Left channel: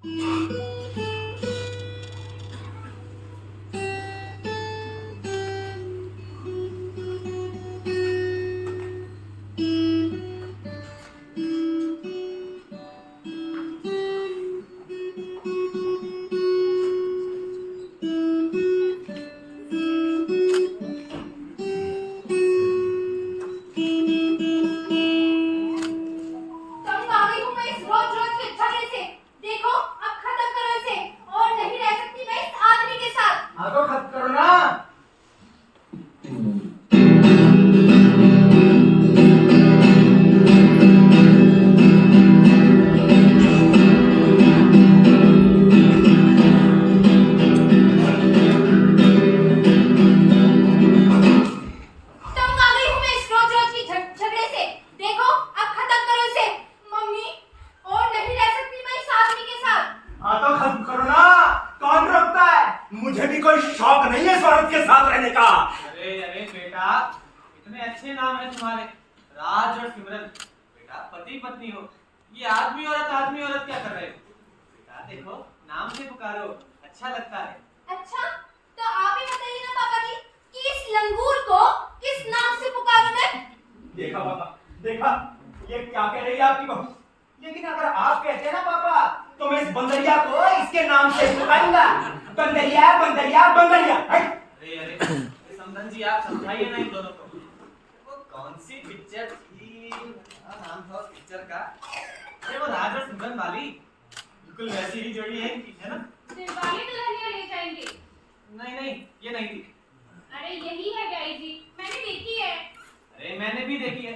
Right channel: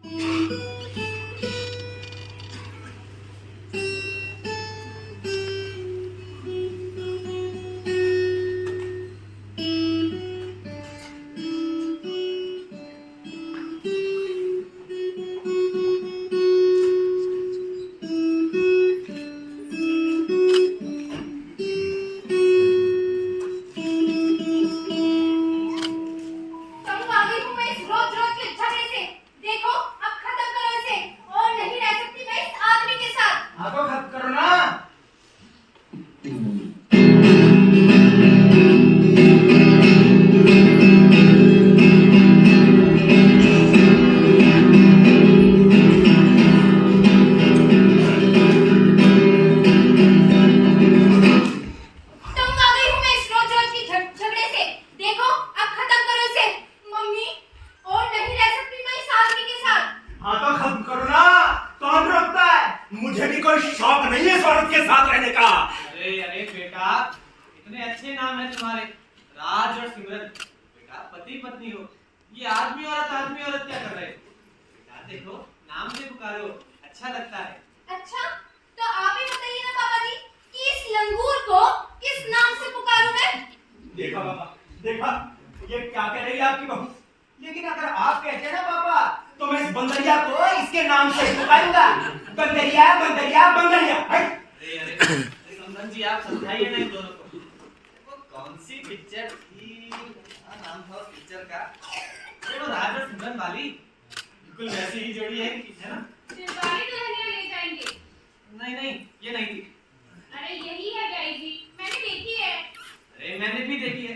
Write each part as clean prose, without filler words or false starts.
तंग आ गई हूँ मैं इस रोज रोज के झगड़े से। देखो अब खत्म करो इसे, और नहीं रह सकती मैं इस आदमी के साथ। हाँ तो खत्म करो ना। तंग आ गई हूँ मैं इस रोज रोज के झगड़े से। देखो अब खत्म करो इसे। मम्मी, और नहीं रह सकती मैं इस आदमी के साथ। हाँ तो खत्म करो ना। कौन रोकता है? मुझे भी कोई शौक नहीं है इस औरत के साथ रहने का। अरे अरे बेटा, इतने अच्छे नाम है तुम्हारे, राज और सिमरन। बेटा पति पत्नी हो, ये आदमी औरत क्या कर रहे हो? बेटा देखो, नाम से पुकारो, अच्छा लगता है। अच्छा, तो आप ही बताइए ना पापा जी कि इस लंगूर को किस नाम से पुकारूं मैं? देखा पापा, देखा ये क्या कह रही है आपकी बहू। लेकिन अगर आप कहते हैं ना पापा, तो मैं इस बंदरिया को इसके नाम से पुकारूंगा। बंदरिया बंदरिया बंदरिया। अरे अरे अरे समधन जी, आप समझाइए ना इन दोनों को। वो कौन सी पिक्चर थी, क्या नाम था उस पिक्चर का? अरे वो राज और सिमरन वाली, बिल्कुल वैसी ही जोड़ी है इनकी, है ना? दिलवाले दुल्हनिया ले जाएंगे। नहीं नहीं, ये नहीं थी। अरे यही है गाई जी, मैंने देखी है। अरे मैंने भी देखी है।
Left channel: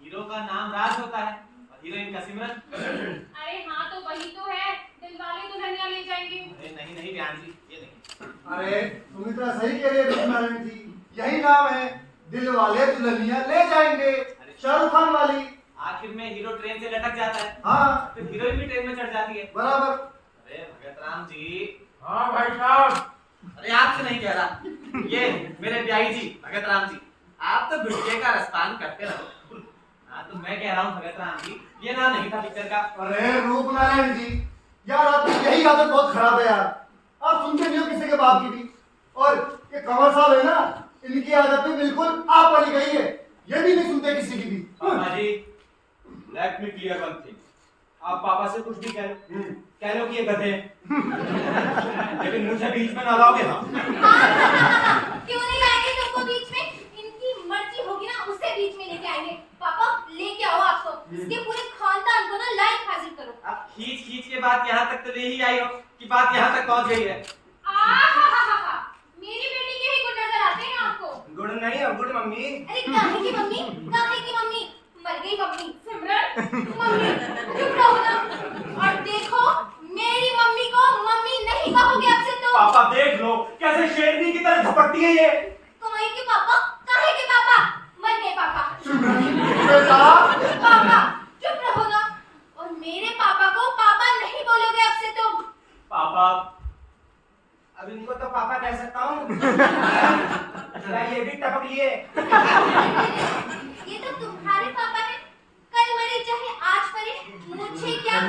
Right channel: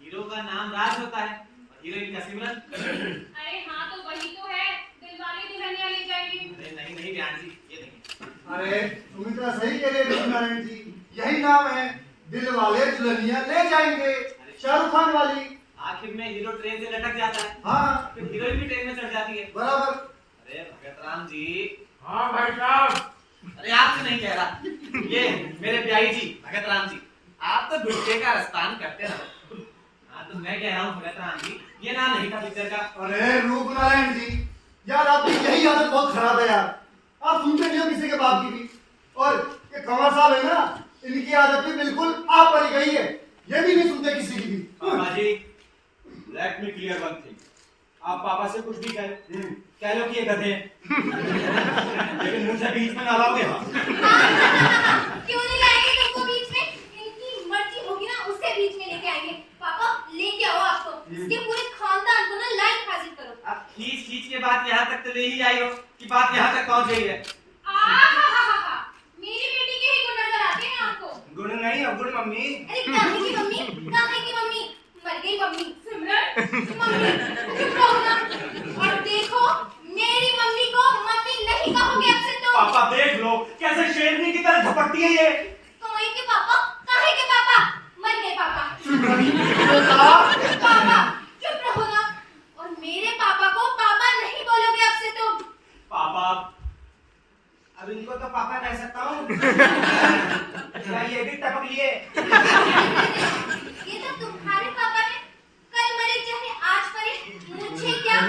हीरो का नाम राज होता है और हीरोइन का सिमरन। अरे हाँ, तो वही तो है, दिलवाले दुल्हनिया ले जाएंगे। अरे नहीं नहीं बयान जी, ये नहीं। अरे सुमित्रा सही कह रही है नारायण जी, यही नाम है, दिल वाले दुल्हनिया ले जाएंगे, शाहरुख खान वाली। आखिर में हीरो ट्रेन से लटक जाता है, हाँ फिर हीरोइन भी ट्रेन में चढ़ जाती है। बराबर। अरे भगत राम जी, हाँ भाई साहब। अरे आपसे नहीं कह रहा, ये मेरे ब्याही जी भगत राम जी, आप तो गुस्से का रसपान करते रहो। हाँ तो मैं कह रहा हूँ भगत राम जी, ये नाम नहीं था पिक्चर का। अरे रूप नारायण जी, यार आपकी यही आदत बहुत खराब है यार, आप सुनते नहीं हो किसी के बाप की भी। और ये कंवर साहब है ना, इनकी आदत भी बिल्कुल आप पर ही गई है, ये भी नहीं सुनते किसी की भी। पापा जी, let me clear one thing. आप पापा से कुछ भी कह लो कि ये गधे हैं। लेकिन मुझे बीच में ना लाओगे। हाँ क्यों नहीं लाएंगे तुमको बीच में? इनकी मर्जी होगी ना, उससे बीच में लेके आएंगे। पापा लेके आओ आपको, इसके पूरे खानदान को ना लाइक हाजिर करो। अब खींच खींच के बात यहाँ तक तो ले ही आई हो कि बात यहाँ तक पहुँच गई है। आहाहाहा, मेरी बेटी के ही गुण नजर आते हैं आपको। गुड नहीं, अब गुड मम्मी। अरे काहे की मम्मी, काहे की मम्मी? मर गई मम्मी। सिमरन, मम्मी चुप रहो ना। और देखो, मेरी मम्मी को मम्मी नहीं कहोगे अब से तो। पापा देख लो कैसे शेरनी की तरह झपकती है ये। कमाई के पापा, काहे के पापा? मर गए पापा। बेटा पापा चुप रहो ना। और मेरे पापा को पापा नहीं बोलोगे अब से तो। पापा, अब इनको तो पापा कह सकता हूँ। क्या ये भी टपक लिए? ये तो तुम्हारे पापा हैं, कल मरे चाहे आज मरे, मुझे क्या?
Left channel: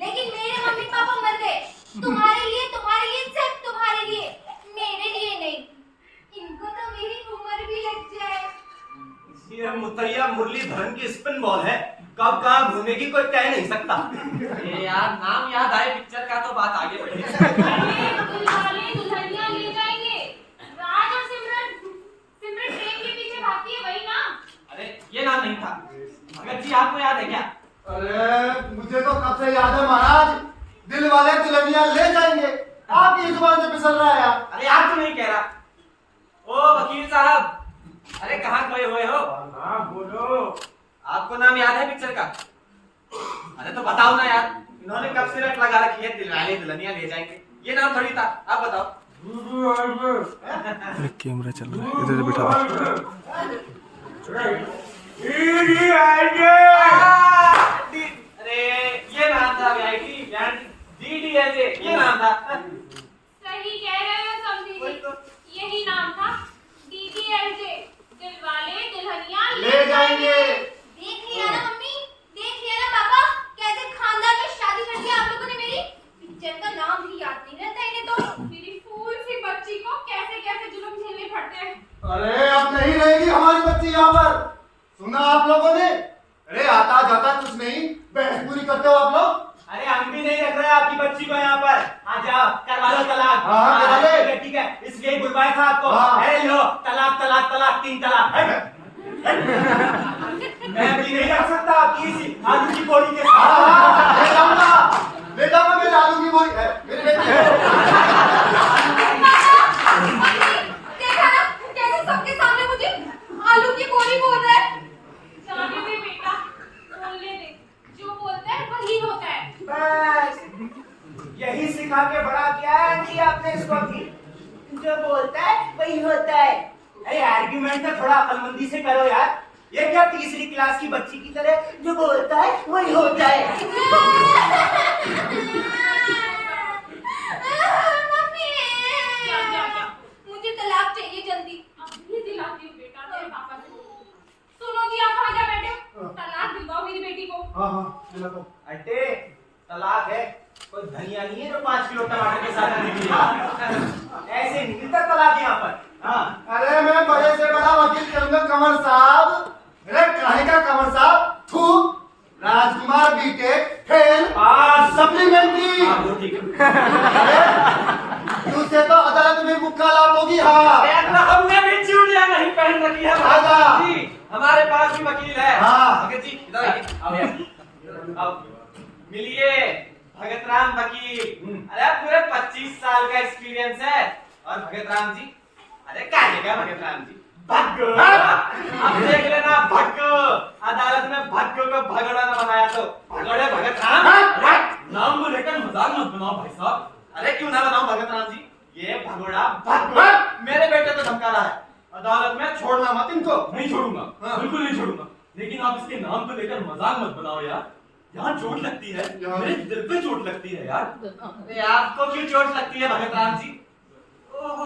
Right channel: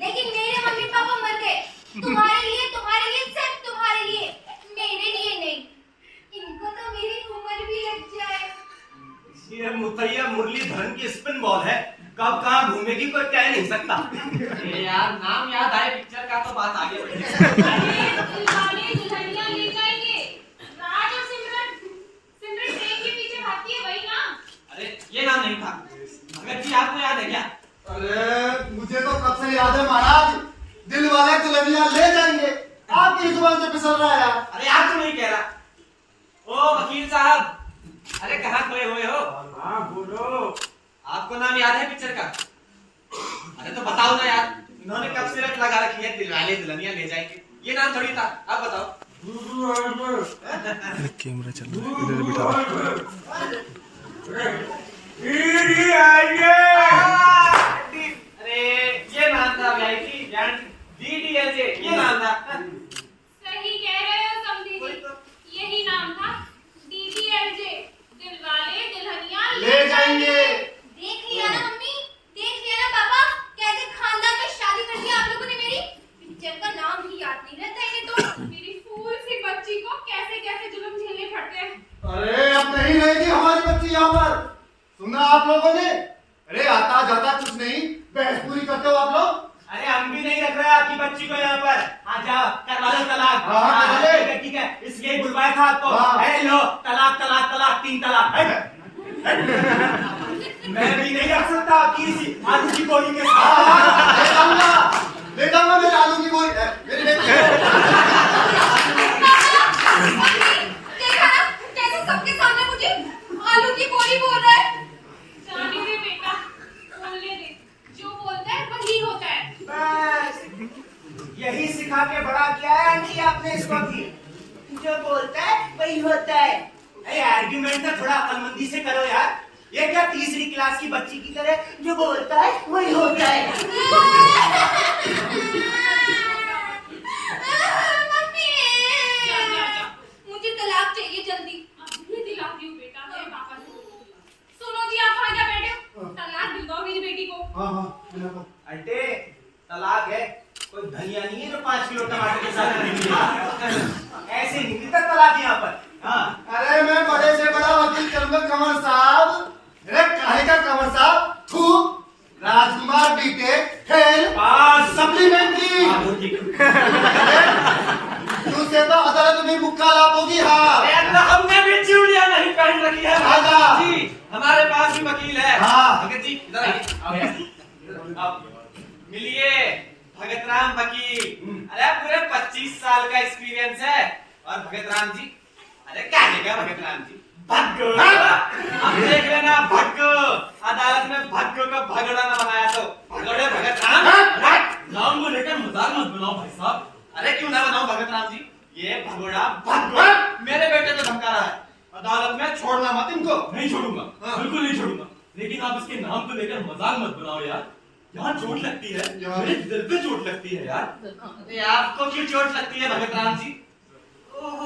लेकिन मेरे मम्मी पापा मर गए, तुम्हारे लिए, सिर्फ तुम्हारे लिए, मेरे लिए नहीं। इनको तो मेरी उम्र भी लग जाए। ये मुतैया मुरलीधरन की स्पिन बॉल है, कब कहाँ घूमेगी कोई कह नहीं सकता। अरे यार, नाम याद आए पिक्चर का तो बात आगे बढ़ी। दिलवाले दुल्हनिया ले जाएंगे, राज और सिमरन। सिमरन ट्रेन के पीछे भागती है, वही ना? अरे ये नाम नहीं था। भगत जी, आपको याद है क्या? अरे मुझे तो कब से याद है महाराज, दिल वाले दुल्हनिया ले जाएंगे, आपकी जुबान से फिसल रहा है यार। अरे आप तो नहीं कह रहा। ओ वकील साहब, अरे कहाँ खोए हुए हो? हाँ बोलो। आपको नाम याद है पिक्चर का? अरे तो बताओ ना यार, इन्होंने कब से रट लगा रखी है दिलवाले दुल्हनिया ले जाएंगे, ये नाम थोड़ी था, आप बताओ। कैमरा चल रहा है, इधर बिठा अरे ये नाम था DDLJ, ये नाम था। सही कह रहे हो समझी वही जी, तो। यही नाम था, DDLJ, दिलवाले दुल्हनिया ले जाएंगे। देख लिया ना मम्मी, देख लिया ना पापा, कैसे खानदान में शादी कर दी आप लोगों ने मेरी। आप लोगों ने? अरे आता जाता कुछ नहीं, बहस पूरी करते हो आप लोग। अरे हम भी नहीं रख रहे आपकी बच्ची को यहाँ पर। हाँ जाओ करवा लो तलाक। हाँ, करवा ले। ठीक है ठीक है, इसलिए बुलवाया था आपको। हाँ। है लो तलाक तलाक तलाक 3 तलाक। मैं भी नहीं रख सकता आपकी इसी आलू की बोरी के हाँ, साथ। ले जाऊंगा मेरे आलू की बोरी, मेरी बेटी है। देखा ना कैसे सबके सामने मुझे आलू की बोरी बोल रहा है। जाने दे बेटा, बोलने दे, जो बोलता है वही होता है। बस यही सिखा के बड़ा किया है आंटी आपने इसको भी। जो बोलता है वही होता है। अरे आर्ग्यूमेंट तो थोड़ा अक्लमंदी से करो यार। ये क्या तीसरी क्लास की बच्ची की तरह जो बोलता है वही होता है। मम्मी मुझे तलाक चाहिए जल्दी। अभी दिलाती हूँ बेटा तेरे पापा से। सुनो जी आप कहाँ जा बैठे हो? तलाक दिलवाओ मेरी बेटी को। हाँ हाँ दिला दो। अटे तलाक है, कोई धनिया नहीं है जो 5 किलो टमाटर के साथ निकलेगा। ऐसे नहीं मिलता तलाक यहाँ पर। हाँ अरे मैं बड़े से बड़ा वकील करूंगा कंवर साहब। अरे काहे का कंवर साहब? थू, राजकुमार बीटेक फेल पास। सप्लीमेंट्री। हाँ, वो ठीक है। तुझसे तो अदालत में मुक्कालात होगी। हाँ हमने भी चूड़ियां नहीं पहन रखी है आजा। जी, हमारे पास भी वकील है। हाँ। भगत जी इधर आइए। आओ यार आओ। मिलिए भगत राम वकील। अरे पूरे 25 साल का एक्सपीरियंस है। और भगत राम जी, अरे क्या भगत राम जी, भग्गो। अब देख लेना भग्गो, अदालत में भग्गो को भगोड़ा न बनाया तो भगोड़े भगत राम। नाम को लेकर मजाक मत बनाओ भाई साहब। अरे क्यों ना बनाऊं भगत राम जी, ये भगोड़ा भग्गो मेरे बेटे को धमका रहा है। अदालत में छोड़ना मत इनको। नहीं छोड़ूंगा, हाँ। बिल्कुल नहीं छोड़ूंगा। लेकिन आप इसके नाम को लेकर मजाक मत बनाओ यार। यहाँ चोट लगती है, यार। मेरे दिल पे चोट लगती है यार। अरे आपको क्यों चोट लगती है भगत राम जी? ओह,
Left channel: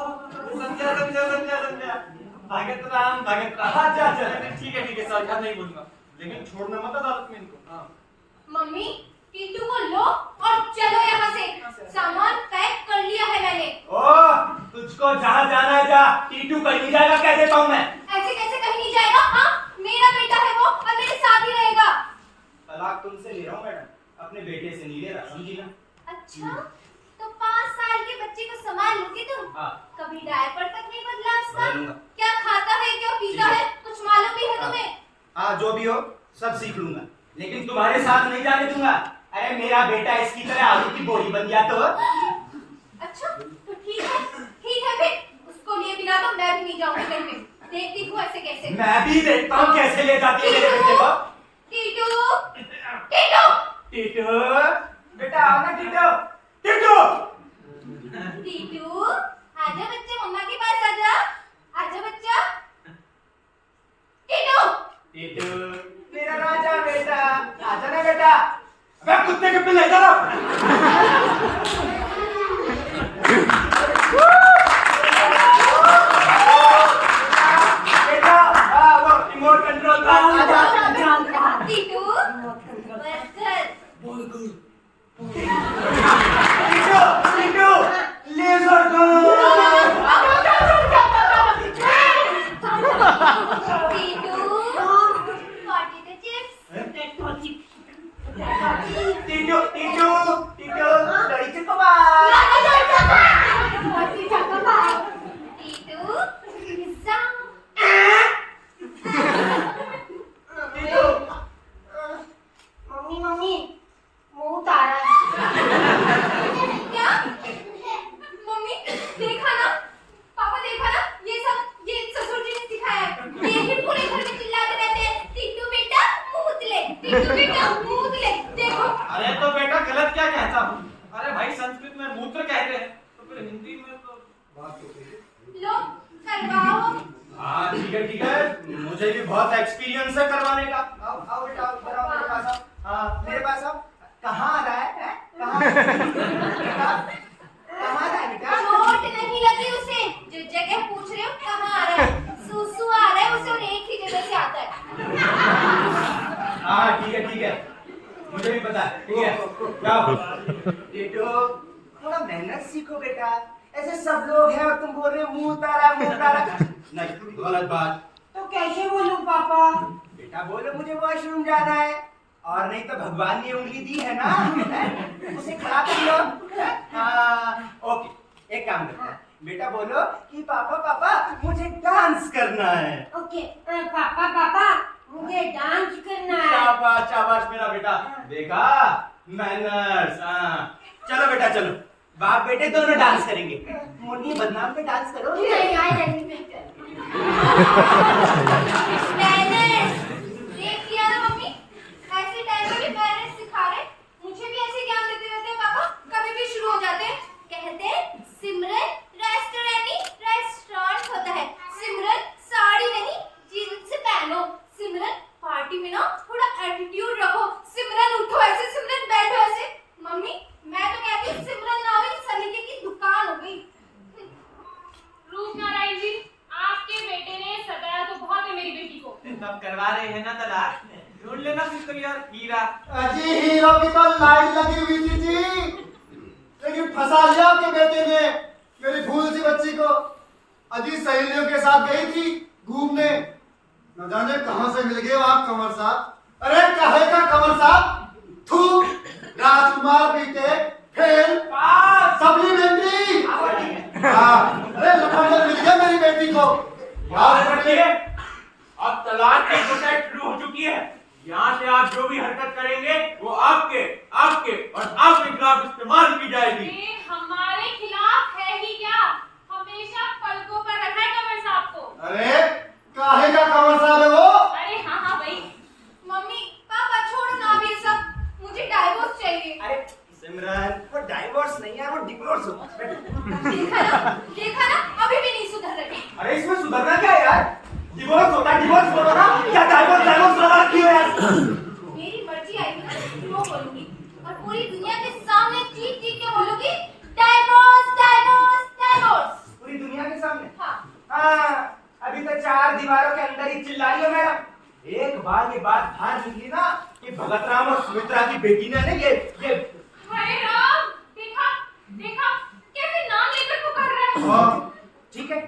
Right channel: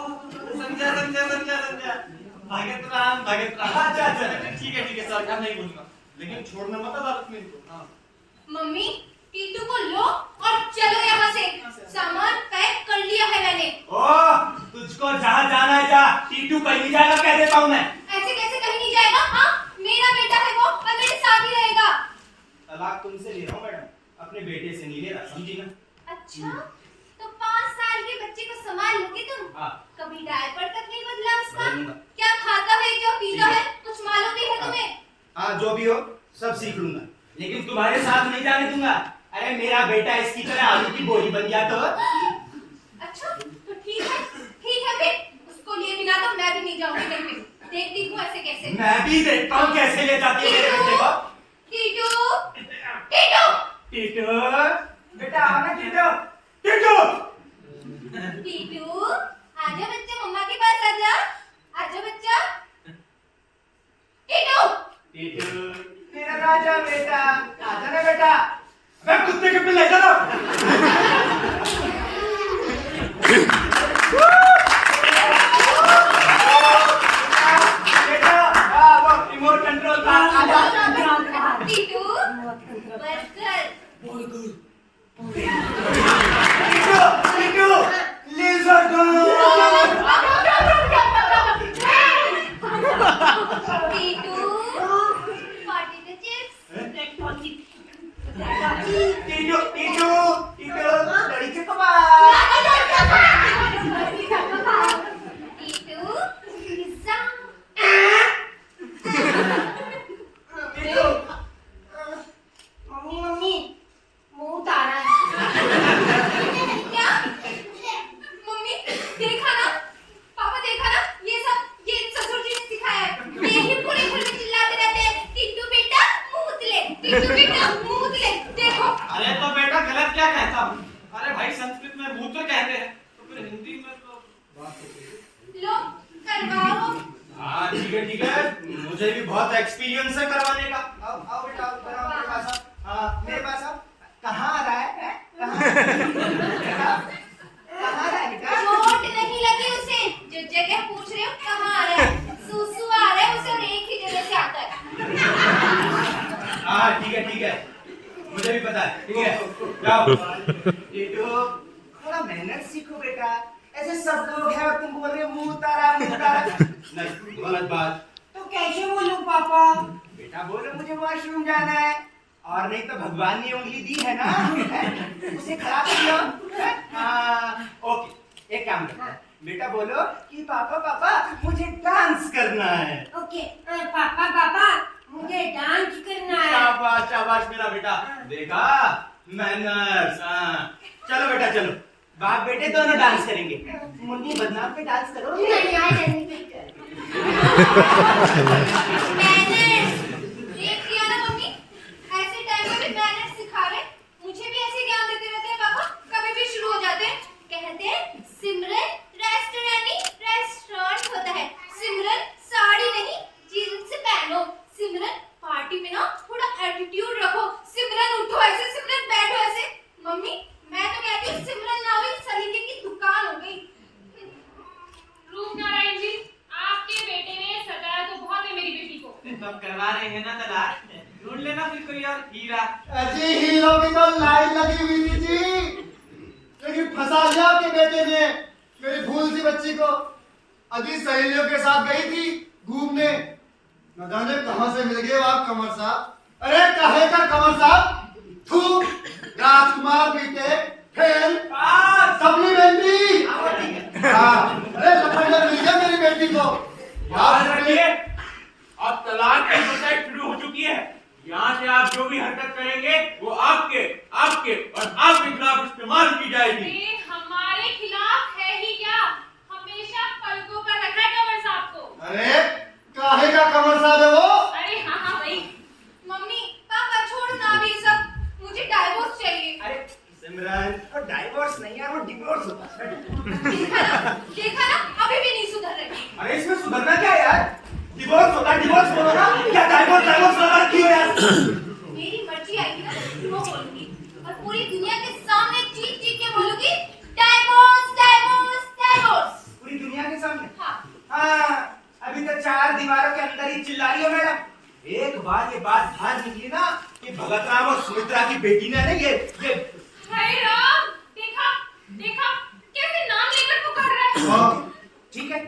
समझा समझा समझा समझा। भगत राम अच्छा। ठीक है सर, अब नहीं बोलूंगा, लेकिन छोड़ना मत अदालत में इनको। हाँ। मम्मी कीटू को लो और चलो यहाँ से। सामान पैक कर लिया है मैंने। ओ तुझको जहाँ जाना है जा। टीटू कहीं नहीं जाएगा कह देता हूँ मैं। ऐसे कैसे कहीं नहीं जाएगा? हाँ मेरा बेटा है वो और मेरे साथ ही रहेगा। तलाक तुमसे ले रहा हूँ मैडम, अपने बेटे से नहीं ले रहा, समझी ना? अच्छा तो 5 साल के बच्चे को संभाल लोगे तुम? हाँ। कभी डायपर तक नहीं बदला उसका? बदलूंगा। क्या खाता है क्या पीता ठीक है। है कुछ मालूम भी है हाँ। तुम्हें? हाँ जो भी हो सब सीख लूंगा, लेकिन तुम्हारे साथ नहीं जाने दूंगा। अरे मेरा बेटा इसकी तरह आलू की बोरी बन गया तो। अच्छा तो ठीक है फिर उसको लिए बिना तो मैं भी नहीं जाऊंगी कहीं पे। देखती हूँ ऐसे कैसे। मैं भी देखता हूँ कैसे ले जाती है मेरे बेटे को। टीटू टीटू टीटू बेटा आओ ना टीटू। टीटू टीटू आजा बच्चा, मम्मा के पास आजा। आजा बच्चा। टीटू टीटू मेरा राजा बेटा, आजा ना बेटा। अबे कुत्ते के पिल्ले इधर आओ। बेटा वो रिमोट कंट्रोल का आजा। टीटू बस कर। Titu laser gun. Titu party के चिप्स। टीटू लड़ी के कबाब। टीटू पिज्जा। टीटू मम्मी मुंह उतारा है। क्या? मम्मी देखा ना, पापा देखा ना, ये ससुर जी ने सिखाया है। यही पूरे घर में चिल्लाते रहते हैं, टीटू बेटा मूत ले, टीटू बेटा मूत ले। देखो अरे तो बेटा गलत क्या कहता हूँ? अरे भाई संस्कृत में मूत्र कहते हैं, तो फिर हिंदी में तो लो करवाओ। हाँ ठीक है मुझे भी बहुत एक्सपीरियंस है करवाने का। आओ आओ बेटा आओ, इधर आओ मेरे पास आओ। हाँ मेरे पास आओ। कहाँ आ रहा है? कहाँ आ रहा है बेटा? चोट नहीं लगी उसे, जो जगह पूछ रहे हो कहाँ आ रहा है? सुसु आ रहा है उसे और एक ही जगह से आता है। हाँ ठीक है मुझे भी पता है। ठीक है जाओ। टीटू थोड़ा मेहनत सीखो बेटा, ऐसे सब लोग हैं और तुम बोल रहे हो मुंह उतारा। नहीं गलत बात। तो कैसे बोलूं पापा? बेटा बोलो मुझे वॉशरूम जाना है, और नहीं तो भगवान ने उंगली दी है ना, है? उसे खड़ा कर लो। ओके, एक काम करते हैं, बेटा बोलो कि पापा पापा मुझे डांस करना है। ओके, पापा पापा मुझे डांस करना है। शाबाश शाबाश मेरा बेटा, देखा मैनर्स। चलो बेटा चलो, बाप बेटे दोनों डांस करेंगे। मुन्नी बदनाम पे डांस करो। नहीं आई नहीं मैनर्स देख लिया ना मम्मी, ऐसे टाइम पे भी मैनर्स सिखा रहे। मुझे भी ऐसे ज्ञान देते रहते हैं पापा, कभी भी शुरू हो जाते हैं। कहते हैं सिमरन रेस्टोरेंट नहीं रेस्टोरेंट होता है। सिमरन साड़ी नहीं जीन्स पहनो। सिमरन पार्टी में ना थोड़ा एटीट्यूड रखो। सिमरन उठो ऐसे, सिमरन बैठो ऐसे। मम्मी मैं तो कहती हूँ सिमरन ना हुई सलीके की दुकान हो गई। रूपनारायण जी, आपके बेटे ने सताया तो बहुत है मेरी बेटी को। तब करवा रहे हैं ना तलाक, ढूंढ लेना फिर कोई और हीरा। अजी हीरो की तो लाइन लगी हुई थी जी, लेकिन फंसा लिया आपके बेटे ने मेरी फूल सी बच्ची को। अजी सहेलियों के साथ गई थी घूमने, न जाने कहां से मिल गए वो आप कंवर साहब। अरे कहे का कंवर साहब, थू राजकुमार बीते फेल सप्लीमेंट्री। अरे लफड़े मिल गया मेरी बेटी को। रखिए, अब तलाक की प्रोसेस शुरू हो चुकी है। यहाँ से आप जो भी हरकत करेंगे वो आपके आपके और आपके खिलाफ इस्तेमाल की जाएगी। ये हमारे खिलाफ है ही क्या? हमेशा पलकों पर रखा है कंवर साहब को। अरे काहे का कंवर साहब है वो? अरे हाँ हाँ भाई। मम्मी पापा छोड़ो ना अब ये सब, मुझे डाइवोर्स चाहिए। अरे सिमरन वो डाइवोर्स नहीं है, वो डिवोर्स होता है। देखा ना अभी भी नहीं सुधर रही। अरे इसमें सुधरना क्या है यार? डिवोर्स होता है, डिवोर्स बोलो ना, क्या डाइवोर्स डाइवोर्स लगा रखी हो यार? मेरी मर्जी आएगी ना वो बोलूंगी, और पूरी दुनिया के सामने चीख चीख के बोलूंगी डाइवोर्स डाइवोर्स डाइवोर्स। पूरी दुनिया के सामने? हाँ अभी तो 4 दीवारों के अंदर ही चिल्ला रही हो मैडम। एक बार ये बात बाहर निकली ना कि भगत राम और सुमित्रा की बेटी ने ना ये हाय राम, देखा देखा कैसे नाम लेकर पुकार रहा है। ठीक है,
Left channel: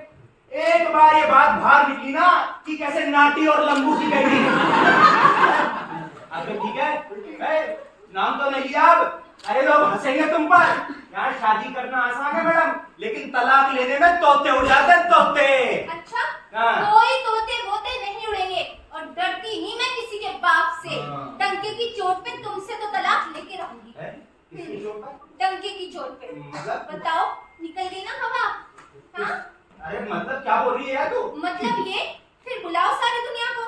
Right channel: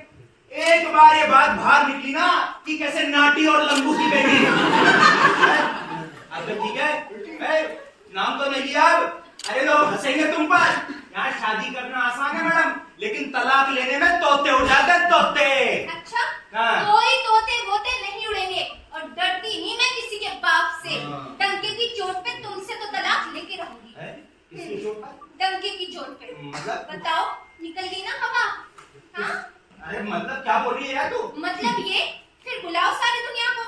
एक बार ये बात बाहर निकली ना कि कैसे नाटी और लंबू की बेटी है। अब तो ठीक है, नाम तो नहीं लिया अब। अरे लोग हंसेंगे तुम पर। यहाँ शादी करना आसान है मैडम, लेकिन तलाक लेने में तोते उड़ जाते हैं, तोते। अच्छा, हाँ। कोई तोते वोते नहीं उड़ेंगे, और डरती नहीं मैं किसी के बाप से। डंके की चोट पे तुमसे तो तलाक लेके रहूंगी। किसकी चोट पर? डंके की चोट पे। मतलब? बताओ, निकल गई ना हवा? हाँ? अरे मतलब क्या बोल रही है यार तू? मतलब ये, फिर बुलाओ सारी दुनिया को,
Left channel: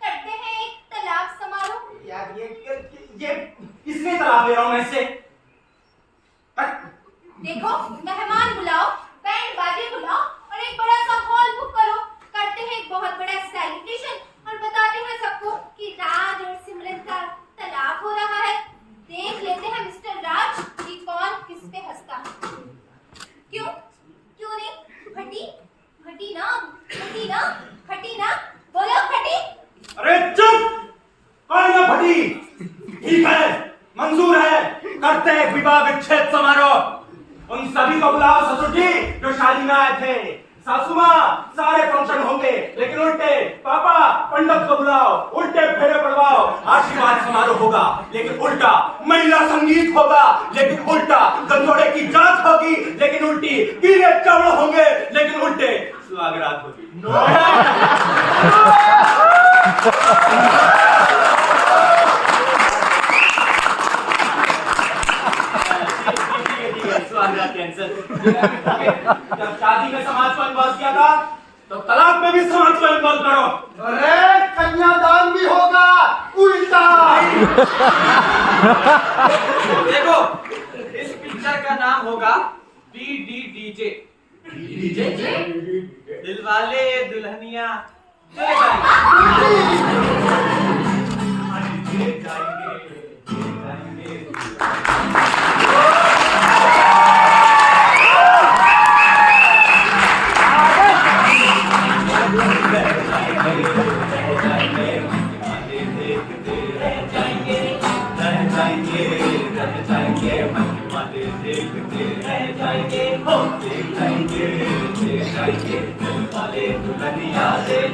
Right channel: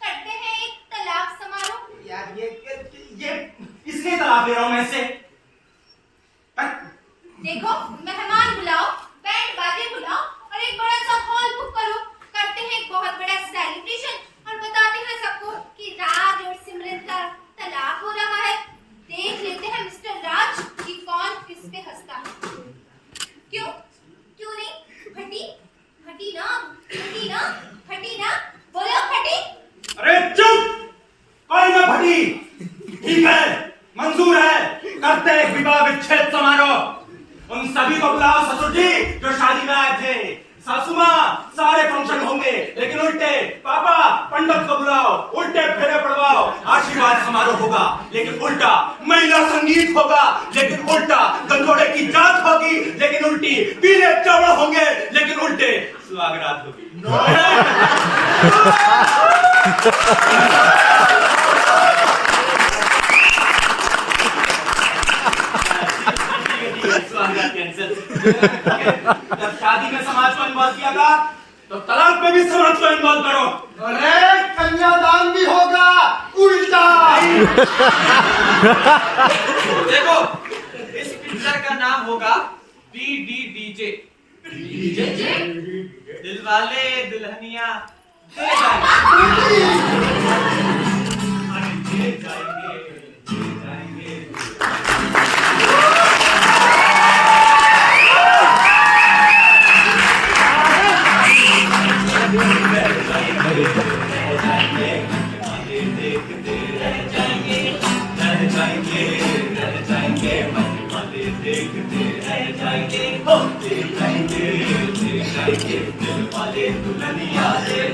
करते हैं एक तलाक समारोह। यार ये इसलिए तलाक ले रहा हूँ मैं इससे। देखो मेहमान बुलाओ, बैंड बाजे बुलाओ, और एक बड़ा सा हॉल बुक करो। करते हैं एक बहुत बड़ा सेलिब्रेशन, और बताते हैं सबको कि राज और सिमरन का तलाक हो रहा है। देख लेते हैं मिस्टर राज कि कौन किस पे हंसता है। क्यों नहीं? फटी फटी ना, फटी ना, फटी ना, बोलो फटी। अरे चुप, कोई ना फटी। ठीक है, मंजूर है, करते हैं विवाह विच्छेद समारोह। उन सभी को बुलाओ ससुर जी जो शादी में आए थे। सासू माँ, सारे फंक्शन होंगे, लेकिन उल्टे पापा पंडित को बुलाओ, उल्टे फेरे पड़वाओ। आशीर्वाद समारोह होगा, लेकिन उल्टा महिला संगीत होगा, लेकिन उल्टा गंदोड़े की जांच होगी, लेकिन उल्टी पीले चावल होंगे, लेकिन उल्टे सुहागरात होगी। जब शादी में समाज को इन्वॉल्व किया था, तो तलाक में भी समाज को इन्वॉल्व करो। अरे कन्यादान भी होगा, उल्टा। देखो, इस पिक्चर का नाम होगा DDDJ। दिलवाले दुल्हनिया ले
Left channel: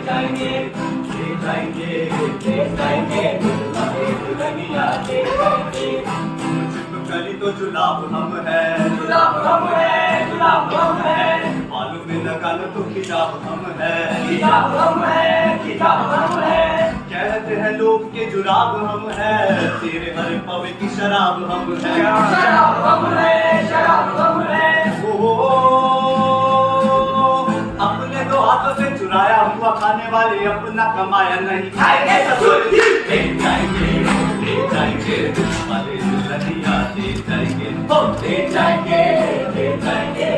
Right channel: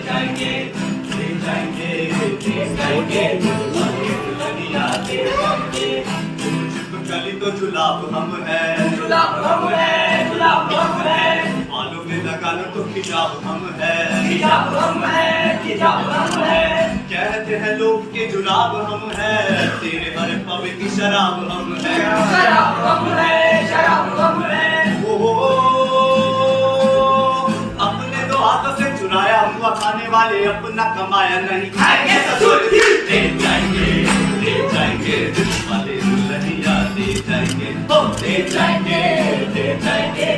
जाएंगे। जाएंगे दिलवाले दुल्हनिया ले जाएंगे। गली तो जुलाब हम है, गुलाब हम है, गुलाब हम है, बालों में लगा लो तो हिजाब हम है, हिजाब हम है, हिजाब हम है, कहते हैं लोग के जुलाब हम है, तेरे हर पवे की शराब हम है, शराब हम है, शराब हम है। अपने दो हाथों से चुराया हुआ खाने वाले अपना कमाया नहीं खाएंगे ससुर। ले जाएंगे दिलवाले दुल्हनिया ले जाएंगे, हो ले जाएंगे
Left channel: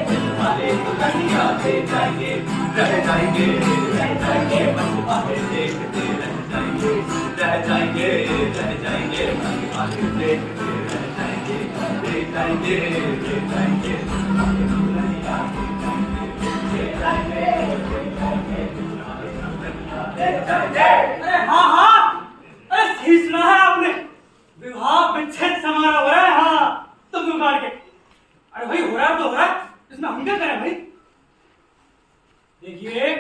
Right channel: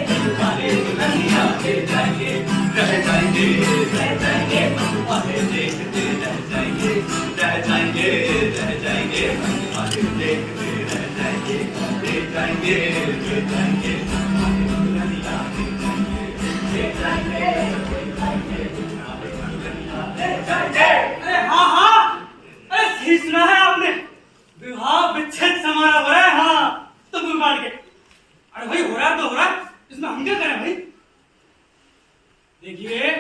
दिलवाले दुल्हनिया ले जाएंगे। रह जाएंगे मनवाले देखते रह जाएंगे मनवाले देखते रह जाएंगे। ले जाएंगे दिलवाले दुल्हनिया ले जाएंगे। अरे हाँ हाँ, अरे सही सुना है आपने, विवाह विच्छेद समारोह हो रहा है। हाँ तंबू गाड़ के, अरे भाई हो रहा है तो हो रहा है, इसमें हम क्या करें भाई। देखिए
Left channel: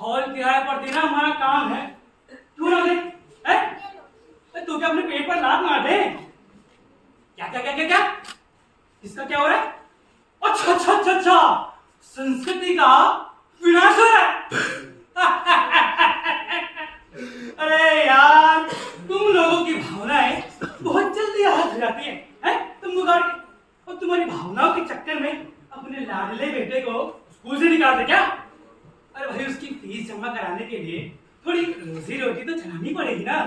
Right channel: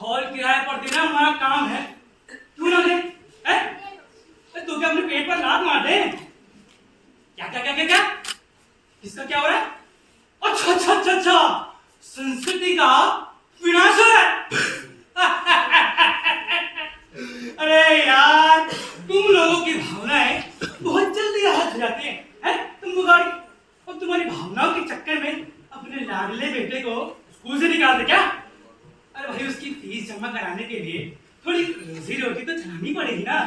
हॉल किराए पर देना हमारा काम है, क्यों ना दे? तो क्या अपने पेट पर लात मार दे? क्या क्या क्या क्या क्या इसका क्या हो रहा है? अच्छा अच्छा अच्छा अच्छा, संस्कृति का विनाश हो रहा है। अरे यार तुम लोगों की भावनाएं बहुत जल्दी आहत हो जाती हैं, तुम बिगाड़ के, और तुम्हारी भावनाओं के चक्कर में अपने लाडले बेटे को स्कूल से निकालते क्या? अरे भाई उसकी फीस जमा कराने के लिए थोड़ी रोजी रोटी तो चलानी पड़ेगी ना।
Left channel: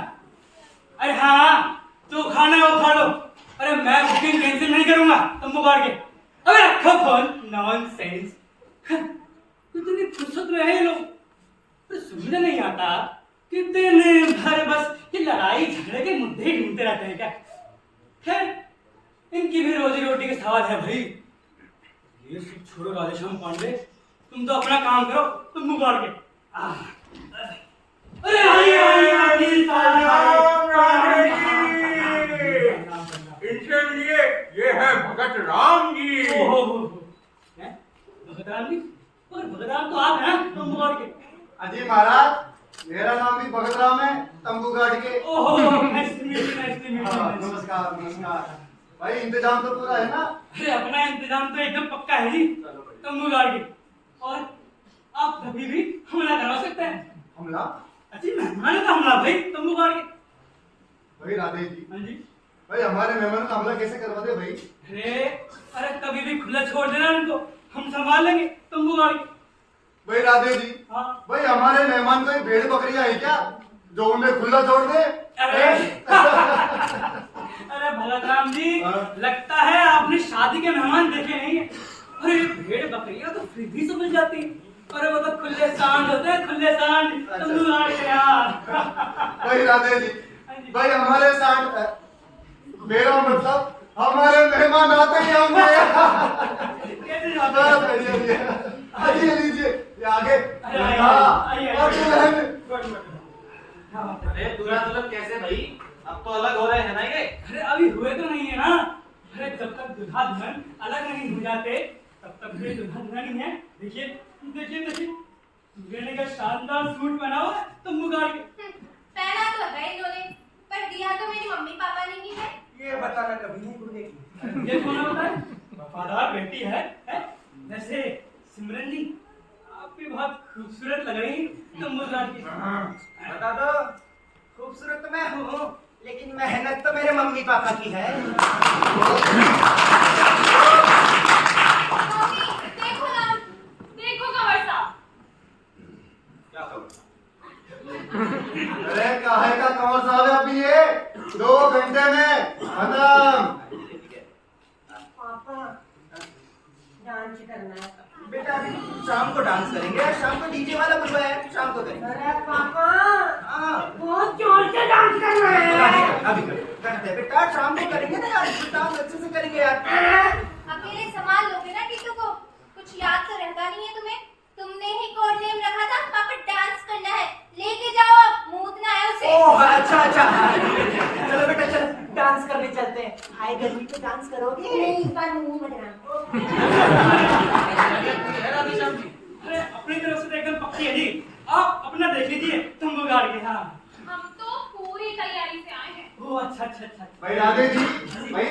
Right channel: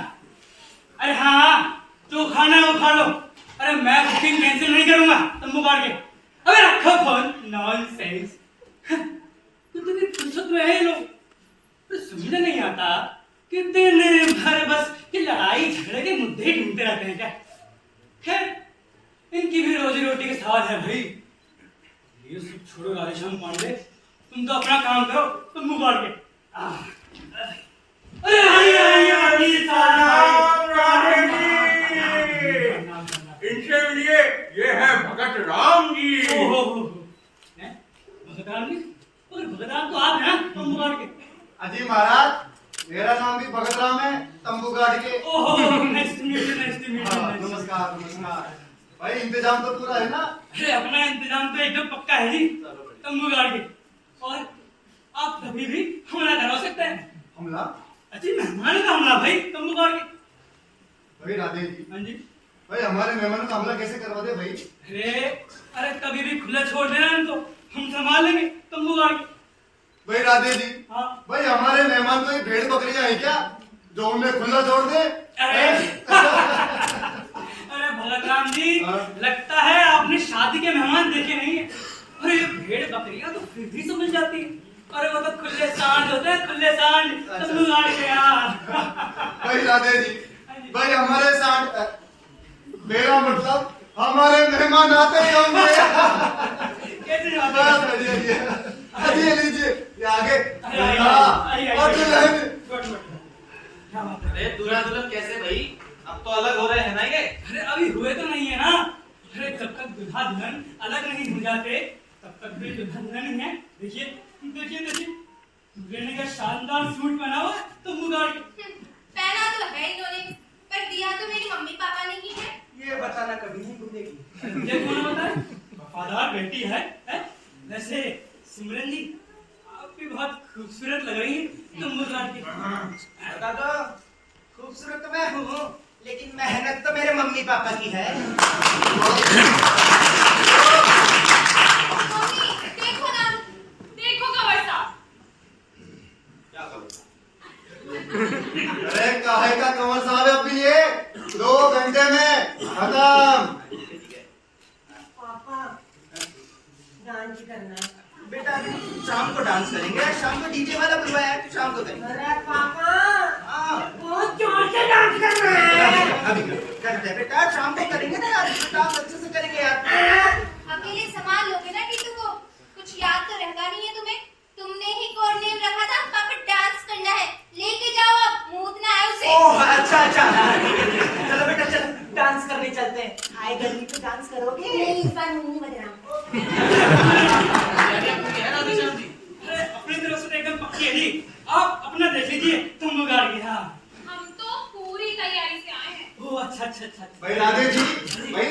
अरे हाँ जो खाना है वो खा लो, अरे मैं बुकिंग कैंसिल नहीं करूंगा तुम बिगाड़ के। अबे रखो फोन, नॉनसेंस। कितनी फुर्सत में है ये लोग, तो समझ नहीं आता कि दिन भर बस कि लड़ाई झगड़े के मुद्दे ही ढूंढते रहते हैं क्या। खैर इनकी भी रोजी रोटी का सवाल है भाई। ये सब छोड़ो राधेश्याम पांडे, तुम तो अपना काम करो, तुम मुंह बाढ़ के। अरे इनसे मिलिए, ये है भगत राम जी। भगत राम जी, और भगत राम तो आप हैं ना, तुम मुंह बाढ़ के। अजी महाराज मेरा नाम भी भगत राम है, तंबू गाड़ के। Oh nice to meet you, nice to meet हाँ, यू। नमस्कार नमस्कार। भाई इंतजाम तो पूरा है ना? अरे अपना इंतजाम तो एकदम पक्का है जी, तंबू गाड़ के। और आप कभी भी हमला करवा सकते हैं। हमला? अच्छी मेहमानों का हमला भाई, तंबू गाड़ के। भाई राधे जी, हाँ जी। भाई हमारे मेहमानों का हमला कैसे करवा दे भाई? अरे कभी भी खुला छोड़ देना इनको, हम संभाल लेंगे तंबू गाड़ के। भाई राधे जी, हाँ भाई हमारे मेहमान कोई भेड़ बकरियां हैं क्या जो उन्हें खुला छोड़ दे? अरे भगत राम जी, हाँ? लगता है आपने शादी के मेहमान देखे नहीं है। अरे भेड़ बकरियां तो फिर भी समझ जाती है, अरे वो तो खुले सांड होते हैं, खुले सांड। तंबू गाड़ के यार। भाई राधे जी, भाई हमारे साथ मेरा मतलब हमारे मेहमान आते ही होंगे। कैसे बस जाते बढ़िया जी। आइए लीजिए, ये आगे। आइए, हाँ, आइए, और आइए। दुल्हन। क्या बात है? अरे दूल्हा दुल्हन कैसे भाई, अब तो अलग हो रहे हैं ना ये। अरे अभी हुए तो नहीं है ना। अरे जब तक दूल्हा दुल्हन अलग नहीं हो जाते तब तक भी दूल्हा दुल्हन ही है। देखिए देखिए देखिए, दूल्हे ने क्या शानदार सूट पहना हुआ है, तंबू गाड़ के। पहना तो है इन्होंने, पर दिया तो मेरी मम्मी पापा ने ही है। ये बताना कभी नहीं भूलेगी। ये कौन बताए? वफादार बेटी है, है? वैसे सिमरन जी आप भी बहुत खूबसूरत लग रही हैं तंबू गाड़ के। बता दो, खूबसूरत तो मैं हूँ, लेकिन मेहनत तो मेरे मम्मी पापा की है। मम्मी देखो ना, देखो कंवर साहब, क्या करूँ? अरे काहे का कंवर साहब है अभी ये 2 घंटे में खत्म। पापा डांस करना है। बेटा शाम को डांस करेंगे, शाम को डीजे वाला बुलवाया है, शाम को करेंगे। अरे पापा हाँ बहुत जोर से डांस करना है। अभी करते हैं बेटा, शाम को करेंगे ना यार, डांस अच्छे से करेंगे यार। अकेले संभाल लोगे ना टीटू को, कुछ याद तो रहता नहीं है तुम्हें। तुमने ही कोड नेम रखा था, पापा डांस करना है, लेके जाओ अब, मूतना है उसे। ओह अच्छा अच्छा, चलो बेटा चलो डांस करने चलते हैं। आए गर्मी पे डांस करोगे? नहीं इस बार मुंह बदनाम। है राधेश्याम जी। अरे अपनी तरफ से तो एकदम पक्की है जी, आप अपना देख लीजिए तंबू गाड़ के। हाँ तैयारी से आए हैं। ओह अच्छा अच्छा अच्छा भाई राधे जी, भाई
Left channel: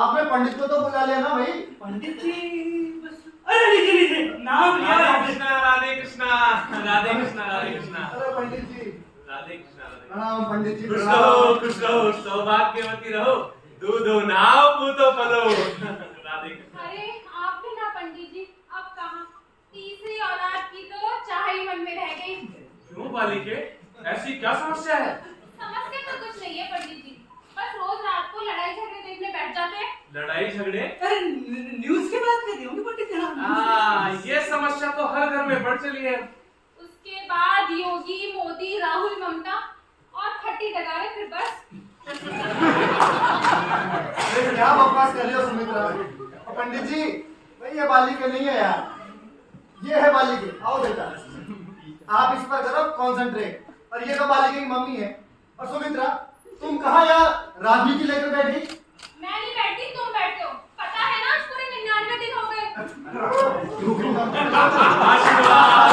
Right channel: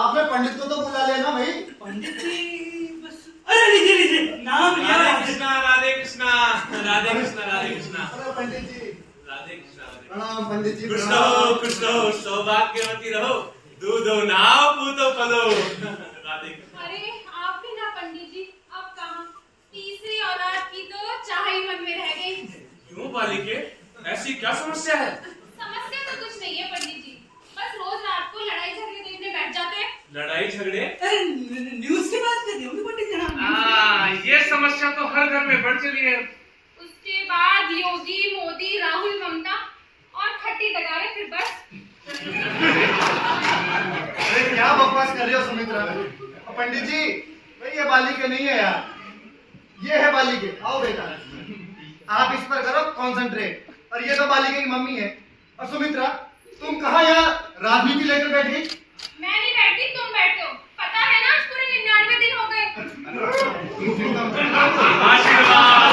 आपने पंडित को तो बुला लिया ना भाई? पंडित जी बस अरे लीजिए लीजिए नाम लिया राधे कृष्णा राधे कृष्णा राधे कृष्णा राधे कृष्णा अरे पंडित जी राधे कृष्णा राधे प्रणाम पंडित जी, खुश प्रणाम। रहो खुश रहो सौभाग्यवती रहो दूधो नाव पूतो फलो राधे कृष्णा। अरे आप भी ना पंडित जी, अब कहाँ तीसरी औलाद की तो चाह ही मन में रह गई। क्यों बालिके ऐसी क्या समस्या है? समस्या तो कुछ नहीं है पंडित जी, बस रोज रात को लड़ाई झगड़े देखने बैठ जाते हैं। लड़ाई झगड़े? अरे न्यूज़ की बात कर रही हूँ पंडित जी। हाँ ये समस्या तो हर घर में बढ़ चली है। उसके बाद योगी मोदी राहुल ममता और खट्टी डगारे, फिर बस। अरे क्या बकवास कर रहे हो सुमित्रा? पंडित जी भाई ये बालिके नहीं है यार, ये है बालिके। आओ बेटा, आप इस पर करो कंसंट्रेट। और ये तो बालिके की मम्मी है। और सुमित्रा तुम कहाँ यार राजनीति लेकर बैठी? मैं नहीं बैठती, तुम बैठते हो। पता है ना आज पूरे 99 दिन हो गए। आशीर्वाद।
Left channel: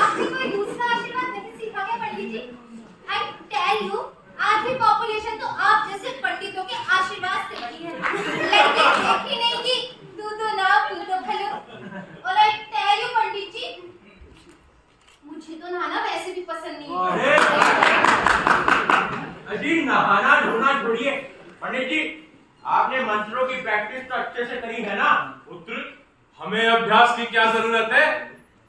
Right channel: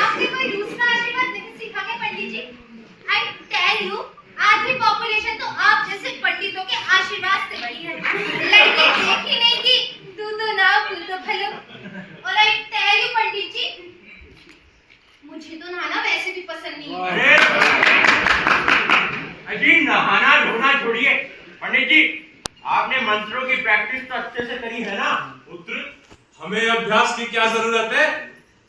आपने कोई दूसरा आशीर्वाद नहीं सीखा क्या पंडित जी? I tell you, आधी पॉपुलेशन तो आप जैसे पंडितों के आशीर्वाद से बड़ी है। लड़की देखी नहीं कि दूधो नाव पूतो फलो। और I tell you पंडित जी, मुझे तो नहाना वैसे भी पसंद नहीं है। अजी नहाना धोना छोड़िए। पंडित जी आपने मंत्रों की प्रैक्टिस तो अच्छे से करी है ना? पुत्र हमें अभ्यास की क्या जरूरत है?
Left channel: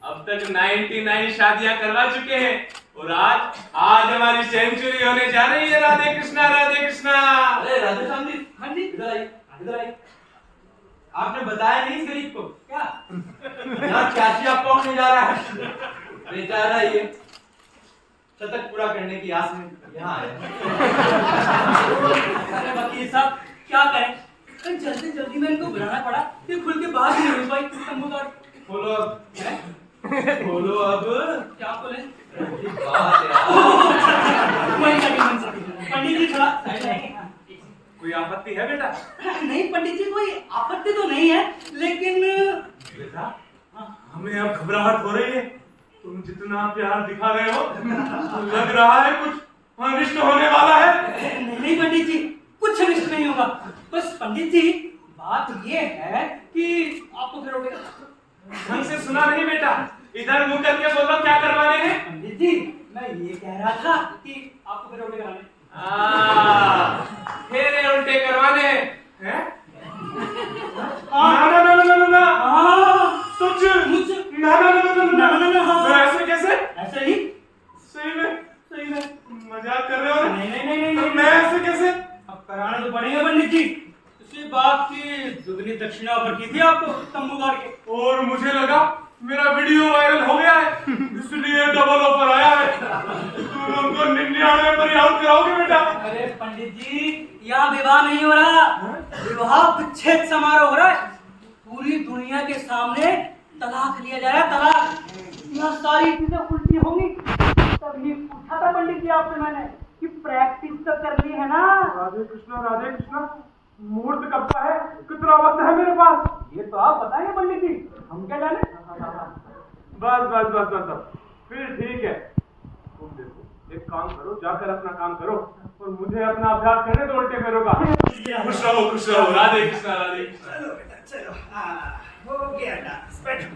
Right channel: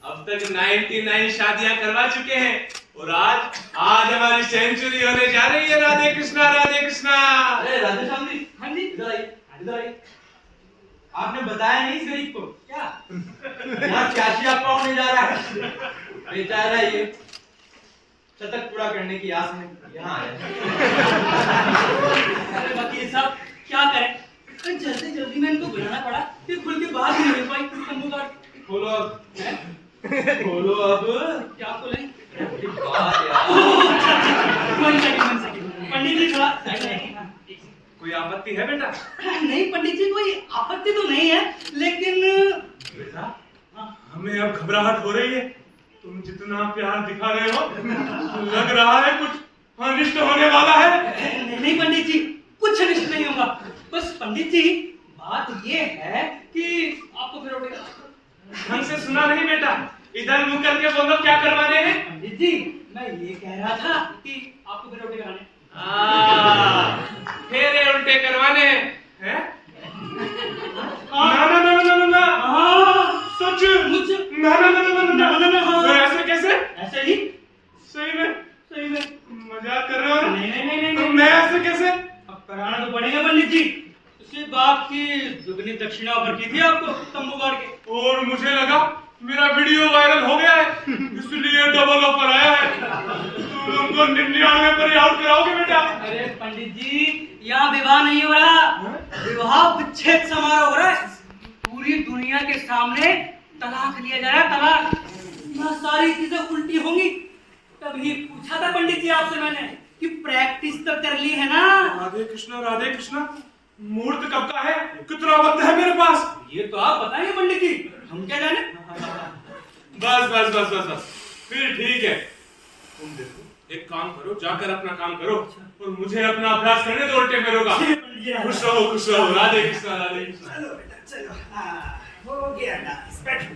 अब तक 99 शादियां करवा चुके हैं और आज हमारी सेंचुरी होने जा रही है। राधे कृष्णा राधे कृष्णा। अरे राधे श्याम जी, हाँ जी इधर आइए इधर आइए। आपने बताया नहीं इस गरीब को क्या यहाँ चाची आपका होने जा रहा है? बेचारा ये शतक पूरा करने की आस में यहाँ आया। अरे वकील साहब क्या करें, जल्दी जल्दी में इनको बुलाना पड़ा, ये खुल के बात ही नहीं हो पाई। तंबू काट खोलो अब, खोलो अब। क्या खोलें? बात यार। पंडित जी थोड़ा साइड आएंगे। कोई आपत्ति है बेटा? नहीं पंडित जी कोई आपत्ति तो नहीं है, लेकिन बेटा हमें अब घबराहट हो रही है। तुम जितना प्यार दिखा रहे हो लग रहा है कुछ अनिष्ट होने वाला है। नहीं पंडित जी कुछ अनिष्ट नहीं होगा। बस पंडित जी बात ये है कि आपको फिर उठेगा। ढंग से सुना नहीं बेटा, इधर मुंह करके बोलो क्या करवाने हैं? पंडित जी मैं ये कह रहा था कि आपको फिर उठे कराने। फेरे उल्टे करवाने हैं? हाँ। ना ना ना ना ना ना हाँ। सच मुझे ना ना ना ना ना ना, ना, ना, हाँ। तो ऐसे कैसे? ऐसे ही सही में मजाक कर रहे हो ना? नहीं नहीं नहीं नहीं, तो नहीं। मैं ऐसे कैसे? अब कराना तो पड़ेगा पंडित जी। इसी बात की दुगनी दक्षिणा ऑफर की थी आपको तंबू गाड़ के। और मुझे लगा मेरा वीडियो वायरल हो गया है इसलिए डबल ऑफर आया है। तुम उनको 99 पर ही आउट कराओगे बेटा? अरे पंडित जी यहाँ विवाह नहीं हो रहा, विवाह विच्छेद समारोह हो रहा है। पूरी दुनिया के सामने तलाक लिया जा रहा है, तलाक। यहाँ सारी चीजें उल्टी होंगी। तभी पूछा था पंडित जी आपसे मैंने कि प्रैक्टिस तो कर ली है ना? राधे कृष्णा मुहूर्त कब का है? कितना वक्त है मेरे पास? ये तो आप बताएंगे पंडित जी, हम क्या जाने। बस बस बस बस बस फिर ठीक है। तुम देखो एक काम करो, जाकर अपना काम करो और मुझे अपना अभ्यास करने दो उल्टे पैरों का। खुश रहो राधे कृष्णा राधे कृष्णा। चलो बेटा चलो। हो गया डांस, बैठो।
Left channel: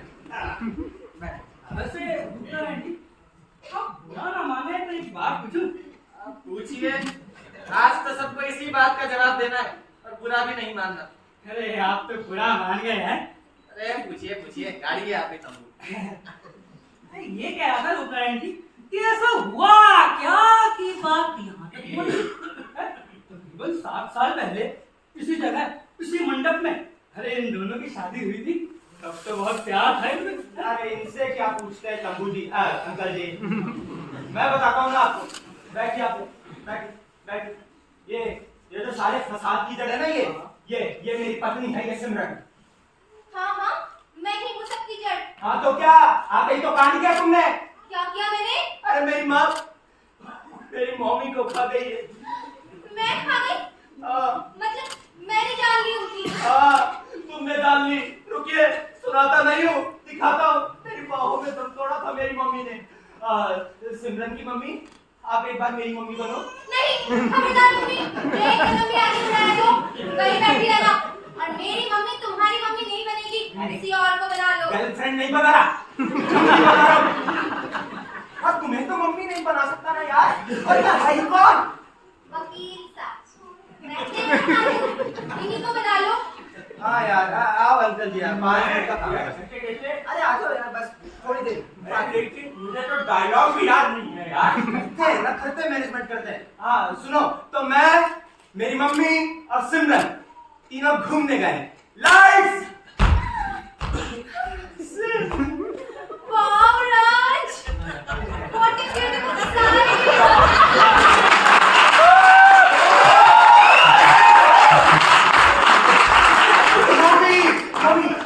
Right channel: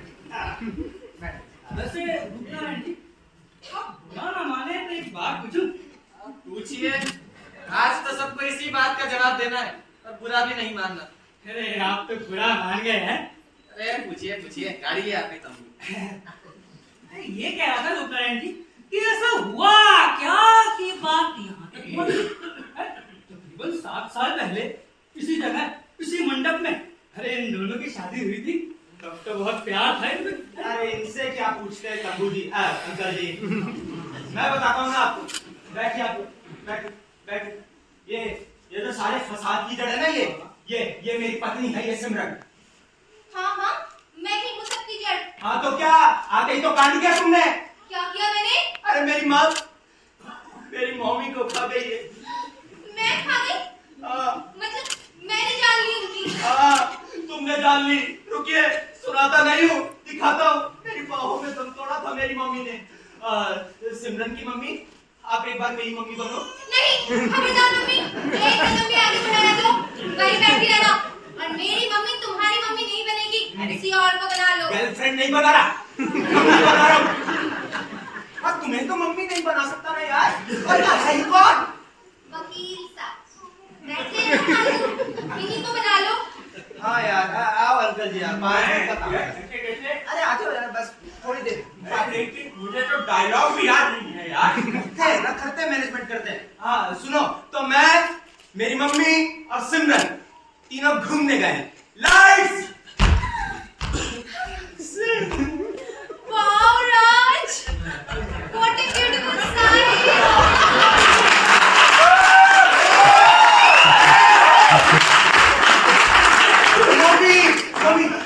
वैसे गुप्ता आंटी आप बुरा ना माने तो एक बात पूछूं? पूछिए, आज तो सबको इसी बात का जवाब देना है और बुरा भी नहीं मानना। अरे आप तो बुरा मान गए हैं। अरे पूछिए गाड़ी है आपके तंबू। ये कह रहा था गुप्ता आंटी कि ऐसा हुआ क्या कि बात यहाँ तक पहुंची। तकरीबन 7 साल पहले इसी जगह इसी मंडप में अरे इन दोनों की शादी हुई थी। तब तो बहुत प्यार था इनमें। अरे इनसे क्या पूछते हैं तंबू जी, अंकल जी। मैं बताता हूँ ना आपको। बैठिए आप, बैठ। ये जो सारे फसाद की जड़ है ना, ये मेरी पत्नी है, ये सिमरन। हाँ, मैं ही हूँ सबकी जड़। हाँ तो क्या आते ही तो कांड किया तुमने? क्या किया मैंने? अरे मेरी माँ मेरी मम्मी को खा गई है। मैं खा गई? हाँ मतलब मैंने जान ली उनकी। हाँ तुमने जान ली। रुकिए, सुनाता नहीं हूँ, दिखाता हूँ। मेरी बाहों में दम तोड़ा था मेरी मम्मी ने। सिमरन की मम्मी, आप एक बार मेरी मम्मी बनो। नहीं, खबरदार मम्मी, एक कदम भी आगे बढ़ाया तो वहीं बैठी रहना। और मेरी मम्मी तुम्हारी मम्मी नहीं बनेगी, किसी और को बना लो। गर्लफ्रेंड नहीं बना रहा, मम्मी बना रहा हूँ। और तुम्हें तो मम्मी नहीं बना सकता ना यार। और क्या है ये कौन? वकील साहब, बैठे हैं ना आलू, इन्हीं को बना लो। हाँ यार, आओ अंकल जी, यार 5 मिनट का काम है। अरे आ जाओ यार, बस थोड़ी देर। मुझे तो डायलॉग भी याद नहीं है यार। करते मैनेजमेंट करते हैं। हाँ सुनो, तो मैं, मेरी मम्मी और सिमरन तीनों घूमने गए। Lights. Wow Raj, what a beautiful sight.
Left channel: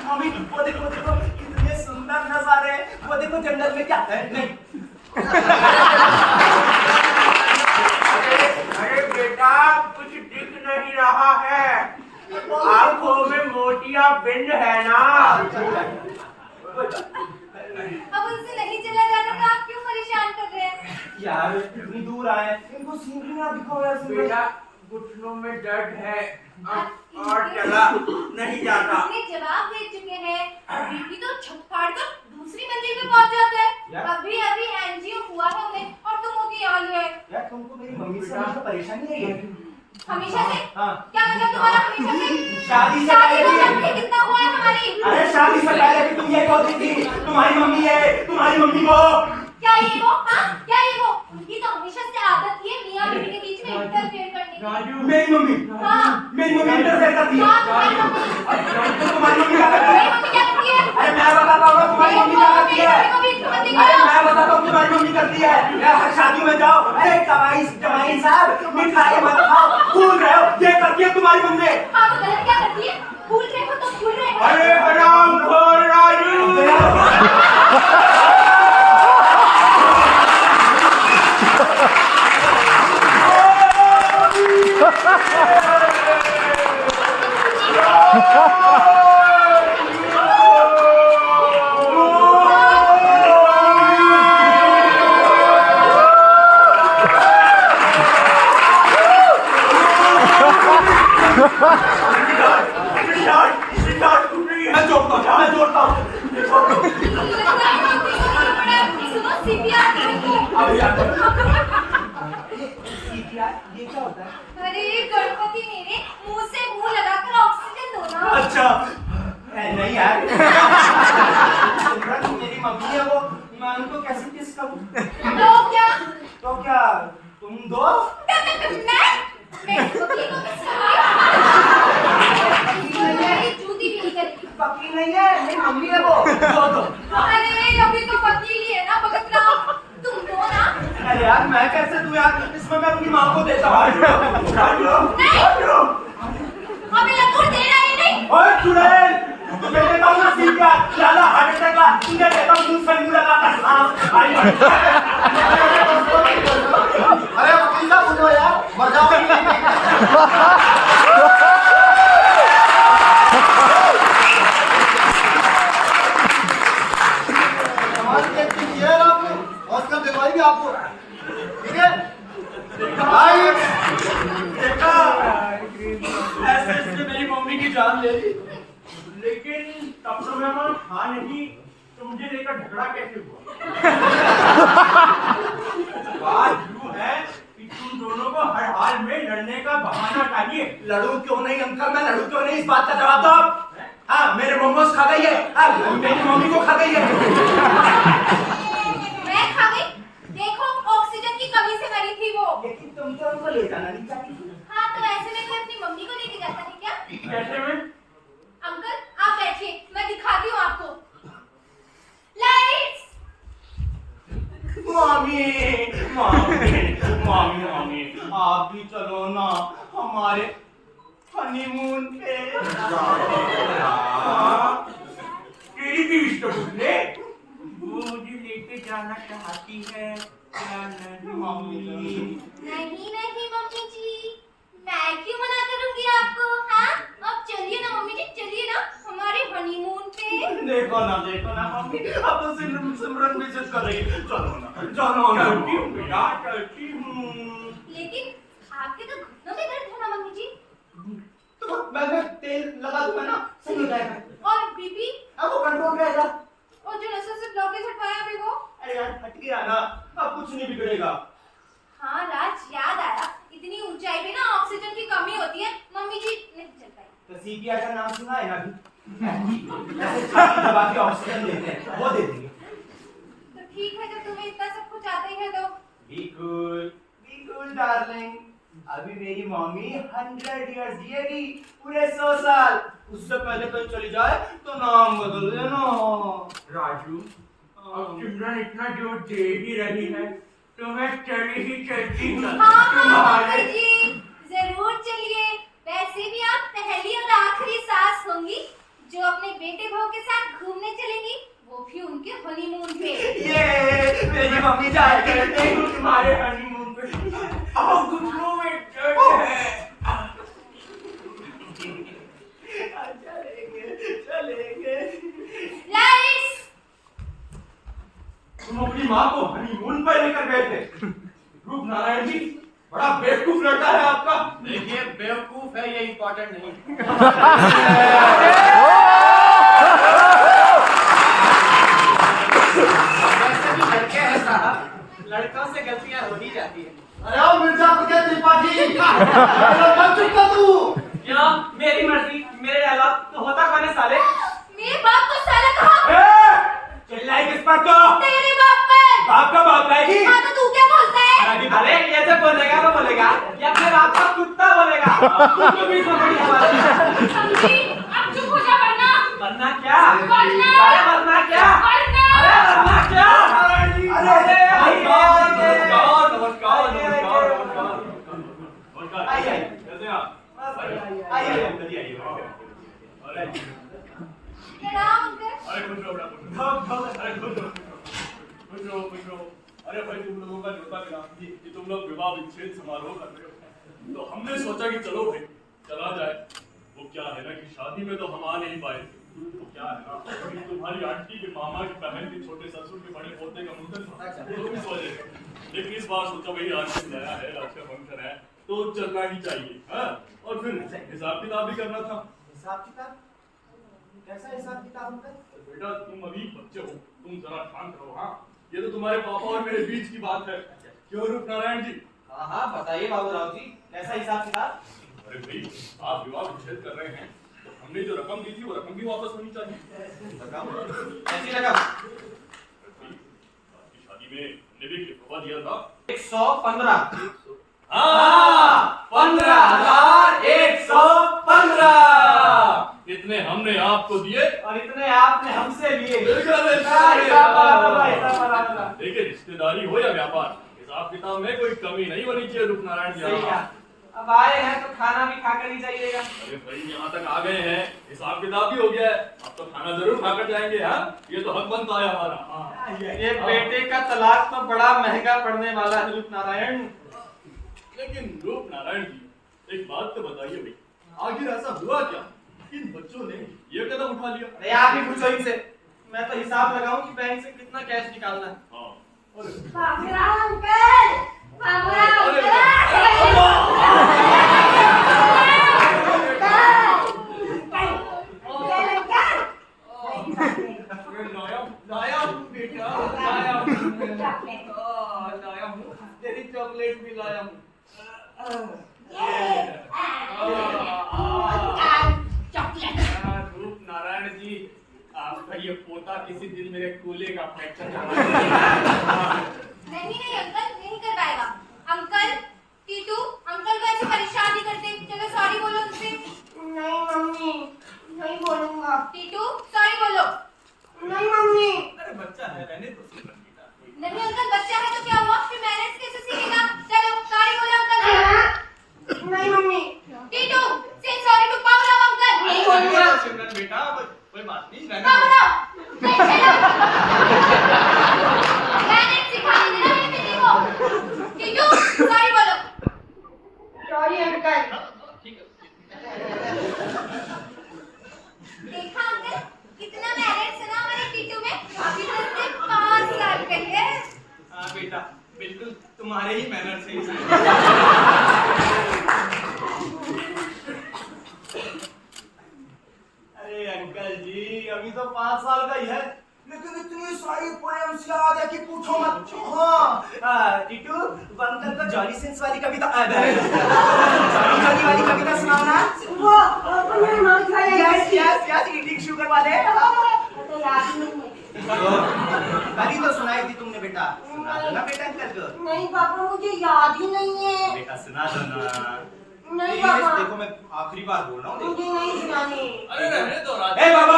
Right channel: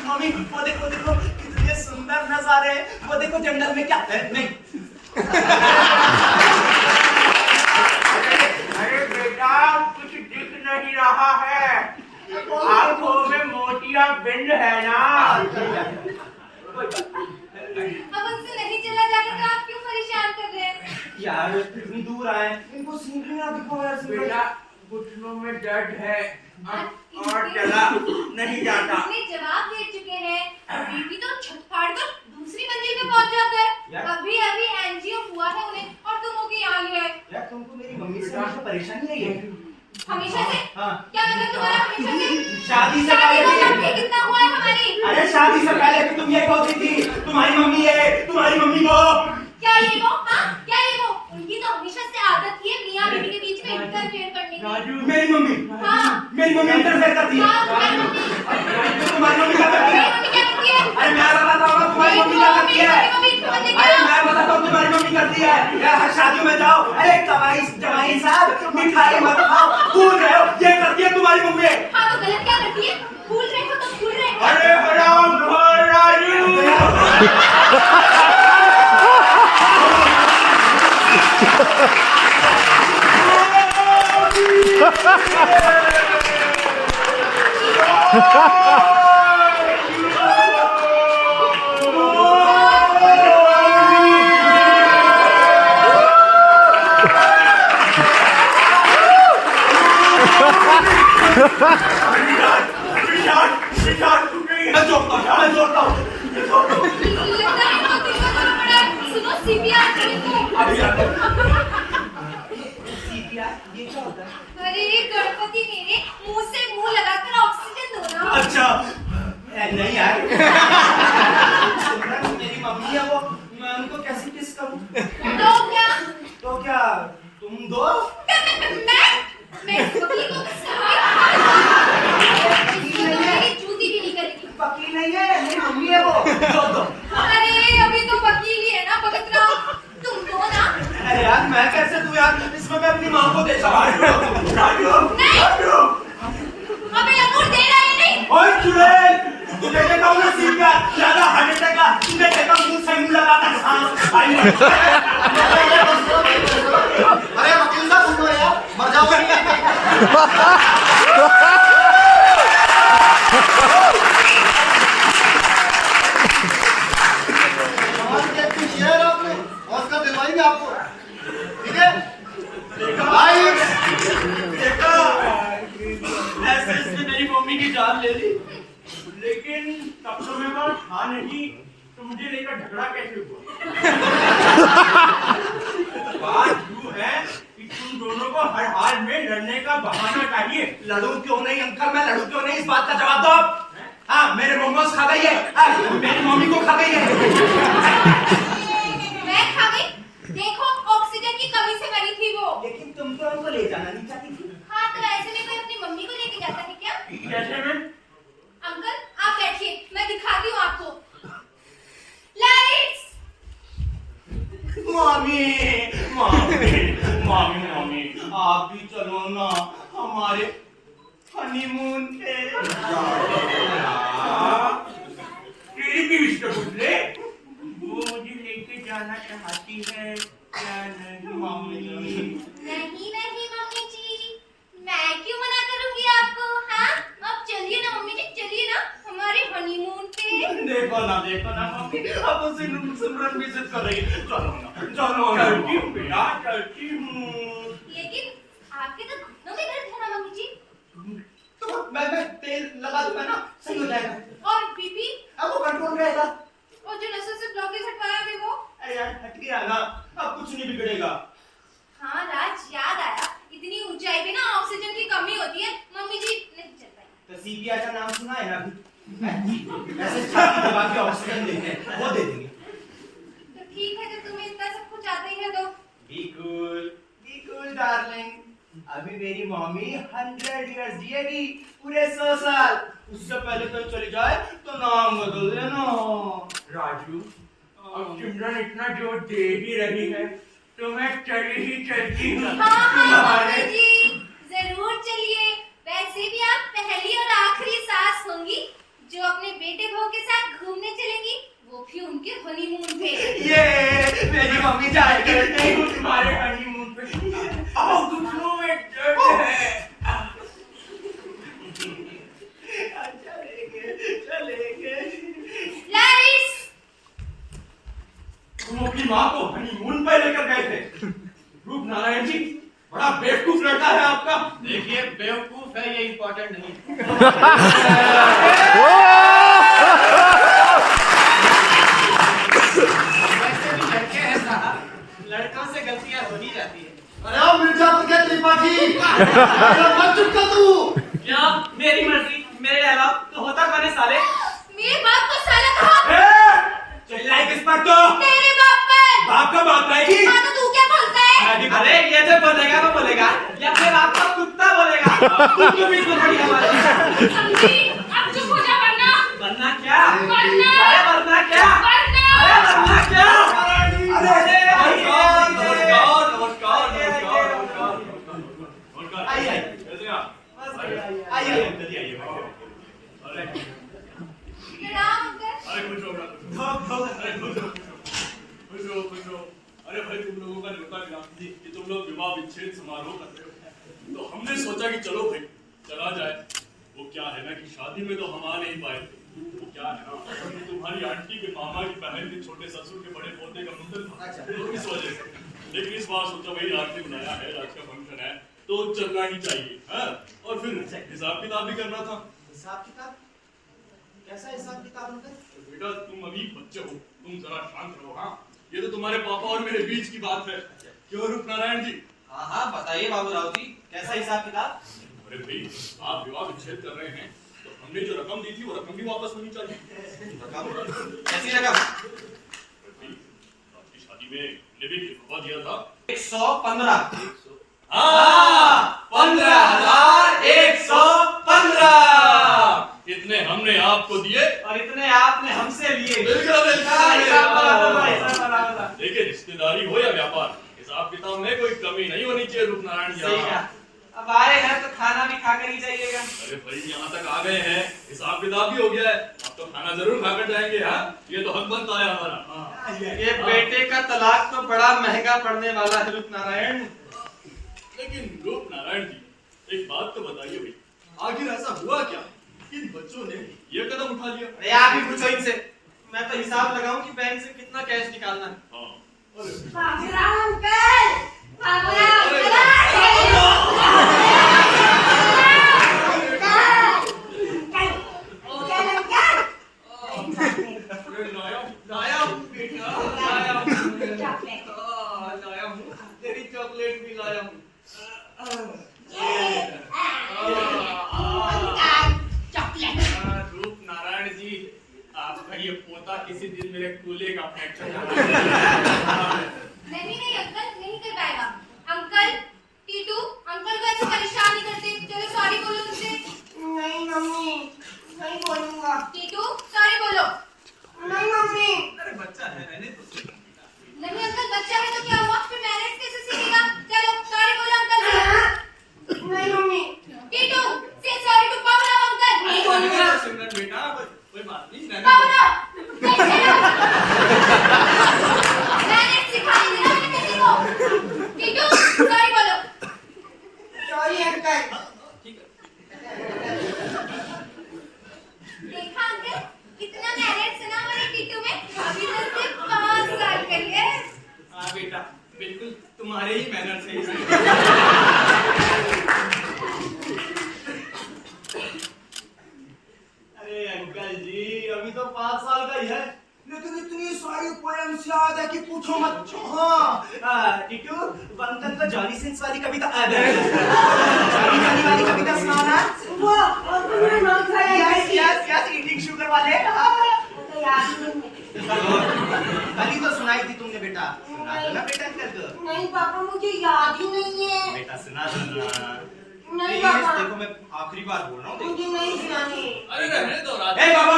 Mummy, वो देखो कितने सुंदर नजारे हैं। वो देखो जंगल में क्या है। नहीं अरे बेटा, कुछ दिख नहीं रहा है। आंखों में मोतियाबिंद है ना। अब उनसे नहीं चला जाता तो आप क्यों परेशान कर रहे हैं? यार इतनी दूर आए, इनको सीन भी ना दिखाओ यार। बेटा, घुटनों में दर्द है और चला नहीं जाता। इतने जवाब दे चुके हैं, बीपी तो छत फाड़ कर दूसरी मंजिल पे पहुंच जाता है। अभी अभी एंजियो हुआ है उन्हें और तुम होके यहाँ ले आए। यार तुमको मेरी मम्मी से हमेशा परेशानी है ये? हमेशा से? हाँ। क्या मतलब तुम्हारा हमेशा से? शादी से शादी को पहले लड़के कितना हुआ है हमारी? अरे शादी से पहले भी तुम यही बोलती थी, तुम्हारी मम्मी है, तुम्हारी मम्मी को। क्या ये वो? हाँ, क्या ये वो? उनकी तो हमेशा से आदत थी मियां बीवी के बीच में इंटरफेयर करने की। मेरी मम्मी? हाँ। मेरी मम्मी इंटरफेयर करती है? हाँ, तुम्हारी मम्मी। तुम्हारी मम्मी क्या करती है? मेरी मम्मी क्या करती है? अरे मैं बताता हूँ तुम्हारी मम्मी क्या करती है। मेरी मम्मी को बीच में मत लेके अरे आओ। मैं बताता हूँ तुम्हारी मम्मी करती है। यार हर शादी में जाओ, अरे जमाई साहब मिठाई मत खाओ, भूल गए हो, ये करती है तुम्हारी मम्मी। हाँ तो गलत क्या करती है? भूल रहे हो तो भूल रहे हो। अरे हराम खोर राजू। मैं जोड़ता हूँ। लगता है मोती को जरूर पड़ा है। सुनो सीपीआर करो इनको। अभी आता हूँ। ये क्या होता है? अरे गणपति मेरे, मुंह से मुंह लगाकर ऑक्सीजन दो ना। अच्छा नहीं यार। मेरी मम्मी है वो, मैं उनको कैसे किस करूँ? तो क्या तुम दो? मैं वकील को किस करूँगी? इसको तो मेरी जूती भी नहीं करेगी। वकील नहीं है, मेरी मम्मी है वो। दो। अरे अभी तो वकील ही है ना, भगत राव, तुम दो ना। अरे यार मैं कैसे दूं यार, इसमें मैं अपनी माँ को देता हूँ। नहीं, अबे लंगूर दे रहा है नहीं। ओए चुड़ैल, तुझे कहता हूँ ना सीधा, ज्यादा हार्ट अटैक का, तुझे कहता हूँ मुंह से मुंह लगाकर सांस आई। अरे वकील साहब उठो यार, मर जाओगे। हमारी एक चीज ये है आपने ऑस्कर दिलवाएंगे आपको, ठीक है? देखा, ऐसे इसने मेरी मम्मी की जान ले ली। लेकिन तब तो मैं वहाँ था नहीं, तो मुझे लेकर झगड़ा कैसे हुआ? बात यूं है कि तुम दोनों को हर हाल में लड़ने का बहाना चाहिए। लड़ूं क्यों नहीं अंकल, मैं लड़ूं क्यों नहीं, इस बात का जवाब दो आप। हाँ मेरे मोमोज खा गई है, मेरी मम्मी को खा गई है। मैं खा गई? देखो ऑक्सीजन की कमी से मरी थी वो। लेकिन तुम तो उनको ले जाना नहीं चाहती थी। हाँ तो ऐसे में कोई अपनी मम्मी को लेके जाता है क्या? कैसे में? अंकल आप बैठिए, मैं दिखाती हूँ आपको। लाइट्स। मम्मी आप भी चलो ना हमारे हनीमून पे। तेरी भी इष्ट बुझले, वो मुझे लेके जाना चाहती है क्या नहीं? नहीं मम्मी जी, मैं क्यों मना करूंगी आपको? हाँ अब चलिए ना मम्मी जी, चलिए ना हमारे हनीमून पे। देखो ना मम्मी, अब तो सिमरन भी जिद कर रही है। चलो ना चलती हूँ बेटा, चलती हूँ। लेकिन आपके तो घुटनों में दर्द है ना मम्मी जी। तो मैं तेल लगा दूंगा ना, सही हो जाएगा। और बीपी अब वो कंट्रोल रहेगा। और जो नसों से ब्लॉकेज हटवाया अभी वो। अरे यार हट गया ना, अब कुछ नहीं बिगड़ेगा। हाँ राज, याद आया, इतनी ऊंचाई पे ना ऑक्सीजन की कमी होती है, मम्मी जी नहीं चल पाई। तो सीपीआर का नाम सुना है ना अभी? वैसे छाती दबा के ऑक्सीजन देते हैं, वो दे देंगे। तो ठीक है, जब तुम्हें इतना सब कुछ आता ही है तो। Be cool darling. अभी मेरी मम्मी 100 इयर्स जिएगी, पूरे 100 साल। उससे पहले कोई चली जाए तो नाम बदल देना। राजू, अब सिमरन इतना जो दे भी रही है तो मैं चली ही चलती हूँ। हाँ मम्मी जी, जरूर चलिए। वैसे भी आप पहली और आखिरी सास होंगी जो अपने बेटे बहू के साथ घूमने चलेंगी, वो भी उनके हनीमून पे। ये मेरी मम्मी जाएगी तुम्हारे हनीमून पे। घुटनों में दर्द है। चलेंगे। लाइट्स। तुम अपनी माँ को हनीमून पर लेकर गए थे। रूप नारायण जी, बड़ा बेवकूफ लड़का है आपका। देखिए, बेवकूफ है ये इम्पोर्टेंट नहीं है। वैसे भी लड़के हैं साहब, लड़कों से गलतियां हो ही जाती है। अरे ओ मिर्जापुर के त्रिपाठी, अरे बन चुका तू। क्या मेरी मर्जी, मेरे अलावा तो होता कौन है साले? मेरे बाप को साला कहा। चिल्लाई किस पर तो? तेरे बाप पर। बाप का बाप आएगी। हाँ तो तू क्या बोलता है? अरे ये जो बोलेगा वो बोलेगा, या फिर आपका कुत्ता बोलेगा। तुमको भी सुनाई हमारी। समझी, अब चुप हो जा वरना क्या? वरना। अरे वरना क्या? वरना। अरे वरना क्या? अरे प्रणाम अंकल। अरे भाई तुम लोगों का न्योता मिला कि तुम लोग विवाह विच्छेद समारोह कर रहे हो, तो हमने सोचा कि चलो भाई चला जाए। वो क्या है ना कि शादी में तो हम आ नहीं पाए थे। वो क्या है ना कि तुम्हारी आंटी के मामा की बहन के छोटे ससुर के बड़े पोते का मुंडन था, तो इस वजह से। लेकिन इस बार सोचा भाई आज से बुलाया है, आज का फंक्शन है तो चलना ही चाहिए। हाँ, और फिर हिसाब किताब भी करना था। हिसाब किताब? कैसा हिसाब किताब अंकल? बेटा तुम अभी बच्चे हो, तुम जरा शांत रहो। हाँ, ये तो तुम्हारे पापा और मेरे बीच की बात है। क्यों रूप नारायण जी? हाँ हाँ बताइए बाबूराव जी, कैसा हिसाब किताब? अरे भाई आप विवाह विच्छेद कर रहे हैं तो हमने जो रकम दी थी वो रकम भी वापस होनी चाहिए। रकम? कैसी रकम? अरे भाई आपकी शादी में हमने भी वफा दिया था। 115। हाँ, 15,115। इतने हमने आपको दिए और इतने आपने हमसे लिए। बिल्कुल हिसाब बराबर था। देखिए रिश्तेदारी हो या व्यापार, हिसाब किताब में कोई कमी नहीं होनी चाहिए रूप नारायण जी। सही कहा। अब आए हैं तो खाना भी खाकर ही जाइएगा। अरे भाई यहाँ तक आ गए हैं, हिसाब किताब भी हो गया है, अब तो खाना जरूर खाकर जाएंगे। हाँ, ये तो हक बनता है हमारा। हाँ। ये बेटे का तलाक तो बड़ा महंगा पड़ने वाला है रूप नारायण। लेकिन रूप नारायण जी एक बात तो बताइए भाई, आखिर ऐसा हुआ क्या इन बच्चों ने ये कदम उठा लिया? अरे आप ही पूछो इनसे, मैं तो हिसाब लगाऊं कि बैंक से कितना कैश निकालना है। हाँ, बाबूराव अंकल, बाबूराव अरे, लाया हूँ बेटा, लाया हूँ, तेरी चॉकलेट भी लाया हूँ। रूप नारायण जी, आपका ये पोता किसी दिन मेरे कूल्हे का फ्रैक्चर नहीं अंकल, नहीं कर पाएगा। अंकल, टीटू, अंकल को ऐसे परेशान नहीं करते। चलो सॉरी बोलो उनसे। नहीं मम्मी, नहीं बोलूंगा। टीटू, सॉरी बोलो। नहीं मम्मी। अरे बच्चा है, रहने तो बेटा। नहीं अंकल, बच्चा है तो क्या हुआ? फिर मैनेज कैसे सीखेगा? चलो सॉरी बोलो अंकल। नहीं मम्मी। टीटू, से सॉरी टू बाबूराव अंकल। नहीं बोलूंगा। सिमरन बेटा, कोई बात नहीं, रहने दो। बाबूराव, नहीं चलो। मैनेज बिल्कुल तुम्हारे ही मैनर से अरे अंकल जी अभी तो 5 साल का ही है, लेकिन इतनी सारी पोएम्स याद है कि पूछो मत। हाँ टीटू, अंकल को जॉली सिंस वाली कविता जॉली वाली कविता सुनाना। वो अपने नाम से yes yes yes, eating sugar वाले। तो याद नहीं कल तो सुनाई थी तुमने बेटा, सुना दो ना बेटा अंकल को। नहीं पापा मुझे याद ही नहीं है। बेटा सुना दो ना। नहीं प्लीज, पापा देखो मैं आखिरी बार बोल रहा हूँ। मुझे नहीं सुनानी। अरे रहने दो राज। ए बाबा,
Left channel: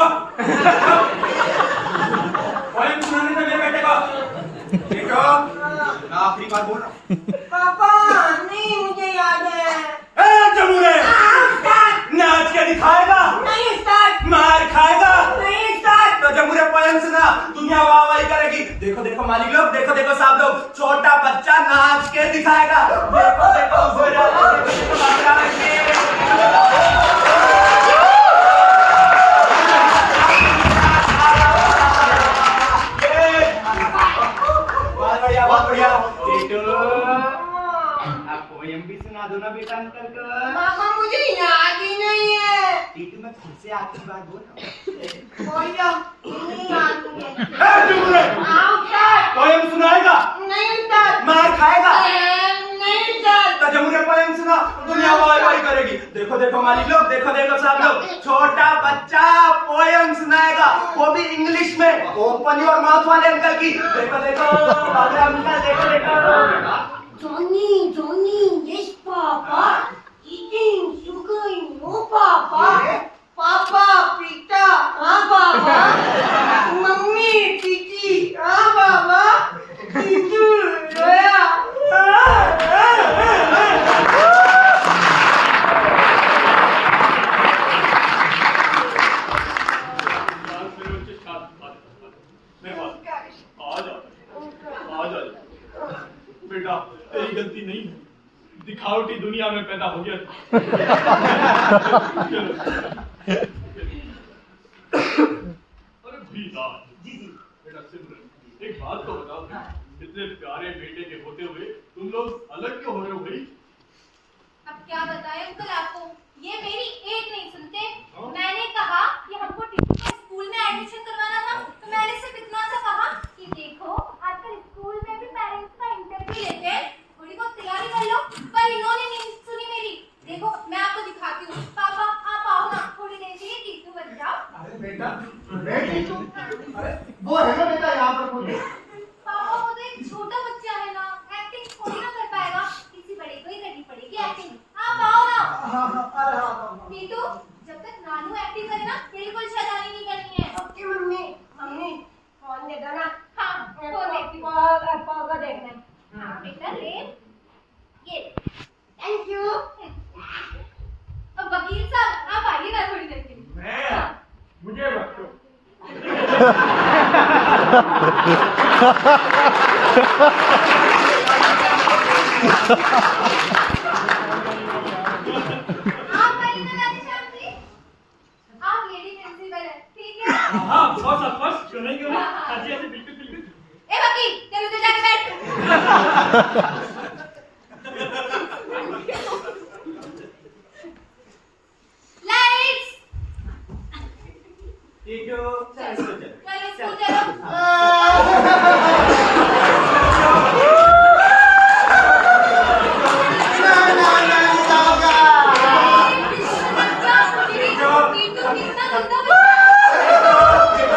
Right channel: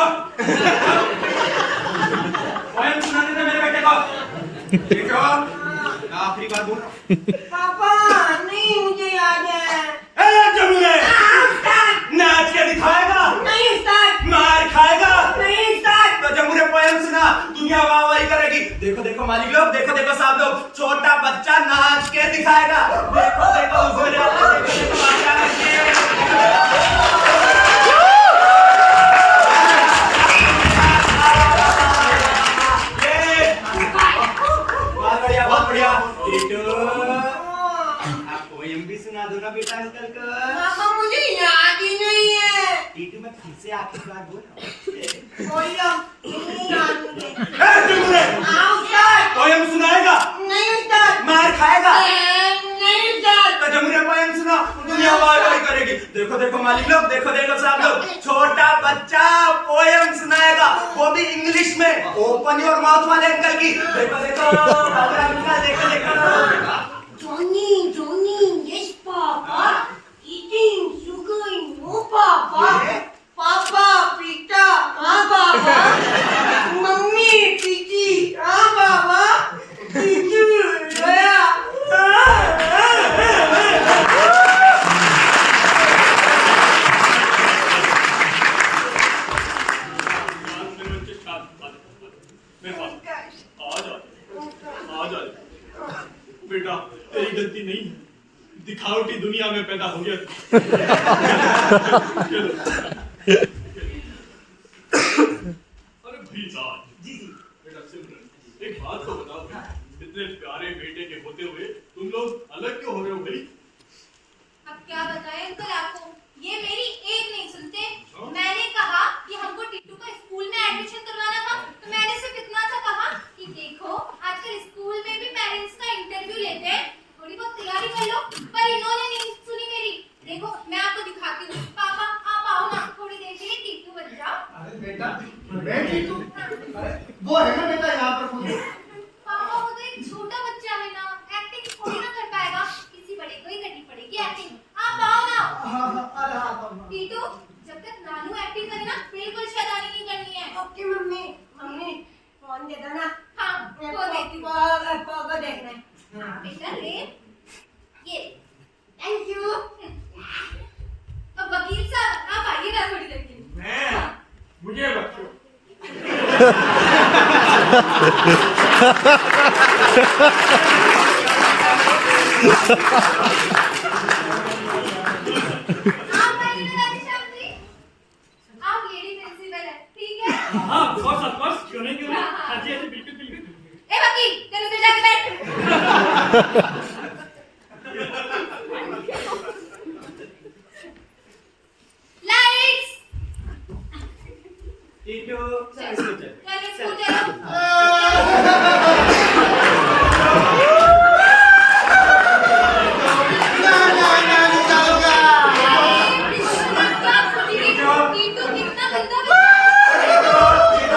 पोएम सुनाने दे मेरे बेटे को। देखो मैं आखिरी बार बोल रहा हूँ। पापा नहीं मुझे याद है। ए जमुरे, नाच के दिखाएगा, नहीं स्टार्ट मार खाएगा। नहीं स्टार्ट। तो जमुरे पोएम सुना, दुनिया वाह वाही करेगी। देखो देखो माली लोग, देखो देखो साहब लोग, छोटा बच्चा नाच के दिखाएगा। देखो देखो उजरा, देखो देखो बाबरा बहुत बढ़िया बहुत बढ़िया। टीटू, आप पोएम भी सुना दो ना बेटा अंकल को। पापा मुझे याद ही नहीं है। टीटू मैं फिर से आखिरी बार बोल रहा हूँ। बोलो नहीं याद मुझे। ए जमुरे, आओ स्टार्ट। पोएम सुनाएगा, नहीं स्टार्ट। मार खाएगा। नहीं स्टार्ट। तो जमुरे पोएम सुना, दुनिया वाह वाही करेगी। देखो देखो मालिक लोग, देखो देखो साहब लोग, छोटा बच्चा पोएम सुनाएगा, वो भी इंग्लिश में। ओपन योर माउथ वाले अंकल की। देखो देखो बाबरा अंकल, देखो देखो। Johnny, Johnny, yes, Papa. Eating sugar, no, Papa. Papa, pita, हाँ, Papa. Mummy, piti, हाँ, Papa. Itu, ya. मेरे बच्चे मेरे पास आ जा बेटा, तेरी गलती नहीं है, दिखावटी दुनिया में पैदा हो गया। चलो अरे भाई राज जी जी बेटा, सिमरन एक बात तो बताओ भाई, इतने प्यारे बेटे के होते हुए तुम लोग अलग क्यों हो रहे हो भाई? अब क्या बताएं अंकल आपको, ये मेरी एक नहीं सुनते। मैंने कहा कि हमको टीटू का स्कूल में एडमिशन करवाना था, तो मैंने सिर्फ इतना सा कहा कि देखो आजकल स्कूल में भी पेरेंट्स का इंटरव्यू लेते हैं, थोड़ी बहुत तैयारी कर लो। पर इन्होंने नहीं सुनी मेरी। देखो मैं आपको दिखाती हूँ। पापा आप आओ ना, थोड़ी देर के लिए टीटू बन जाओ। अरे बेटा, बेटी तू, अरे वो है ना बेटा यहाँ पर खुद। पापा वो तो एक छोटा बच्चा है ना, एक्टिंग थोड़ी ना कर पाएगा, किसी बड़े को ही करनी पड़ेगी एक्टिंग। आप आओ ना। अरे हाँ टीटू, जब तक नानू एक्टिंग करे ना, बिल्कुल शैतानी नहीं करनी है। ओके मम्मी, मम्मी फोन दे दो ना। हाँ वो देखती हूँ। पापा को देखना है। हाँ बेटा ले, ये थैंक यू। अब वकील साहब आप आइए ना थोड़ी देर के लिए। मैं, मुझे बच्चों आप आइए ना राधेश्याम जी, आप लेडी प्रिंसिपल है, ठीक है? हाँ बस क्यों नहीं हाँ जी बिल्कुल बिल्कुल। ए वकील, चल उधर जाके बैठ। लाइट्स, टीटू चल चल चल स्कूल चलो। टीटू कितना गंदा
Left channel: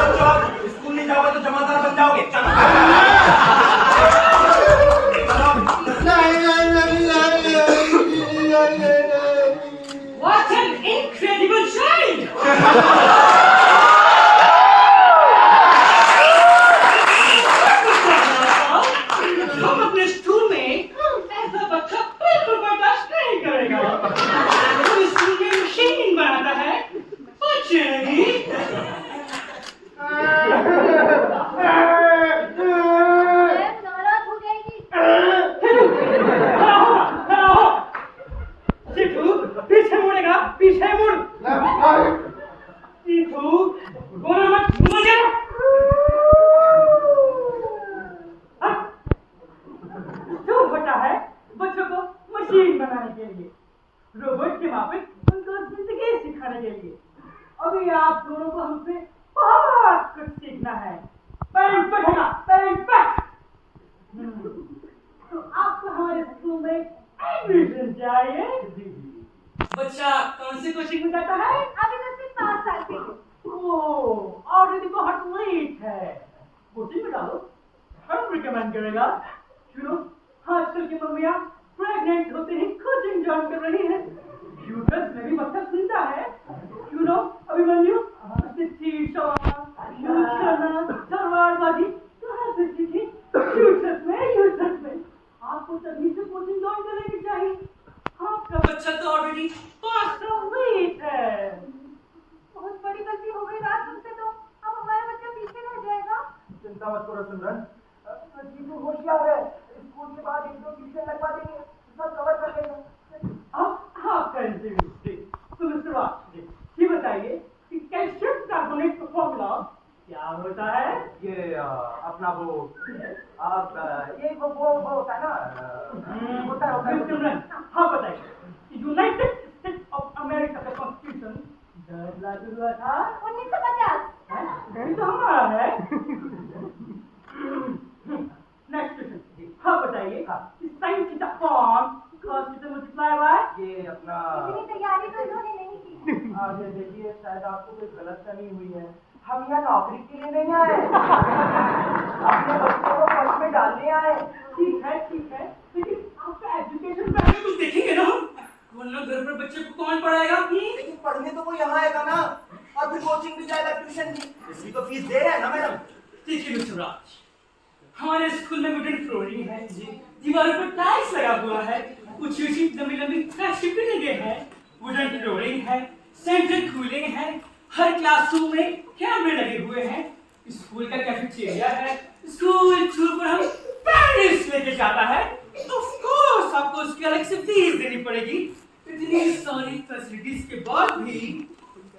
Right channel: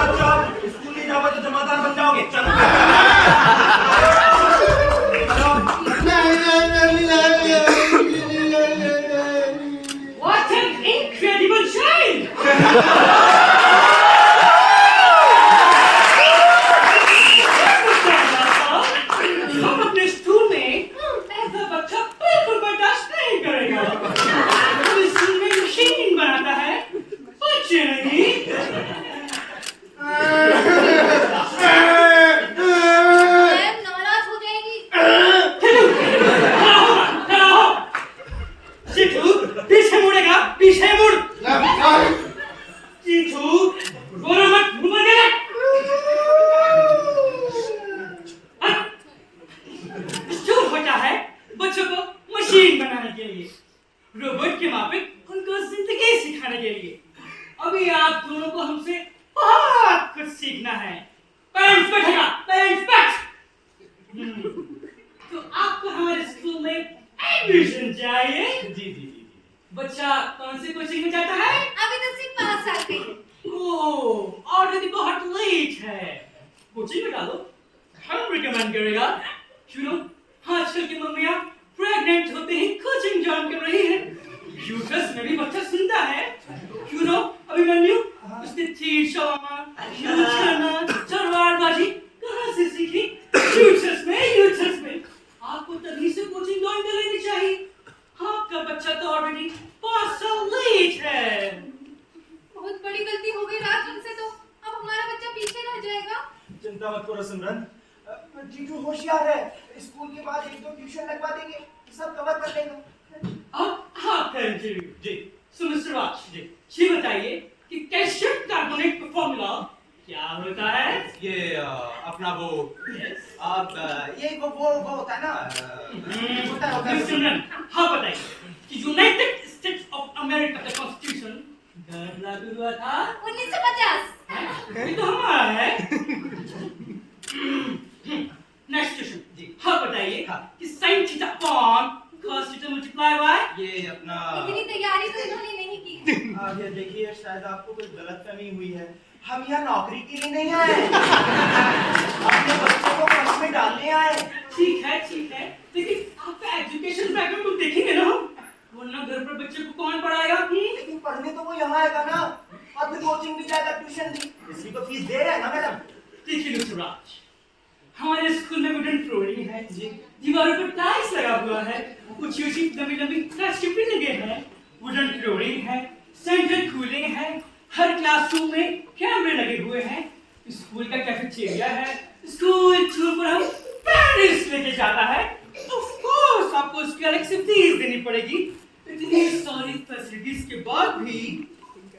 बच्चा है। स्कूल नहीं जाओगे तो जमादार बन जाओगे। चलो What an incredible child! हम अपने स्कूल में ऐसा बच्चा बिल्कुल बर्दाश्त नहीं करेगा। वो स्कूल में मशीन बनाता है, बच्चे नहीं। मैम नाराज हो जाएगी। पीछे मुड़ेगा, पीछे मुड़। बेटा जी से कोचिंग में जाता है? अभी तो सिर्फ 5 साल की। ओह, ऑलरेडी बहुत लेट है। कोचिंग में डालो, हम रिकमेंड करेगा। यू नो, आजकल की मम्मियाँ प्रेग्नेंट होते ही कोचिंग ज्वाइन कर रही हैं। यूट्रस में भी बच्चा सुनता है। यू नो, अभिमन्यु उसने तीर चलाना, यूज करना, तलवारबाजी कहाँ से सीखी? यूट्रस में। आपको तभी से कोचिंग ज्वाइन कर लेनी चाहिए। आपका बच्चा तो ऑलरेडी 5 साल लेट है। बहुत बड़ी गलती हो गई राज उनसे, तो अब हमारा बच्चा पीछे रह जाएगा। चिंता मत करो सिमरन, जीजू होशियार है, स्कूल के बाद 1-2 ट्यूशन लगवा देंगे, सब कवर कर लेगा। हाँ कंटिन्यू जी सो मिस्टर राज जी ये बताइए कि कैल्शियम कार्बोनेट का फॉर्मूला क्या होता है? ये अपना वो आप ये वो होता है ना होता है मिस्टर रन, हाँ बताइए कि यूनाइटेड स्टेट्स ऑफ अमेरिका का कॉन्स्टिट्यूशन कब लागू हुआ था? 1950। ये तो हमारा है। नेक्स्ट क्वेश्चन जी हाँ बताइए हाँ। कि sin theta upon cos theta multiply by ये अपना इतनी तैयारी तो इन्होंने नहीं की। आगे देखिए, शायद आपको कोई गलतफहमी हुई है, हम यहाँ नौकरी के लिए नहीं आए, अपने बच्चों को फर्स्ट में डालने आए। ठीक है लेकिन आपका एजुकेशन बैकग्राउंड तो देखेंगे ना हम, वरना घर पर बच्चे को कौन पढ़ाएगा? लेकिन पढ़ने तो वो यहाँ आएगा ना, और फिर कोचिंग भी जाएगा, ट्यूशन भी, इसकी तो फीस दे रहे हैं ना मैडम। देखिए मिस्टर राज, हमारे स्कूल में वुडन फ्लोरिंग है जी, दीवारों पर टाइल्स लगा हुआ है, कुछ ऊंची लंबी प्लास्टिक भी लगे हैं, वुडन फ्लोरिंग है, सेंट्रल कूलिंग है, हर क्लासरूम में कैमरे लगे हुए हैं, स्कूल का कैफेटेरिया है, स्कूल टूर पर हम पेरिस लेके जाता है। ऑफ कोर्स आपको उसकी अलग से फीस देनी पड़ेगी। इतनी सारी फैसिलिटीज के बाद भी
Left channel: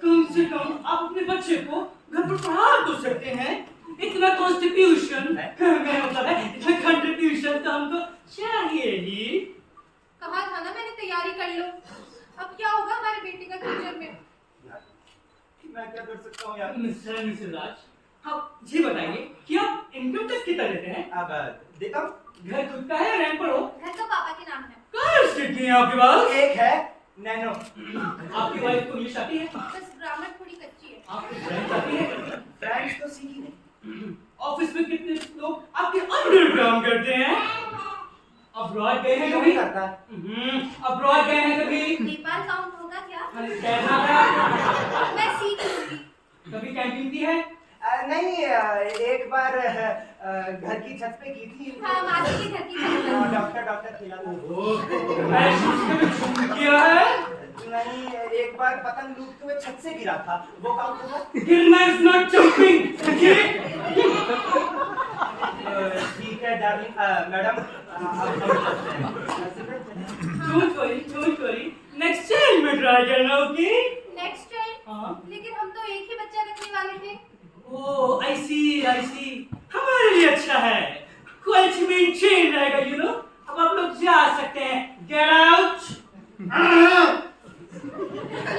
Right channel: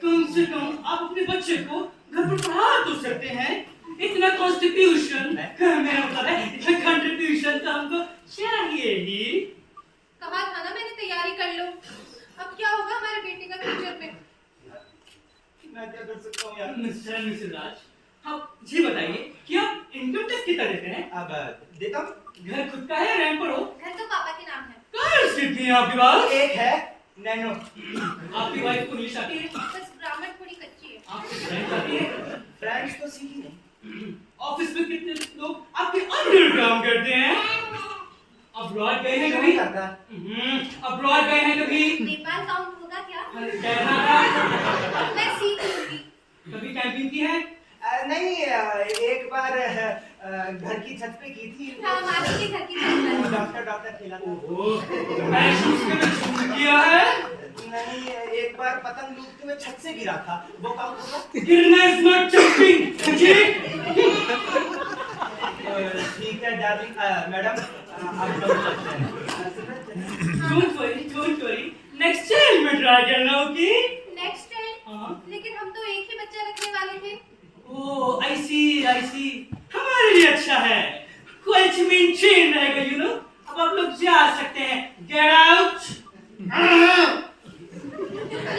कम से कम आप अपने बच्चे को घर पर पढ़ा तो सकते हैं। इतना कॉन्स्टिट्यूशन मेरा मतलब है कंट्रीब्यूशन तो हमको चाहिए ही। कहा था ना मैंने, तैयारी कर लो। अब क्या होगा हमारे बेटे का फ्यूचर में? मैं क्या कर सकता हूँ यार? मिस्टर राज, आप जी बताइए कि आप इनकम टैक्स कितना देते हैं? अब देता हूँ। घर खुद का है, रेंट पर हो? घर तो पापा के नाम है। कर्ज कितनी है आपके पास? एक है नैनो। आपकी वाइफ को इंग्लिश आती है? बस ग्रामर थोड़ी कच्ची है। आपकी फ्रेंच आती है? फ्रेंच तो सीखी नहीं। ऑफिस में कितने लोग आपके अंडर काम करते हैं? अब्रॉड गए हैं कभी? अब्रॉड गए हैं कभी? नेपाल काउंट होगा क्या? मैं मैं सीख लूंगी। कभी कैंपिंग की है? नहीं, एक बार घर की छत पे की थी। हाँ, मासी के घर की छत पर। डॉक्टर खेला था। पैराशूट से कभी छूट किया है? नहीं, एक बार पतंग लूटते हुए छत से गिरा था, वो काउंट होगा? गिरना इज नॉट जंपिंग। ठीक है डार्लिंग, मैडम अब हम चलते हैं। डोंट वरी नेक्स्ट टाइम में ट्राई करना, ओके? Next time? हाँ। लेकिन हम तो एक ही बच्चा रखने वाले थे। ओह आई सी हमारे लिए अच्छा है, क्वालिटी मेंटेन रहेगा, यू नो। अब आप लोग जा सकते हैं। Get out.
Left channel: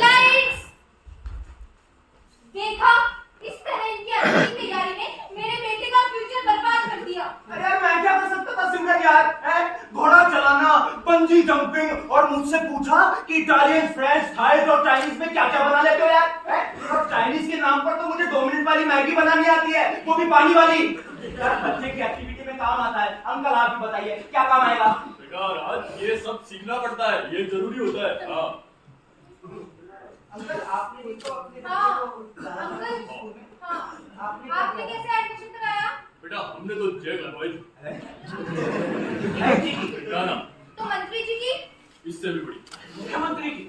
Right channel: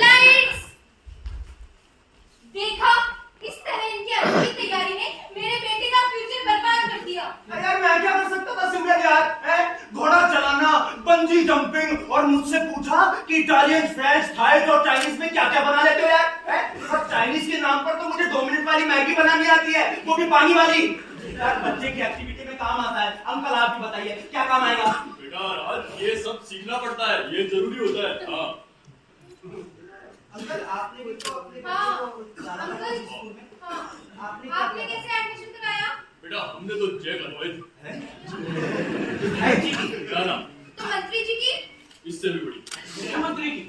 लाइट्स! देखा, इस तरह इनकी अच्छी तैयारी ने मेरे बेटे का फ्यूचर बर्बाद कर दिया। अरे यार, मैं क्या कर सकता था सिमरन यार? घोड़ा चलाना, बंजी जंपिंग, और मुझसे पूछा कि इटालियन, फ्रेंच, थाई और चाइनीज में क्या क्या बना लेते हो यार? और चाइनीज के नाम पर तो मुझे 2 मिनट वाली मैगी बनानी आती है, वो भी पानी वाली। यार बच्चे की एक्टिविटी में काम आता है। अंकल आप भी बताइए क्या काम आएगा? बेटा राज, ये सब सीखना पड़ता है, ये जरूरी होता है। हाँ अंकल आपने भी तो अपने हाँ, बच्चे को डाला था अंकल, स्कूल में। हाँ, आपने आपने कैसे एडमिशन कराया? बेटा, हमने तो जय लगवाई थी। है जी की। क्या ना, तो मंत्री जी की? इससे भी बड़ी, मुख्यमंत्री की।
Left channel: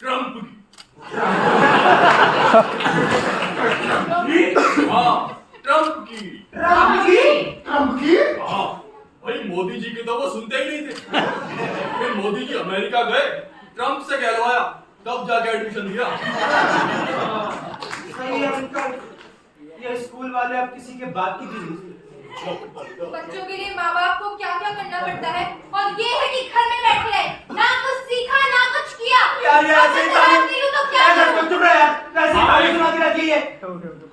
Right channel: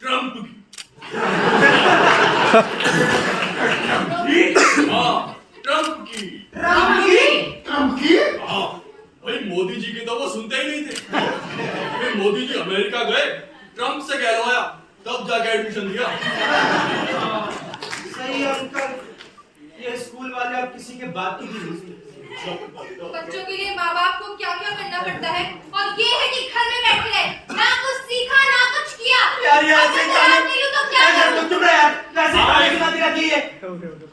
ट्रम्प की। हाँ, ट्रम्प की। ट्रम्प की? हाँ भाई, मोदी जी के तो वो सुनते ही नहीं थे। फिर मोदी जी अमेरिका गए, ट्रम्प से कहलवाया, तब जाके एडमिशन दिया। सही है अंकल, ये स्कूल वाले अब किसी के बात की भी नहीं सुनते। बच्चों के लिए माँ बाप को क्या क्या करना पड़ता है, और ये है कि घर में बैठे रहे, ना कुछ सीखा ना कुछ किया। यार ये ऐसे ही ताने- मिलूं तो क्या ऐसे करूं? चुप रहे यार, ऐसे ही ताने सुनाती रहती है।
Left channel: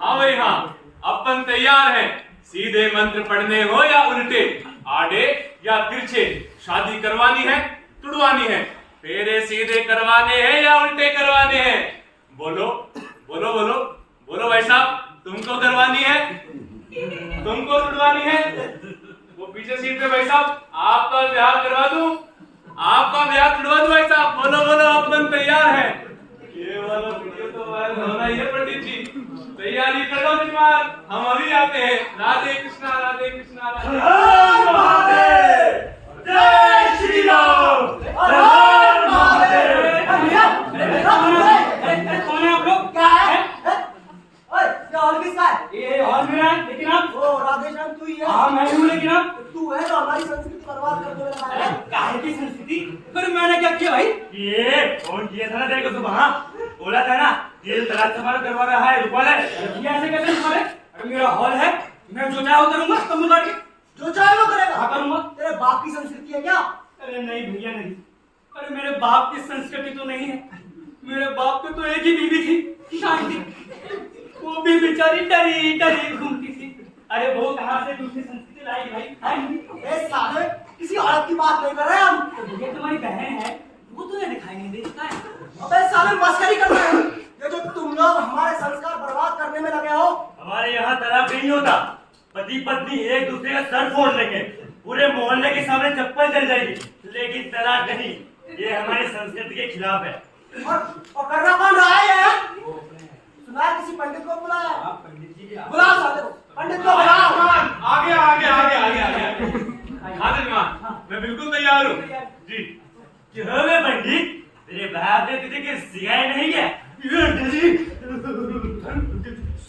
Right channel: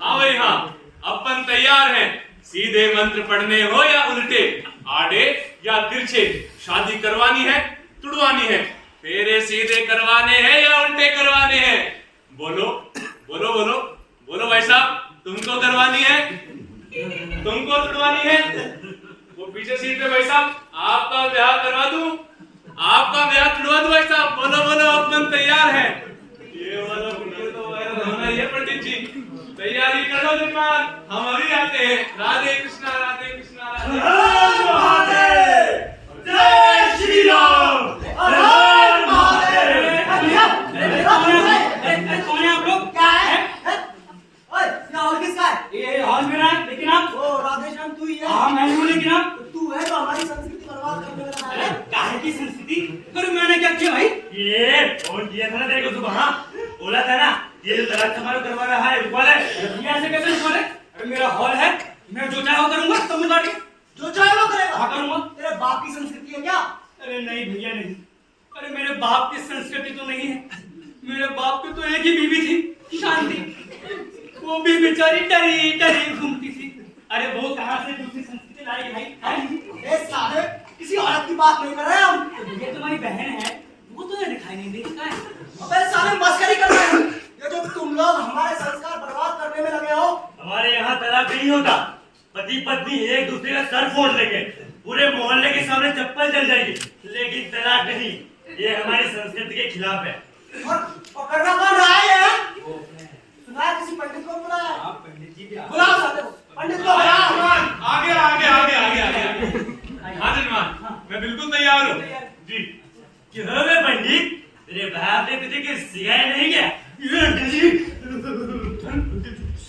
हाँ भाई हाँ, अपन तैयार हैं। सीधे मंत्र पढ़ने हो या उल्टे, आड़े या तिरछे, शादी करवानी है, तुड़वानी है, फेरे सीधे करवाने हैं या उल्टे करवाने हैं? बोलो बोलो बोलो बोलो भाई साहब, तुमको करवानी है, तुमको छुड़वानी है? वो पीछे सीट पे भाई साहब, आपका ब्याह करवा दूं, आपका ब्याह छुड़वा दूं भाई साहब? बोलो बोलो, अपन तैयार है। ये वाला वीडियो तो वायरल होना ही है पंडित जी, तैयारी करो निकाल, हम अभी आते हैं। राधे कृष्णा राधे कृष्णा राधे जय श्री राम। कौन है आप लोग? क्या है? ओए, ये हॉल किसका है? ये हॉल मेरा है, लेकिन आप? ओ राधेश्याम तू ही है? हाँ मैं हूँ, लेकिन आप? तू है तो हमारी संस्कृति बर्बाद करने वाला अरे है। काहे की संस्कृति? पर मैंने क्या किया भाई? ये फोन किया था ना तेरे को सुबह, हाँ? बोला था ना ये जो तलाक समारोह करवा रहा है रुकवा ले। ये ऐसे कैसे रुकवा ले? अरे मेरा हॉल है, मैं जो चाहे वो करूंगा, तुम काट के। जो चाहे वो करेगा। हाँ करूंगा। तेरे बाप की संस्कृति है क्या? अरे नहीं भैया नहीं, अरे मेरे बाप की संस्कृति तो नहीं है। मेरे बाप को तो एक ही बीवी थी, शांति, वो भी बेचारी डरी डरी घूमती थी। अरे वो कहाँ से दूसरी संस्कृति लाएगी भाई? है? ए साले, किसी औरत की बात नहीं कर रहे हम। तो भैया तुम्हारी बहन है, वो तो ये दिखाई नहीं देता है। अबे साले मस्करी कर रहे हैं। ये जो तुम लोग हमारे संस्कार बर्बाद करने में लगे हो। हमारे यहाँ तलाक नहीं होता, पति पत्नी एक दूसरे का सर फोड़ लेंगे, पूरे मोहल्ले के सामने चप्पल चल जाएगी, लेकिन तलाक नहीं। ये हमारी संस्कृति के खिलाफ है। और करना कौन रहा है ये? सुना है किसी पंडित को बुलाया है? आप पंडित जी भी आ- बुलाओ साले को, पंडित को बुलाओ। आगे आगे आगे आगे आगे। हाँ जजमान, मैं बिल्कुल तैयार हूँ जी। क्यों बे पंडित, तेरे बाप ने तुझे कुछ सिखाया नहीं क्या?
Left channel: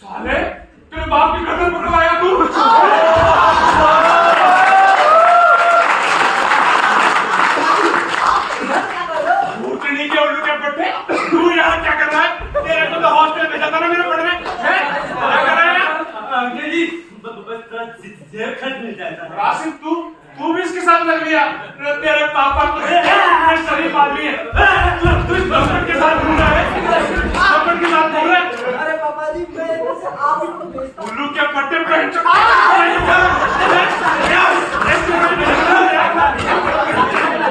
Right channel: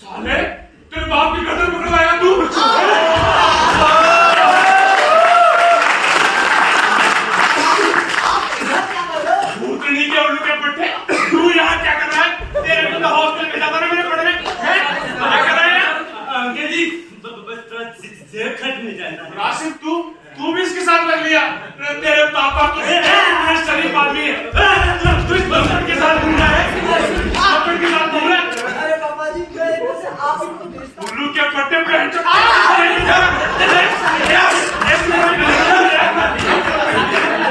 साले, तेरे बाप की गर्दन पकड़वाया तू? क्या कर रहे हो? भूतनी के उल्लू के पट्टे, तू यहाँ क्या कर रहा है? तेरे को तो हॉस्टल में जाता ना मेरे पढ़ने, हैं? क्या कर रहा है यहाँ? अंकल जी बस थोड़ा जेब खर्च मिल जाता है। राशिद, तू भी इसके साथ लग लिया? तेरे पापा को शरीफ आदमी है, तू इस बचपन के साथ घूम रहा है, बचपन के साथ घूम रहा है। अरे पापा जी, मैं आप इनको भेजता हूँ। उल्लू के पट्टे पे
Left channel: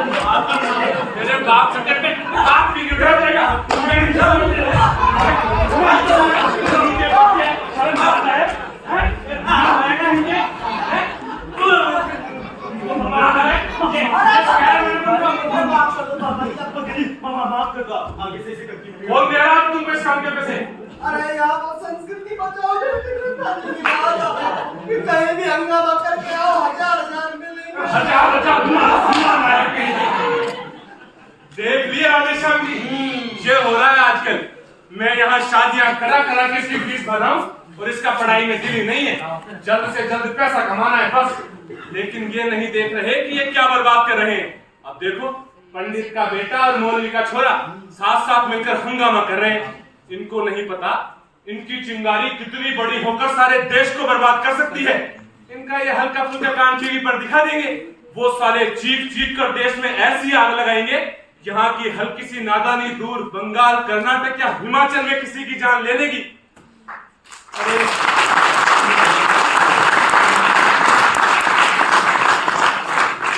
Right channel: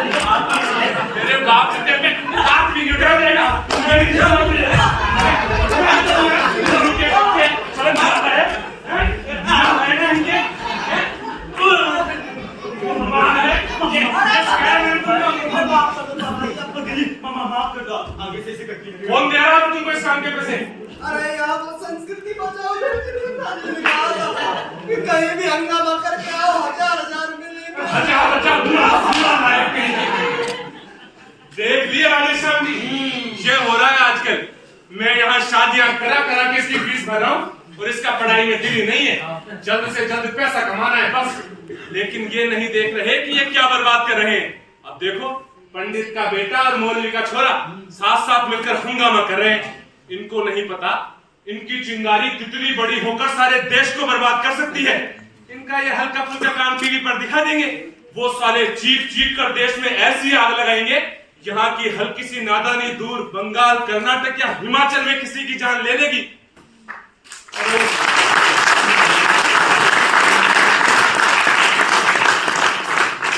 तेरे बाप के पे हाथ भी उठा देगा। आगे से कंटिन्यू। कौन दे रहा है तुमको इस काम के पैसे? अरे यार वो संस्कृति बचाओ, कि कहीं भी हंगामा करके आओ, 1000 मिलेंगे। देख लिया राधेश्याम जी, ये हो रहा है आजकल। मैं यहाँ शादियां करा करा के इसकी फीस भर रहा हूँ और इसका पढ़ाई में दिल ही नहीं है। जल्द से जल्द पैसा कमाना है बस। लेकिन ये नहीं देख रहे कि ये क्या बर्बाद कर रहे हैं। अब देखो, पंडित का बेटा और मौलवी का छोरा साथ साथ मिलकर हंगामा कर रहे हैं। इनको नहीं पता इनकी चिंगारी कितनी बड़ी होकर सारे देश को बर्बाद कर सकती है। इनका ये हल्का फुल्का काम टीवी पर दिखा देंगे, वो साले चीख चीख कर देश में ऐसी आग लगाएंगे, यहाँ की हल्की सी नादानी दूर बंगाल, कर्नाटक या हिमाचल में किसी की जान ले लेगी।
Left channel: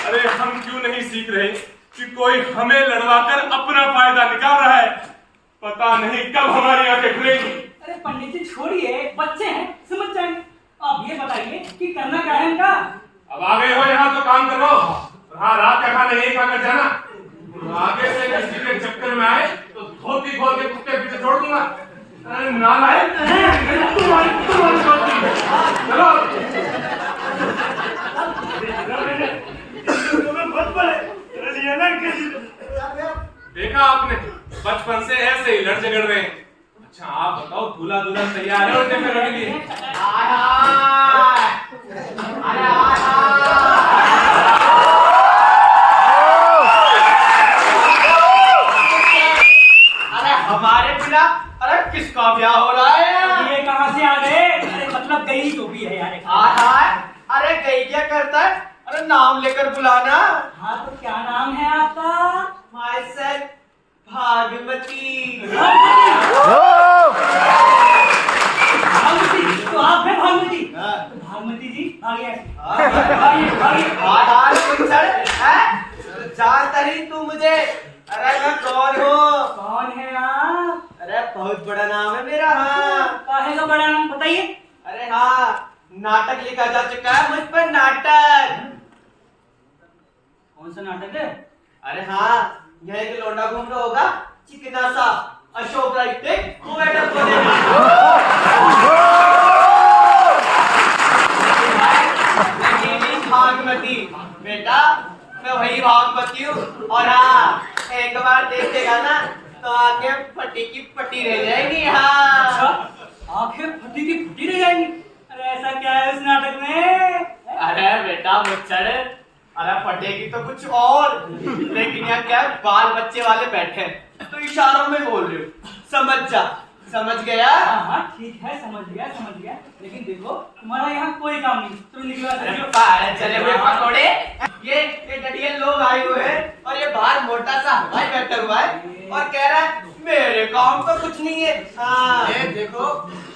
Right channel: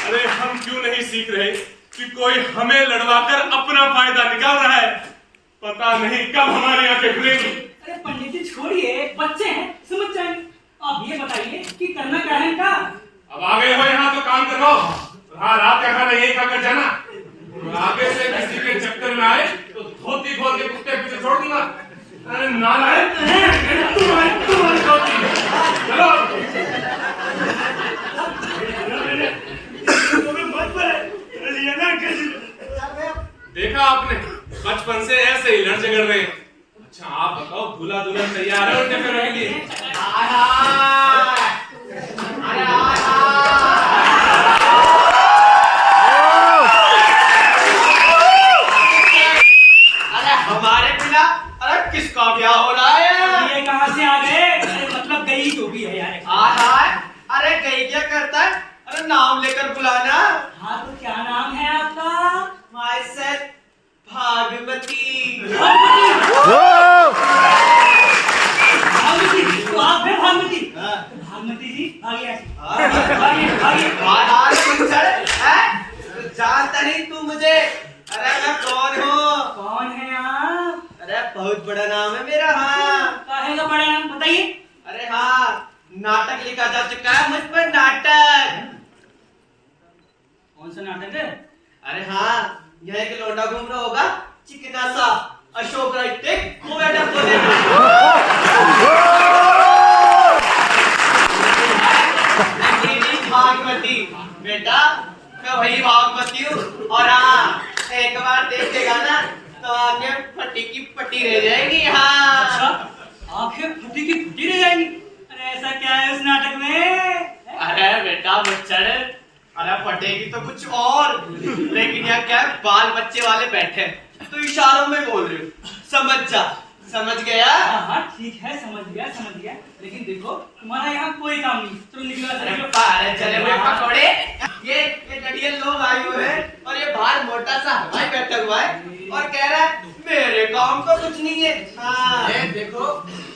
अरे हम क्यों नहीं सीख रहे कि कोई हमें लड़वाकर अपना फायदा निकाल रहा है? पता नहीं कब हमारी आंखें खुलेंगी। अरे पंडित जी छोड़िए, बच्चे हैं, समझ जाएंगे। आप ये बताइए कि करना क्या है इनका? अब आ गए हो यहाँ तो काम करवाओ। हाँ, रात का खाना यही खाकर जाना। आगे से किसी के चक्कर में आए तो धोती खोल के कुत्ते पीछे छोड़ दूंगा। अरे नालायक, तुम्हारी गलती। चलो देखा आपने, बचपन से ऐसे ही लड़ झगड़ रहे हैं। अच्छा आप बताओ, दूल्हा दुल्हन तैयार है उनके फेरे के लिए? अरे हमारे बिना अरे किसका ब्याह हो रहा है? ये कहाँ से आ गए? अरे मतलब गई तो भी है यार। अरे गई क्या करता है? अरे नाम लेकर बुलाना। हाँ तो क्या नाम है आपका? माय सेल्फ भागवती। भागवती, तो आप है भागवती? तो भागवती जी आगे आगे। जानता ही तू मुझे अरे मैं कौन हूँ? कौन है आप? अरे बहुत बड़ा नाम है मेरा। हाँ काहे का बड़ा नाम बताइए? अरे हाँ, नाटक लिखा जा चुका है मुझ पर, नाटक। कौन सा नाटक है? अरे हाँ, यहाँ एक लौंडा घूम रहा होगा, चिकना सा, अशोक राइट टेक वो मैडम भागमती बेटा, मैं वही भागमती हूँ। और हाँ, एक बार देखेगा ना तो आंखें फटी की फटी रह जाएंगी। हाँ अच्छा, आंखें फटी की फटी रह जाएंगी? अरे ऐसा क्या है उस नाटक में? अरे बेटा मुच्छड़, अरे फटेगी तो कुछ और, लेकिन यहाँ क्या है, बाल बच्चे वाले बैठे हैं तो इशारों में बोल रहे हो, समझ जा। समझ गया? हाँ ठीक है, समझ गया। लेकिन देखो तुम्हारा यहाँ कोई काम नहीं, तुम निकला। अरे पारे चले हुए पकौड़े, ये डडियल लोग आए हुए हैं और ये बाहर मोटा सा हवाई बैठा हुआ है और कह रहा है मेरे काम तो कुछ नहीं है। हाँ देखो,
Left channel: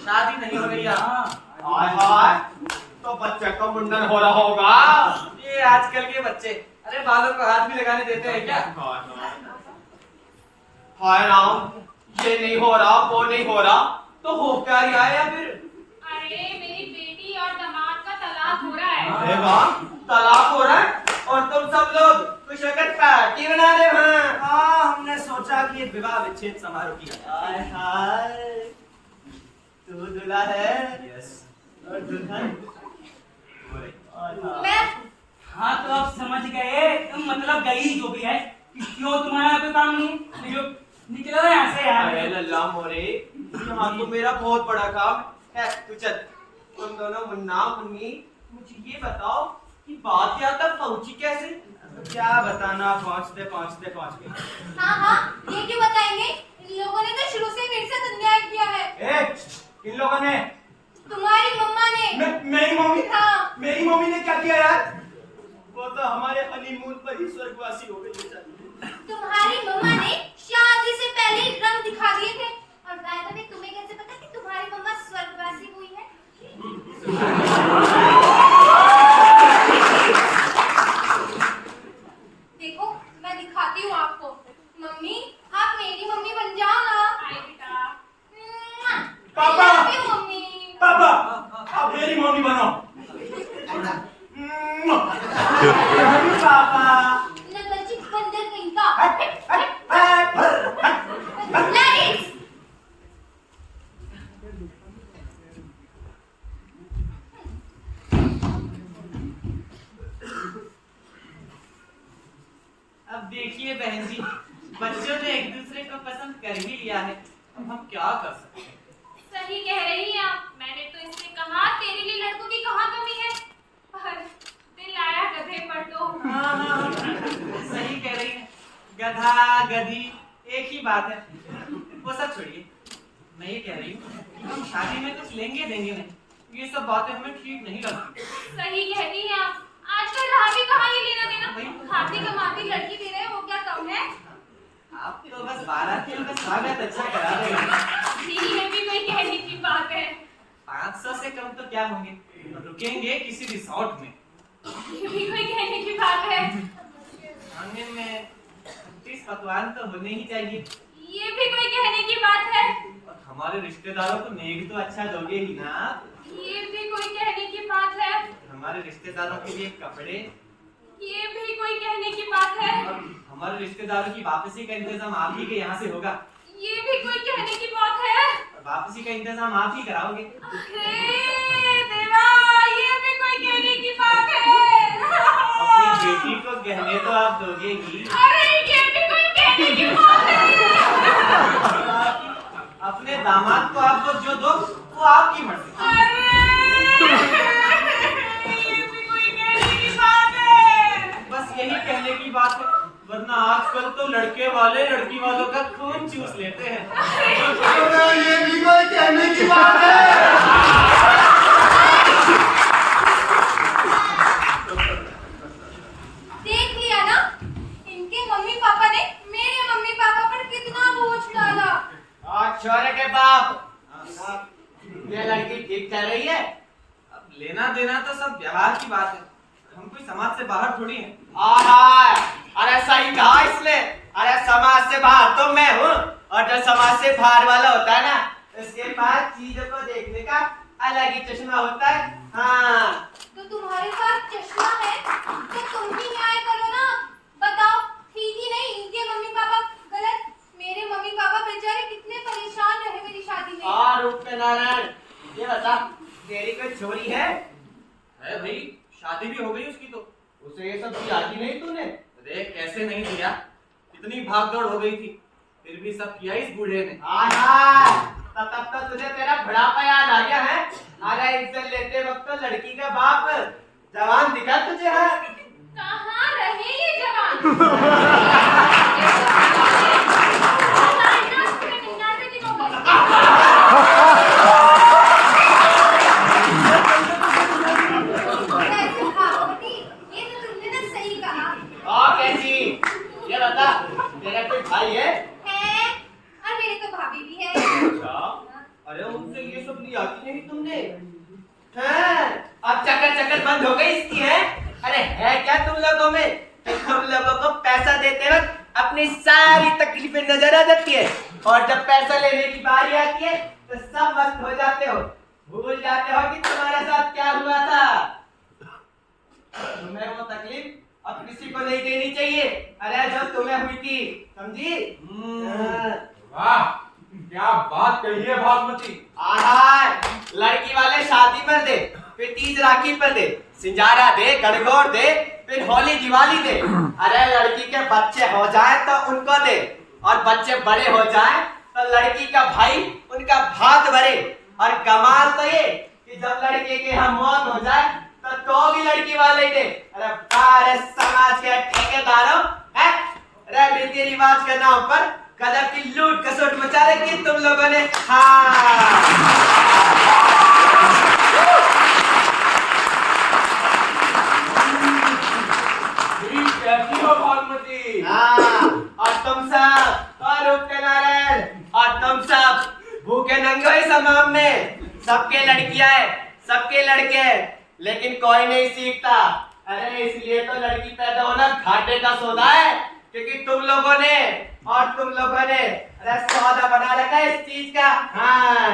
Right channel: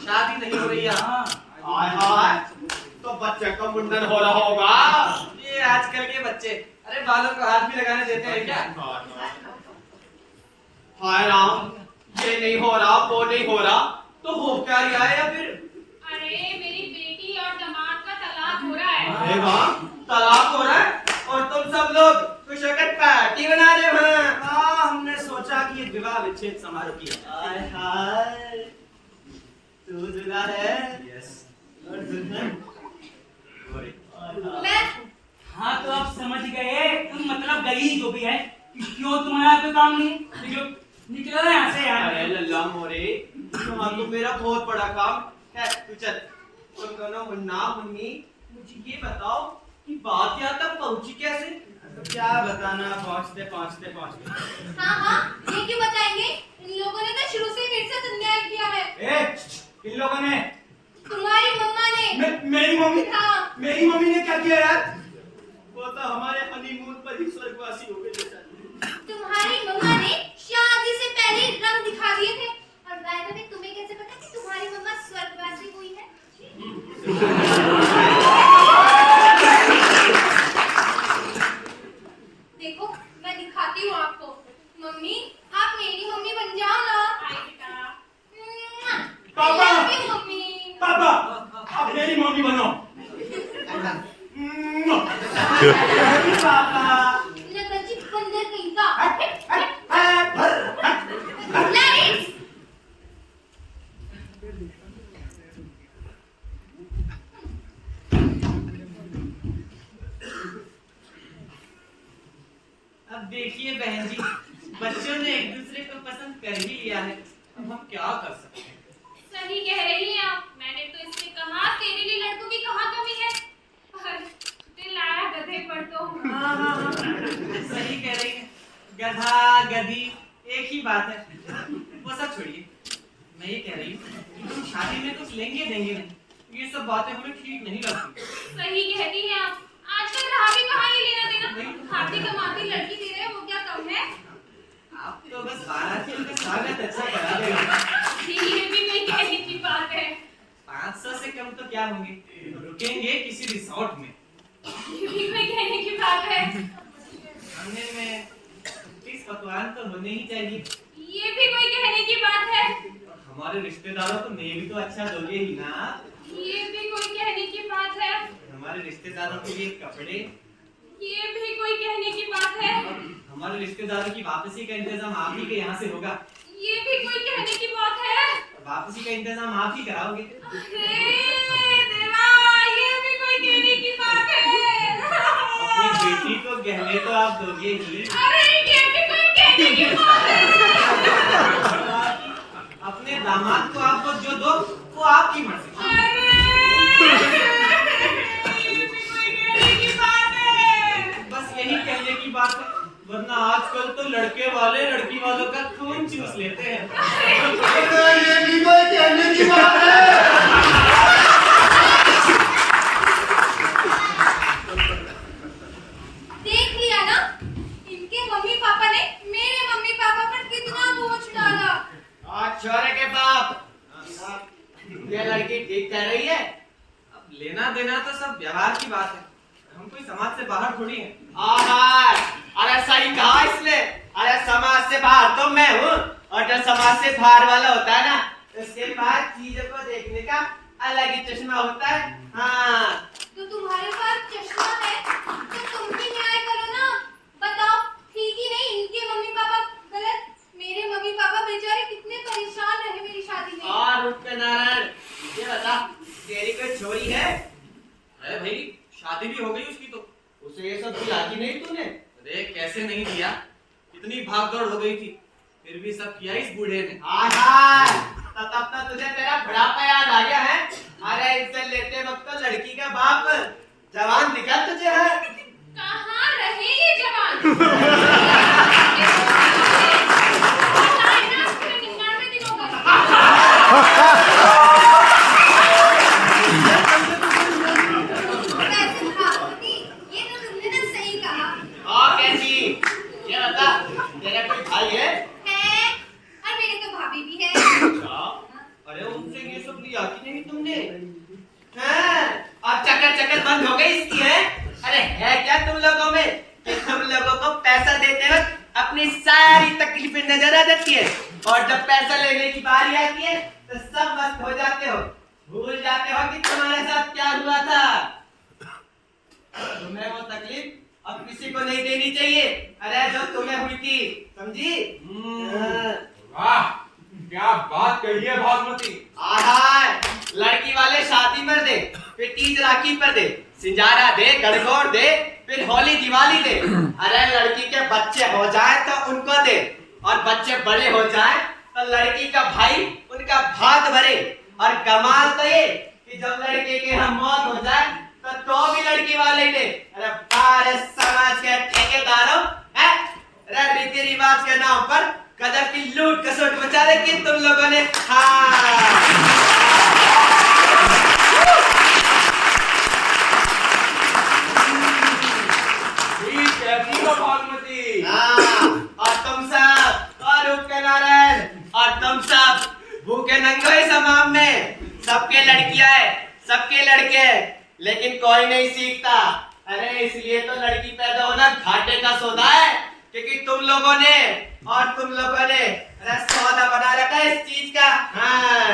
शादी नहीं हो रही यहाँ। हाय हाय, तो बच्चे का मुंडन हो रहा होगा। ये आजकल के बच्चे, अरे बालों को हाथ भी लगाने देते हैं क्या? हाय राम, ये नहीं हो रहा, वो नहीं हो रहा, तो हो क्या रहा है या फिर? अरे मेरी बेटी और दामाद का तलाक हो रहा है। अरे वाह, तलाक हो रहा है और तुम सब लोग कुछ पार्टी बना रहे हो। हाँ, हमने सोचा कि एक विवाह विच्छेद समारोह किया। हाय हाय, तू दूल्हा है? यस। और दुल्हन? मैं हाँ तो आप समझ गए, तुम मतलब गई जो भी है कि क्यों तुम्हारा कोई काम नहीं, जो निकलो यहाँ से यार। अरे लल्ला मोरे, यहाँ तो मेरा बहुत बड़ा काम है। तू चल, तुम दोनों मुन्ना मुन्नी मुझे ये बताओ कि बात यहाँ तक पहुंची कैसे? तो क्या बताना, पहुंचते पहुंचते पहुंच गए। हाँ, ये क्यों बताएंगे? इन लोगों ने तो शुरू से मेरे साथ अन्याय किया है। किन लोगों ने? तुम्हारी मम्मा ने। मेरी मम्मी? हाँ। मेरी मम्मी ने क्या किया यार? वो तो हमारे हनीमून पर ही स्वर्गवासी हो गए बेटा। तुम्हारी मम्मा ने शादी से पहले रंग दिखा दिए थे। और बाय द वे, तुम्हें कैसे पता कि तुम्हारी मम्मा स्वर्गवासी हुई है? देखो, मैं दिखाती हूँ आपको। मम्मी, आप मेरी मम्मी बन जाओ ना। अरे बेटा। पापा! I love you, mummy. पापा, आप मेरी मम्मी बनो। पापा। नकलची बंदर कहीं का। हट। लाइट्स। अब देखिए बहन जी, बच्चों ने एक दूसरे को पसंद कर ही लिया है, अब हम क्या कर सकते हैं? सही कह रही हैं आप। मैंने तो इससे कहा तेरे लिए लड़कों की कहाँ कमी है, पर दिल आया गधे पर तो। हाँ, सही कह रही है, गधा गधी एक ही बात है। वो सब छोड़िए, मैं ये कह रही हूँ कि हम शादी में कुछ लेंगे देंगे नहीं, ये सब बातें हमें ठीक नहीं लगती। सही कहती हैं आप। आजकल रहा भी कहाँ ये लेना देना। खाती कमाती लड़की दे रहे हैं, वो क्या कम है? आप तो बस बारातियों का स्वागत अच्छा करा देगा। ये भी कोई कहने की बात है। 500 से कम तो क्या होंगे, रुकेंगे किसी रिसोर्ट में। ये भी कोई कहने की बात है। खाने में 30 पकवान तो होने ही चाहिए। ये भी कोई कहने की बात है। और हमारे रिश्तेदारों को नेक तो अच्छा दोगे ही ना। ये भी कोई कहने की बात है। हमारे रिश्तेदारों के लिए कपड़े। ये भी कोई कहने की बात है। और हमारे रिश्तेदारों की वापसी का इंतजाम आप ही के यहाँ से होगा। ये भी कोई कहने की बात है। और वापसी का इंतजाम आप ही कराओगे। अरे देवा, ये भी कोई कहने की बात है। अपनी बेटी को गहने तो आप दोगे ही। अरे ये भी कोई कहने की बात है। अपने दामाद को आप जो दो वो आपकी मर्जी। ये भी कोई कहने की बात है। बस यही कहने की बात है, वरना आजकल तो लड़के वाले लड़की वालों का खून चूस लेते हैं। ये भी कोई कहने की बात है। देख लिया ना, इनके मम्मी पापा ने मेरे मम्मी पापा पर कितना बोझ डाला। और छोरे के बाप, ये लड़की ठीक कर रही है? अब लेना देना तो सब व्यवहार की बात है। हम कोई समाज से बाहर थोड़ी हैं। आहा, अरे सही कहा इसने। अरे समाज से बाहर तो मैं हूँ, और जो समाज से बाहर वाला होता है ना, उसके पास चीजों को देखने का अलग ही चश्मा होता है। हाँ, तो तुम्हारे पास चश्मा है तो तुम भी न्याय करो ना। बताओ, ठीक ही नहीं, इनके मम्मी पापा गलत, मेरे मम्मी पापा बेचारे कितने परेशान रहे मेरी शादी में। और रूप पे नारायण, ये बता, तेरी कोई छोरी है? है भाई, शादी भी हो गई उसकी तो। उसे ये सब दिया कि नहीं तूने? अरे कैसे नहीं दिया, इतनी भागदौड़ हो गई थी, फिर भी सब किया इस बूढ़े ने। आहा, तब तो तुझे तेरा बुढ़ापा याद आ गया है। अरे इनसे लेते वक्त तो लड़की का बाप जवान दिखा तुझे है। कहाँ रहे ये जवान? 99 दिन हो गए। वैसे भागवती, ये तो तुमने ना सही कहा। और कैसी? ये बता, तेरा कोई भाई है? है, और मेरे तो भाभी भी है। अच्छा, अरे उनसे ये सब लिया कि नहीं तुमने? हैं? अब चक्कर बंद हो गई इसकी है? अरे है क्या तुम लोगों में कि तुम लोगों को पैसा देते वक्त अपनी सारी तकलीफें नजर आ जाती है, और जब पैसा लेने की बारी आती है तो सब मस्त हो जाते हो, भूल जाते हो कि तुम्हारे साथ क्या हुआ था। तुम्हें वो तकलीफ अब किसी को नहीं देनी चाहिए, अरे जो तुम्हें हुई थी, समझी? वाह, क्या बात कही है भागवती। आहा, लड़की वाले शादी पर दे, फिर तीज राखी पर दे, सिंजारा दे, गणगौर दे, फिर होली दिवाली दे। अरे लड़की के बच्चे हो जाए तो उनको दे, और बच्चे बड़े हो जाए तो लड़की का भाई उनका भाग भरे। और कमाल तो ये कि जब लड़के के यहाँ मौत हो जाए तो भी लड़की वाले ही दे। अरे सारे समाज के ठेकेदारों, अरे रीति रिवाज के नाम पर गजब की लूट खसोट मचा रखी तुम लोगों ने। हाँ, कैसी हो भागवती? हाँ, और तुम सब, और रूप के नारायण, और तुम सब भूखे नंगे इस हमाम में, सबके लड़कियां है, सबके लड़के हैं, लेकिन कोई नहीं सीखता। अरे इसलिए तो लड़की पैदा होना घाटे का सौदा है, क्योंकि तुम लोगों ने अरे सौदा बना रखा है इस चीज का। हाँ,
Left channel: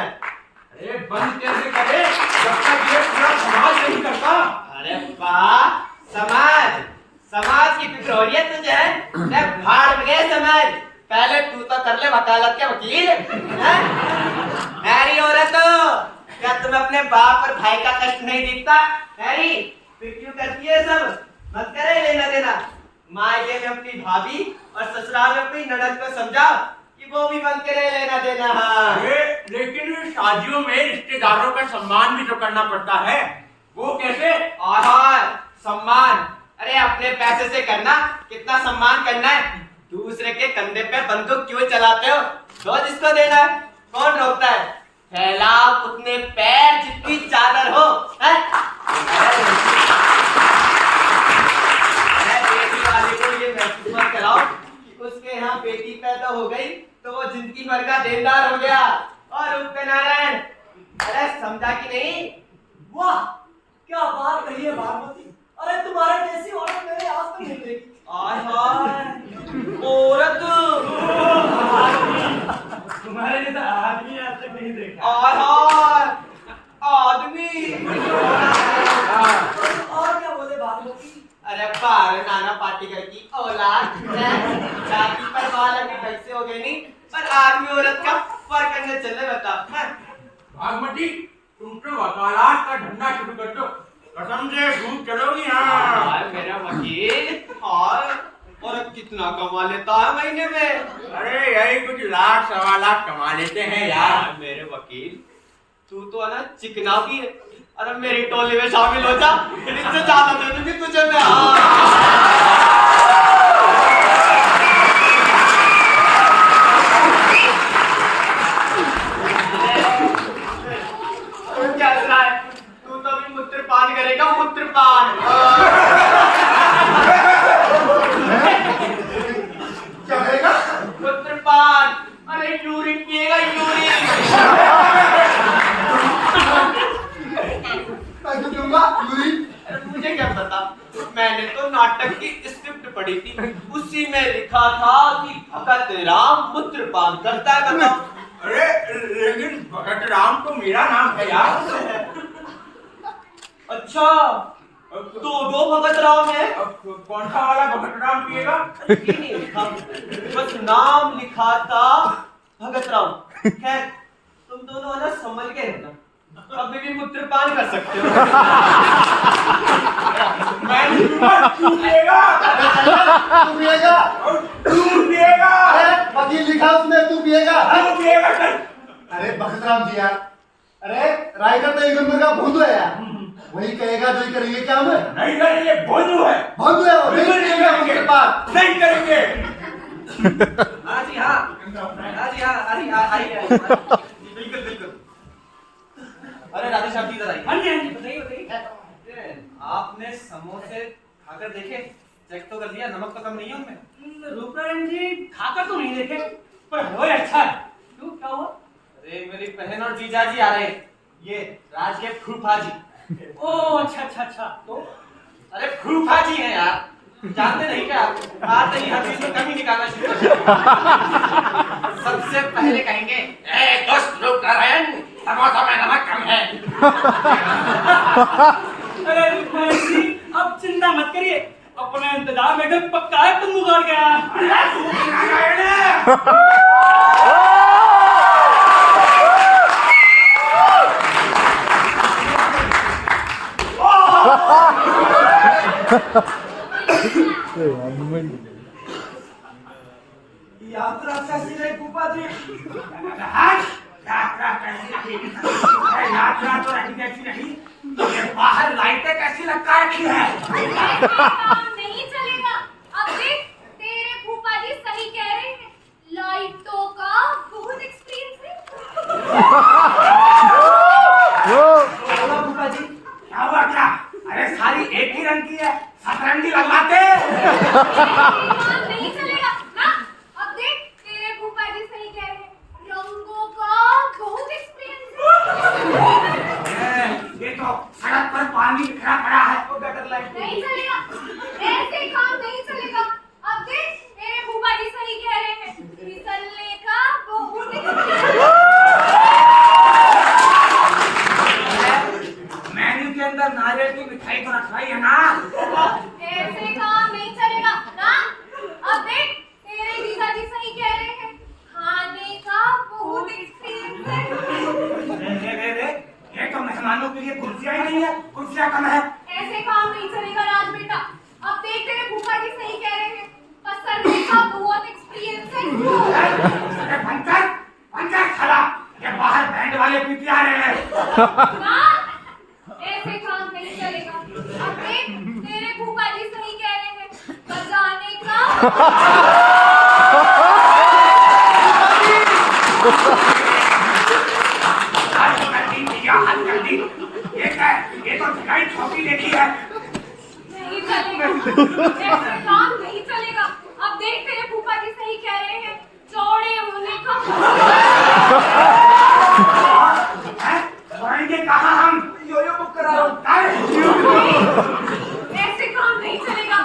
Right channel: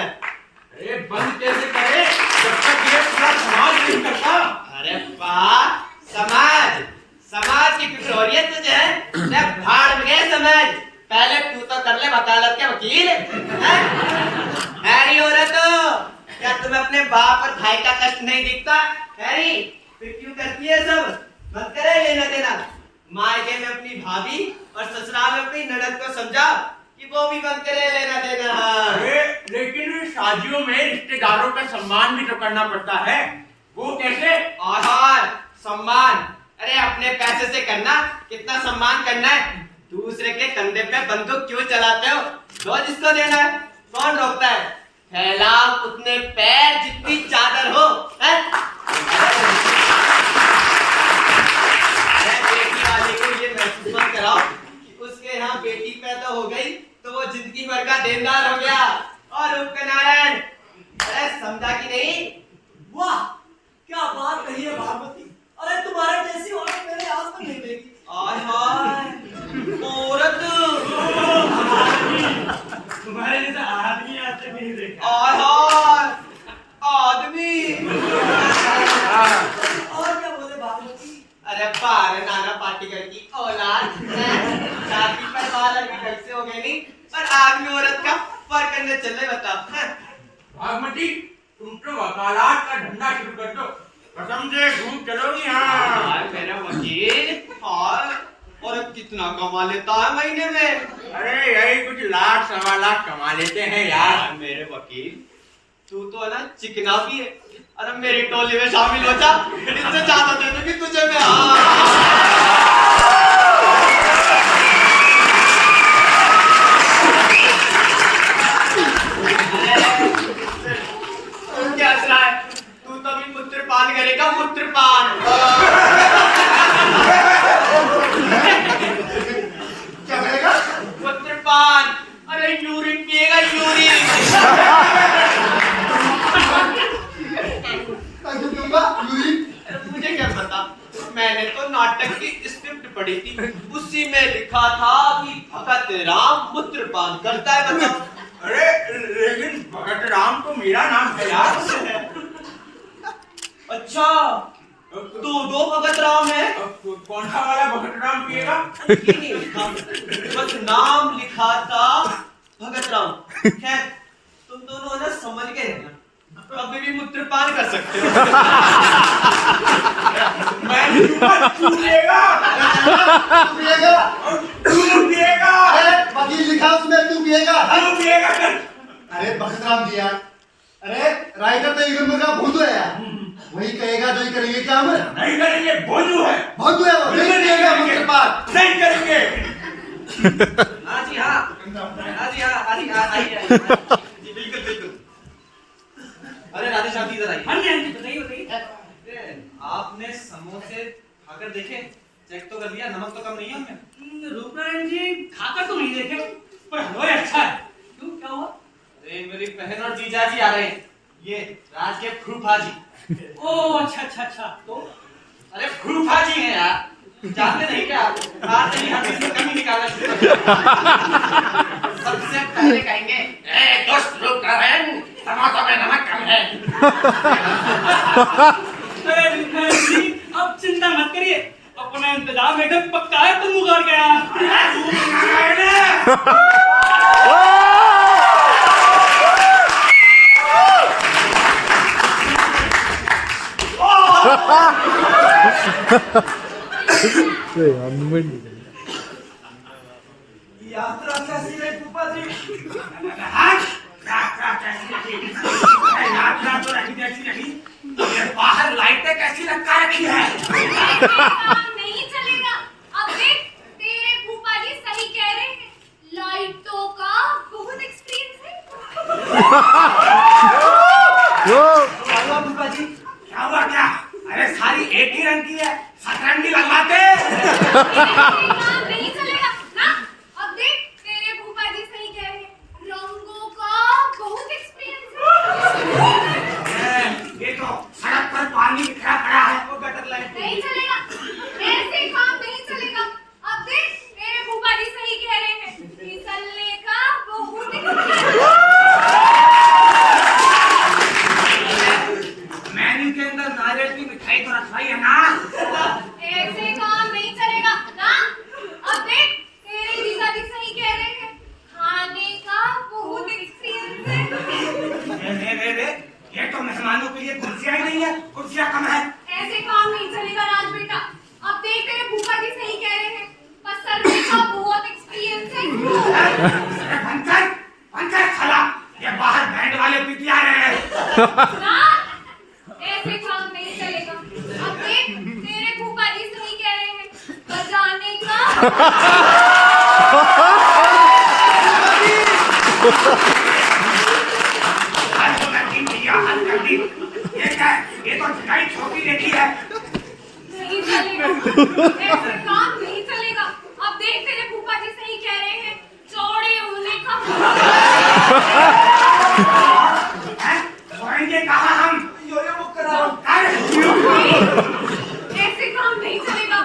अरे बंद कैसे करे जब तक ये पूरा समाज नहीं करता। अरे वाह, समाज की फिक्र हो रही है तुझे? भाड़ में गए समाज, पहले तू तो कर ले वकालत के वकील। हैरी औरत, क्या तुम्हें अपने बाप और भाई का कष्ट नहीं दिखता? हैरी, फिर क्यों करती है सब? मत करे लेना देना। मायके में अपनी भाभी और ससुराल में अपनी ननद को समझाओ कि वो भी बनते रहे लेना देना। हाँ, लेकिन शादियों में रिश्तेदारों का सम्मान भी तो करना पड़ता है, वो कैसे? और सम्मान, अरे अपने पैसे से करना, कितना सम्मान करना है? दूसरे के कंधे पे बंदूक क्यों चलाते हो? दो जिसको देना है, कौन रोकता है? फैलाओ उतने पैर जितनी चादर हो। बेटी वाले को ये महसूस मत कराओ कि उसके यहाँ बेटी पैदा हो गई तो वो जिंदगी भर का देनदार हो गया। और उपनारायण, अरे समझा कि नहीं? वाह, क्या बात कही है भागवती। अरे तुम्हारे जैसी औरत मैंने आज तक नहीं देखी। औरत, तुम्हारे जैसा आदमी आज तक नहीं देखा। आदमी। और क्या बोले भागवती? अरे बार नाना पाटेकर की औलाद है, शादी पर बाल अभी कैसे हो गए नहीं, पर आदमी औरत का फर्क करने चले बता। भागवती, तुम तो वकालत का धंधा शुरू कर दो, कसम से घूम चलोगी। हाँ मेरा वकील, और कितना कमा लेता है महीने में? अरे यही कुछ लाख सवा लाख कमा लेते हैं यार। मेरे वकील, तू तो है ना चिकना भी है। अरे मेरी टोली में शामिल हो जा, इससे ज्यादा दे दूंगी तुझे मैं। क्या है? तू तो भी मूत्रपान करेगा, मूत्रपान। क्या करेगा? मूत्रपान। अरे यूरिन पिएगा, यूरिन। मैं क्यों दूंगा यूरिन? अरे मुझे क्या पता, मैंने तो नाटक की स्क्रिप्ट पढ़ी थी, उसी में लिखा था कि भगत राम मूत्रपान करता है। बताओ। अरे लेकिन भगत राम तो मेरा नाम है यार। अच्छा, दो भगत राम है। कौन सा वाला भगत राम पिएगा? ये नहीं लिखा, बस नाम लिखा था भगत राम। खैर, तुम दोनों ना समझ गए ना, अभी भी मूत्रपान कर सकते हो। मैं तू पिएगा। तू पिएगा? तू पिएगा। अरे वकील लिखा उसमें, तू पिएगा? तू पिएगा चल। अरे भगतराम जी यार, अरे राइटर तो एक नंबर का भोंदू है यार, वही कहेगा जो ही करेंगे। क्या हम नहीं करेंगे, भोंदू है। भोंदू है वो, नहीं करेगा मूत्रपान। नहीं करेंगे। हाँ जी हाँ, हाँ जी हाँ, आइए जी, बिल्कुल बिल्कुल। अरे राधे श्याम जी इधर आइए। हाँ जी हाँ जी, बताइए बताइए। आपने समोसे खाकर देखे, चेक तो कर लिया, नमक तो कम नहीं है उनमें? रूपनारायण जी खाकर तो नहीं देखे, पर हलवा अच्छा है। क्यों, क्या हुआ? अरे मेरी बहन और जीजा जी आ रहे हैं, ये राज के फूफा जी। ओह अच्छा अच्छा अच्छा। तो अरे फूफा जी हैं यार, जानते नहीं क्या? आज नहीं हर चीज में कमी निकालना शुरू कर दिया। सबसे पहले कहेंगे, ए दोस्त रूपनारायण, समोसा में नमक कम है। अरे रूपनारायण जी, अब चिंता मत करिए, अपना इंतजाम एकदम पक्का है, तुम मुकर गया। यात्रा कैसी रही फूफा जी? यात्रा कैसी रही? यात्रा तो रही जैसी रही, ये बाहर लाइटें कैसी लटका रखी है? काम नहीं चलेगा। अब देख, तेरे फूफा जी सही कह रहे हैं, लाइटों का बहुत एक्सपीरियंस है। क्या हुआ फूफा जी? क्या हुआ क्या? अरे सारी एक ही रंग की है, सतरंगी लगवाते। काम नहीं चलेगा ना। अब देख, तेरे फूफा जी सही कह रहे हैं, रंगों का बहुत एक्सपीरियंस है। ये तो सड़क पर पानी बिखरा पड़ा है, वो गटर लाइन नहीं चलेगा, ऐसे काम नहीं चलेगा। अब देख, मेरे फूफा जी सही कह रहे हैं, फिसलने का बहुत मेन्यू के अंदर नारियल की मिठाई तो रखवाई है ना। ऐसे काम नहीं चलेगा ना। अब देख, तेरे जीजा जी सही कह रहे हैं, खाने का बहुत एक्सपीरियंस है। ये तो मेहमानों के लिए कुर्सियां ही नहीं है, कुर्सियां कम है। ऐसे काम नहीं चलेगा राज बेटा। अब देख, तेरे फूफा जी सही कह रहे हैं, पसरने का बहुत एक्सपीरियंस है। पंचायत साला, ये बाहर बैंड वाले पीटिया रहे हैं। ना, ऐसे काम नहीं चलेगा। अब देख, तेरे फूफा जी सही कह रहे हैं, बजाने का हाथ कर दी भैया, हाथ कर दी। ये क्या है? ये तो झगाई छौकी देखी है। नहीं चलेगा, ऐसे काम नहीं चलेगा। अब देख, तेरे फूफा जी सही कह रहे हैं, चौड़े होने का सोएंगे कहाँ हम? यो बुक कराओ। ऐसे काम नहीं चलेगा।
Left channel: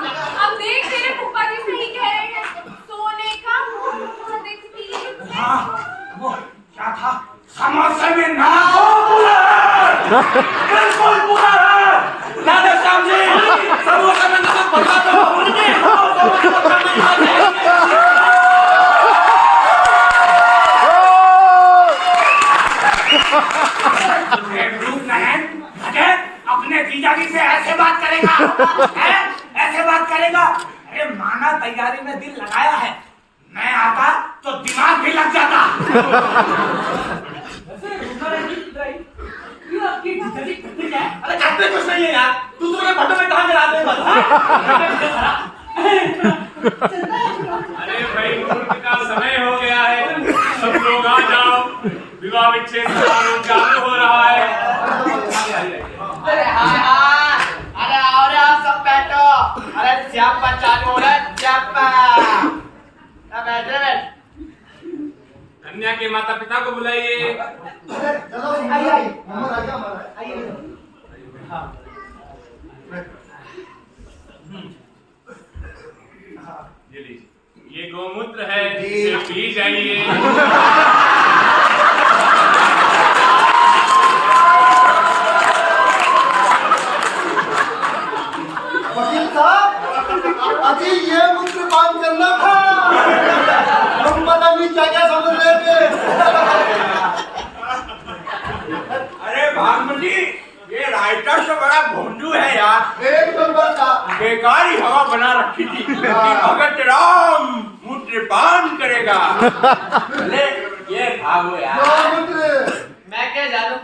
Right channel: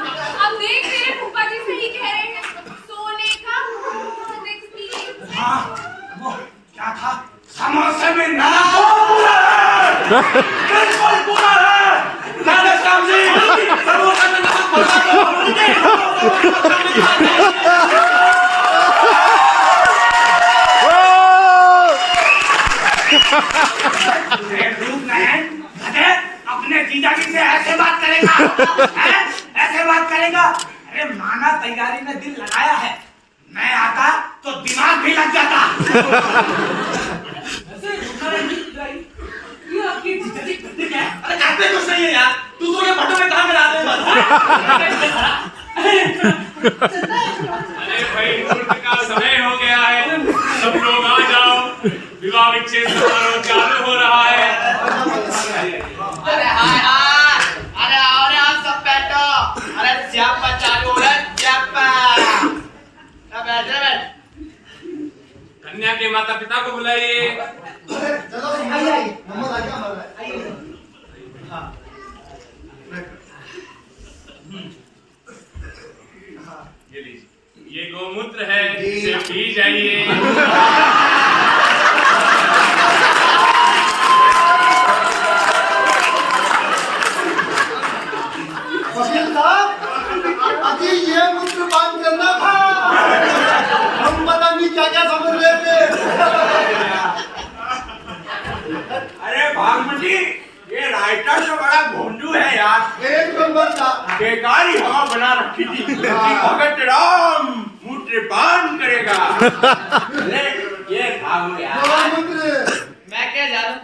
अब देख, तेरे फूफा जी सही कह रहे हैं, सोने का बहुत एक्सपीरियंस है। हाँ, वो क्या था? समोसे में नमक पूरा है। बिल्कुल पूरा है। राधे श्याम जी, समोसे में नमक भरना अपने जीजा जी से ऐसे बात करेगा? ऐसे बात करेगा? अरे माना तैयारी में दिल लगाया है, मैं आता तो दिमाग भी लग जाता। आपकी जीजा जी करते क्या है? अरे करते कुछ नहीं है यार, दूसरों के भट्टों में कहाँ गिराते हैं बस। अरे भाई, मुहूर्त का समय हो गया है, सब लोग आ जाओ, विवाह विच्छेद समारोह चालू हो रहा है। अरे हाय हाय, अरे आओ रे आप सब बैठो। अरे जप्पा चालू हो रहा है, जप्पा। अब बैठ रे बैठ। कन्या के माता पिता को बुलाइए। चलो आइए, मोहम्मद आ गया हमारा। हाँ। ये लीजिए, ये गोमूत्र है, इसे पी जाइए। वकील साहब, अजी ये मूत्र पान करना था। हम पता नहीं क्या क्या समझ रहे थे। अरे भागमती, ये राइटर तो बड़ा भोंडू है यार। एक नंबर का बेकार ही हवा बना रखी थी कि भगत राम मूत्रपान करेगा। ले, ये खाओ यार। गोमूत्र। मैं क्या जानूं,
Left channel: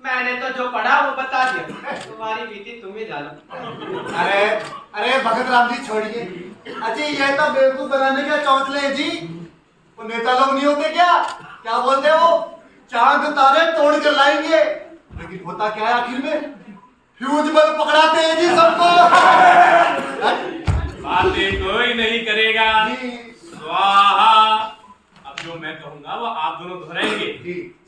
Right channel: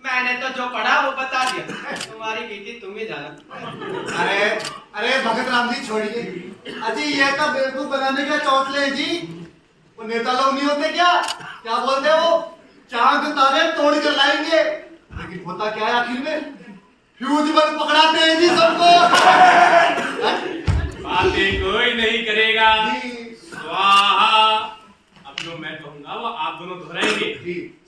मैंने तो जो पढ़ा वो बता दिया, तुम्हारी बीती तुम ही जानो। अरे अरे भगत राम जी छोड़िए। अजी ये तो बेवकूफ बनाने के चौंसले हैं जी। वो नेता लोग नहीं होते क्या, क्या बोलते हैं वो, चांद तारे तोड़ कर लाएंगे, लेकिन होता क्या है आखिर में, फ्यूज बल्ब पकड़ाते हैं जी सबको। बातें कोई नहीं करेगा। स्वाहा। अब जो मैं कहूंगा वो आप दोनों दोहराएंगे।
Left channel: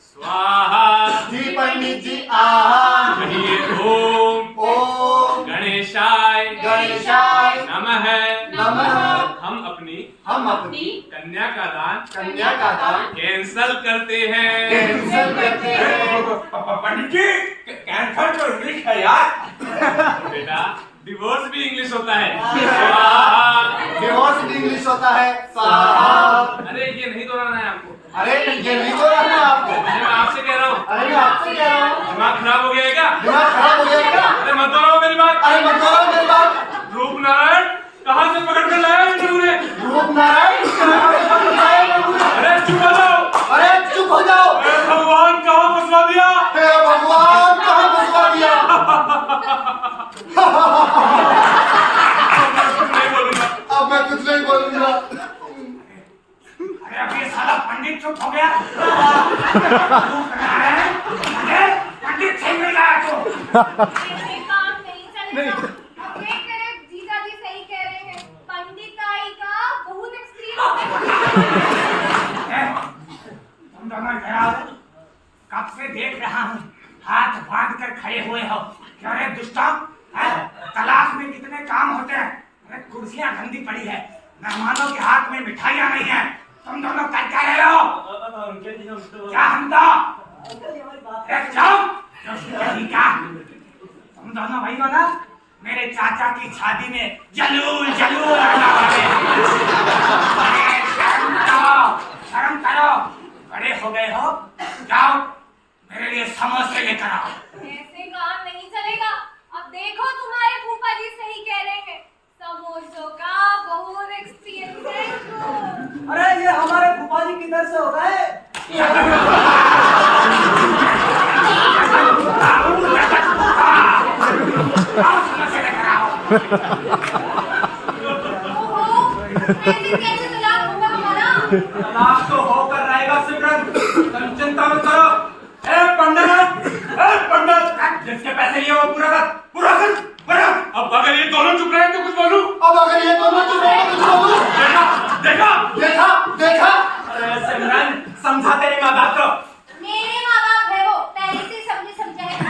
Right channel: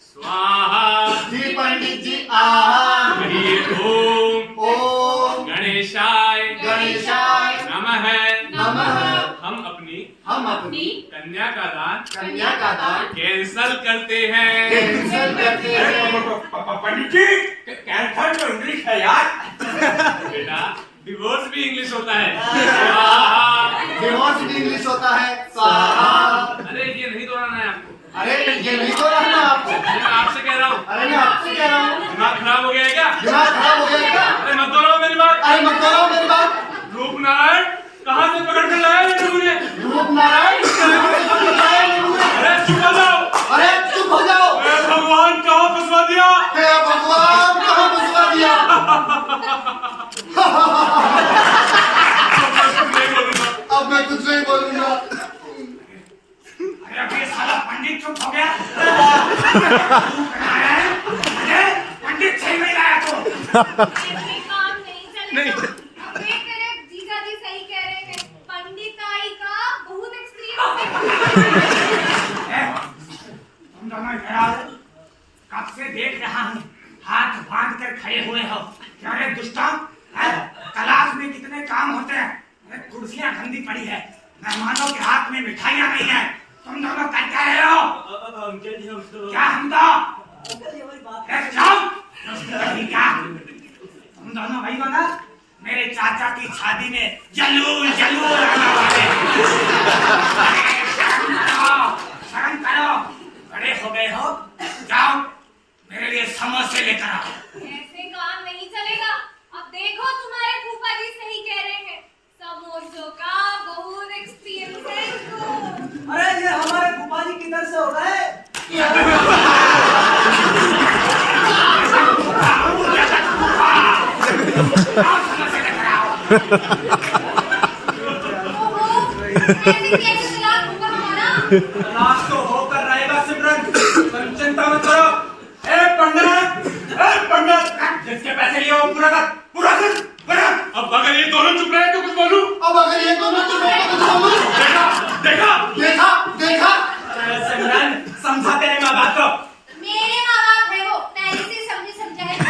स्वाहा। जी पंडित जी। आहा। कहिए ओम ओम गणेशाय गणेशाय नमः। नमः। हम अपनी कन्या का दान कैंसल करते हैं। कैंसल करते हैं। पंडित जी, कैंसर तो इंग्लिश है यार। बेटा, डिवोर्स भी इंग्लिश होता है। स्वाहा। डिवोर्स भी इंग्लिश होता है। स्वाहा। अरे ये नहीं दोहराना है आपको। अरे ये नहीं तो रहना है आपको। अरे मैं आपसे कह रहा हूँ। अरे मैं आपसे कह रहा हूँ। दिमाग खराब हो गया है क्या? दिमाग खराब हो गया क्या? अरे मत दोहराओ मेरी बात। अरे मत दोहराओ मेरी बात। रूप नारायण कहाँ से पकड़ कर लाया ये नमूने? रूप नारायण। अरे चुप हो जाओ। अरे चुप हो जाओ। अरे भगवान कहाँ फंसवा दिया? हे भगवान कहाँ फंसवा दिया? नहीं बोलूंगा। अब मैं कुछ नहीं बोलूंगा। अरे अब ये साला पंडित चुप हो गया। पंडित सही नहीं लाया तो। ऐसे काम नहीं चलेगा। अब देख तेरे जीजा जी सही कह रहे हैं, पंडिताई का बहुत एक्सपीरियंस है। तुम दोनों इधर आओ। कब से देख रहा हूँ, हाथ बांध कर खड़े हुए हो। क्या रे दुष्टा, क्लास में कितने काम होते हैं। अरे कुर्सियाँ गंदी पड़ी है, मेहमानों के हाथ में मिठाइयाँ नहीं है। तुम दोनों कर क्या रहे हो? क्या हम तो क्या तुम दोनों भाई हो ना, मेरे चाचा की शादी में जलूल जलूल आने वाले। शर्म करो, बड़े हो गए हो। जाओ मेरे लिए समोसे लेकर आओ। ऐसे काम नहीं चलेगा। अब देखो तुम्हारे फूफा जी सही कह रहे हैं, समोसों का बहुत एक्सपीरियंस है इनको। अरे ये हमारे फूफा जी किधर से हो गए? समोसे लेकर आओ। कैसे तलाक होगा हमारा? तलाश तो होकर रहेगा सिमरन, तुम चिंता मत करो। ए पंडित, जिसके पैसे लिए वो पूरा कर। अब अगर ये दोनों चुप रहे तो कुछ बोलूं? अब अगर ये दोनों चुप रहे तो कुछ बोलूं? देखा देखा देखा देखा। अरे सिमरन, समझा तेरे माँ बाप को। मेरे माँ बाप है वो, पहले से समझे समझाए। अरे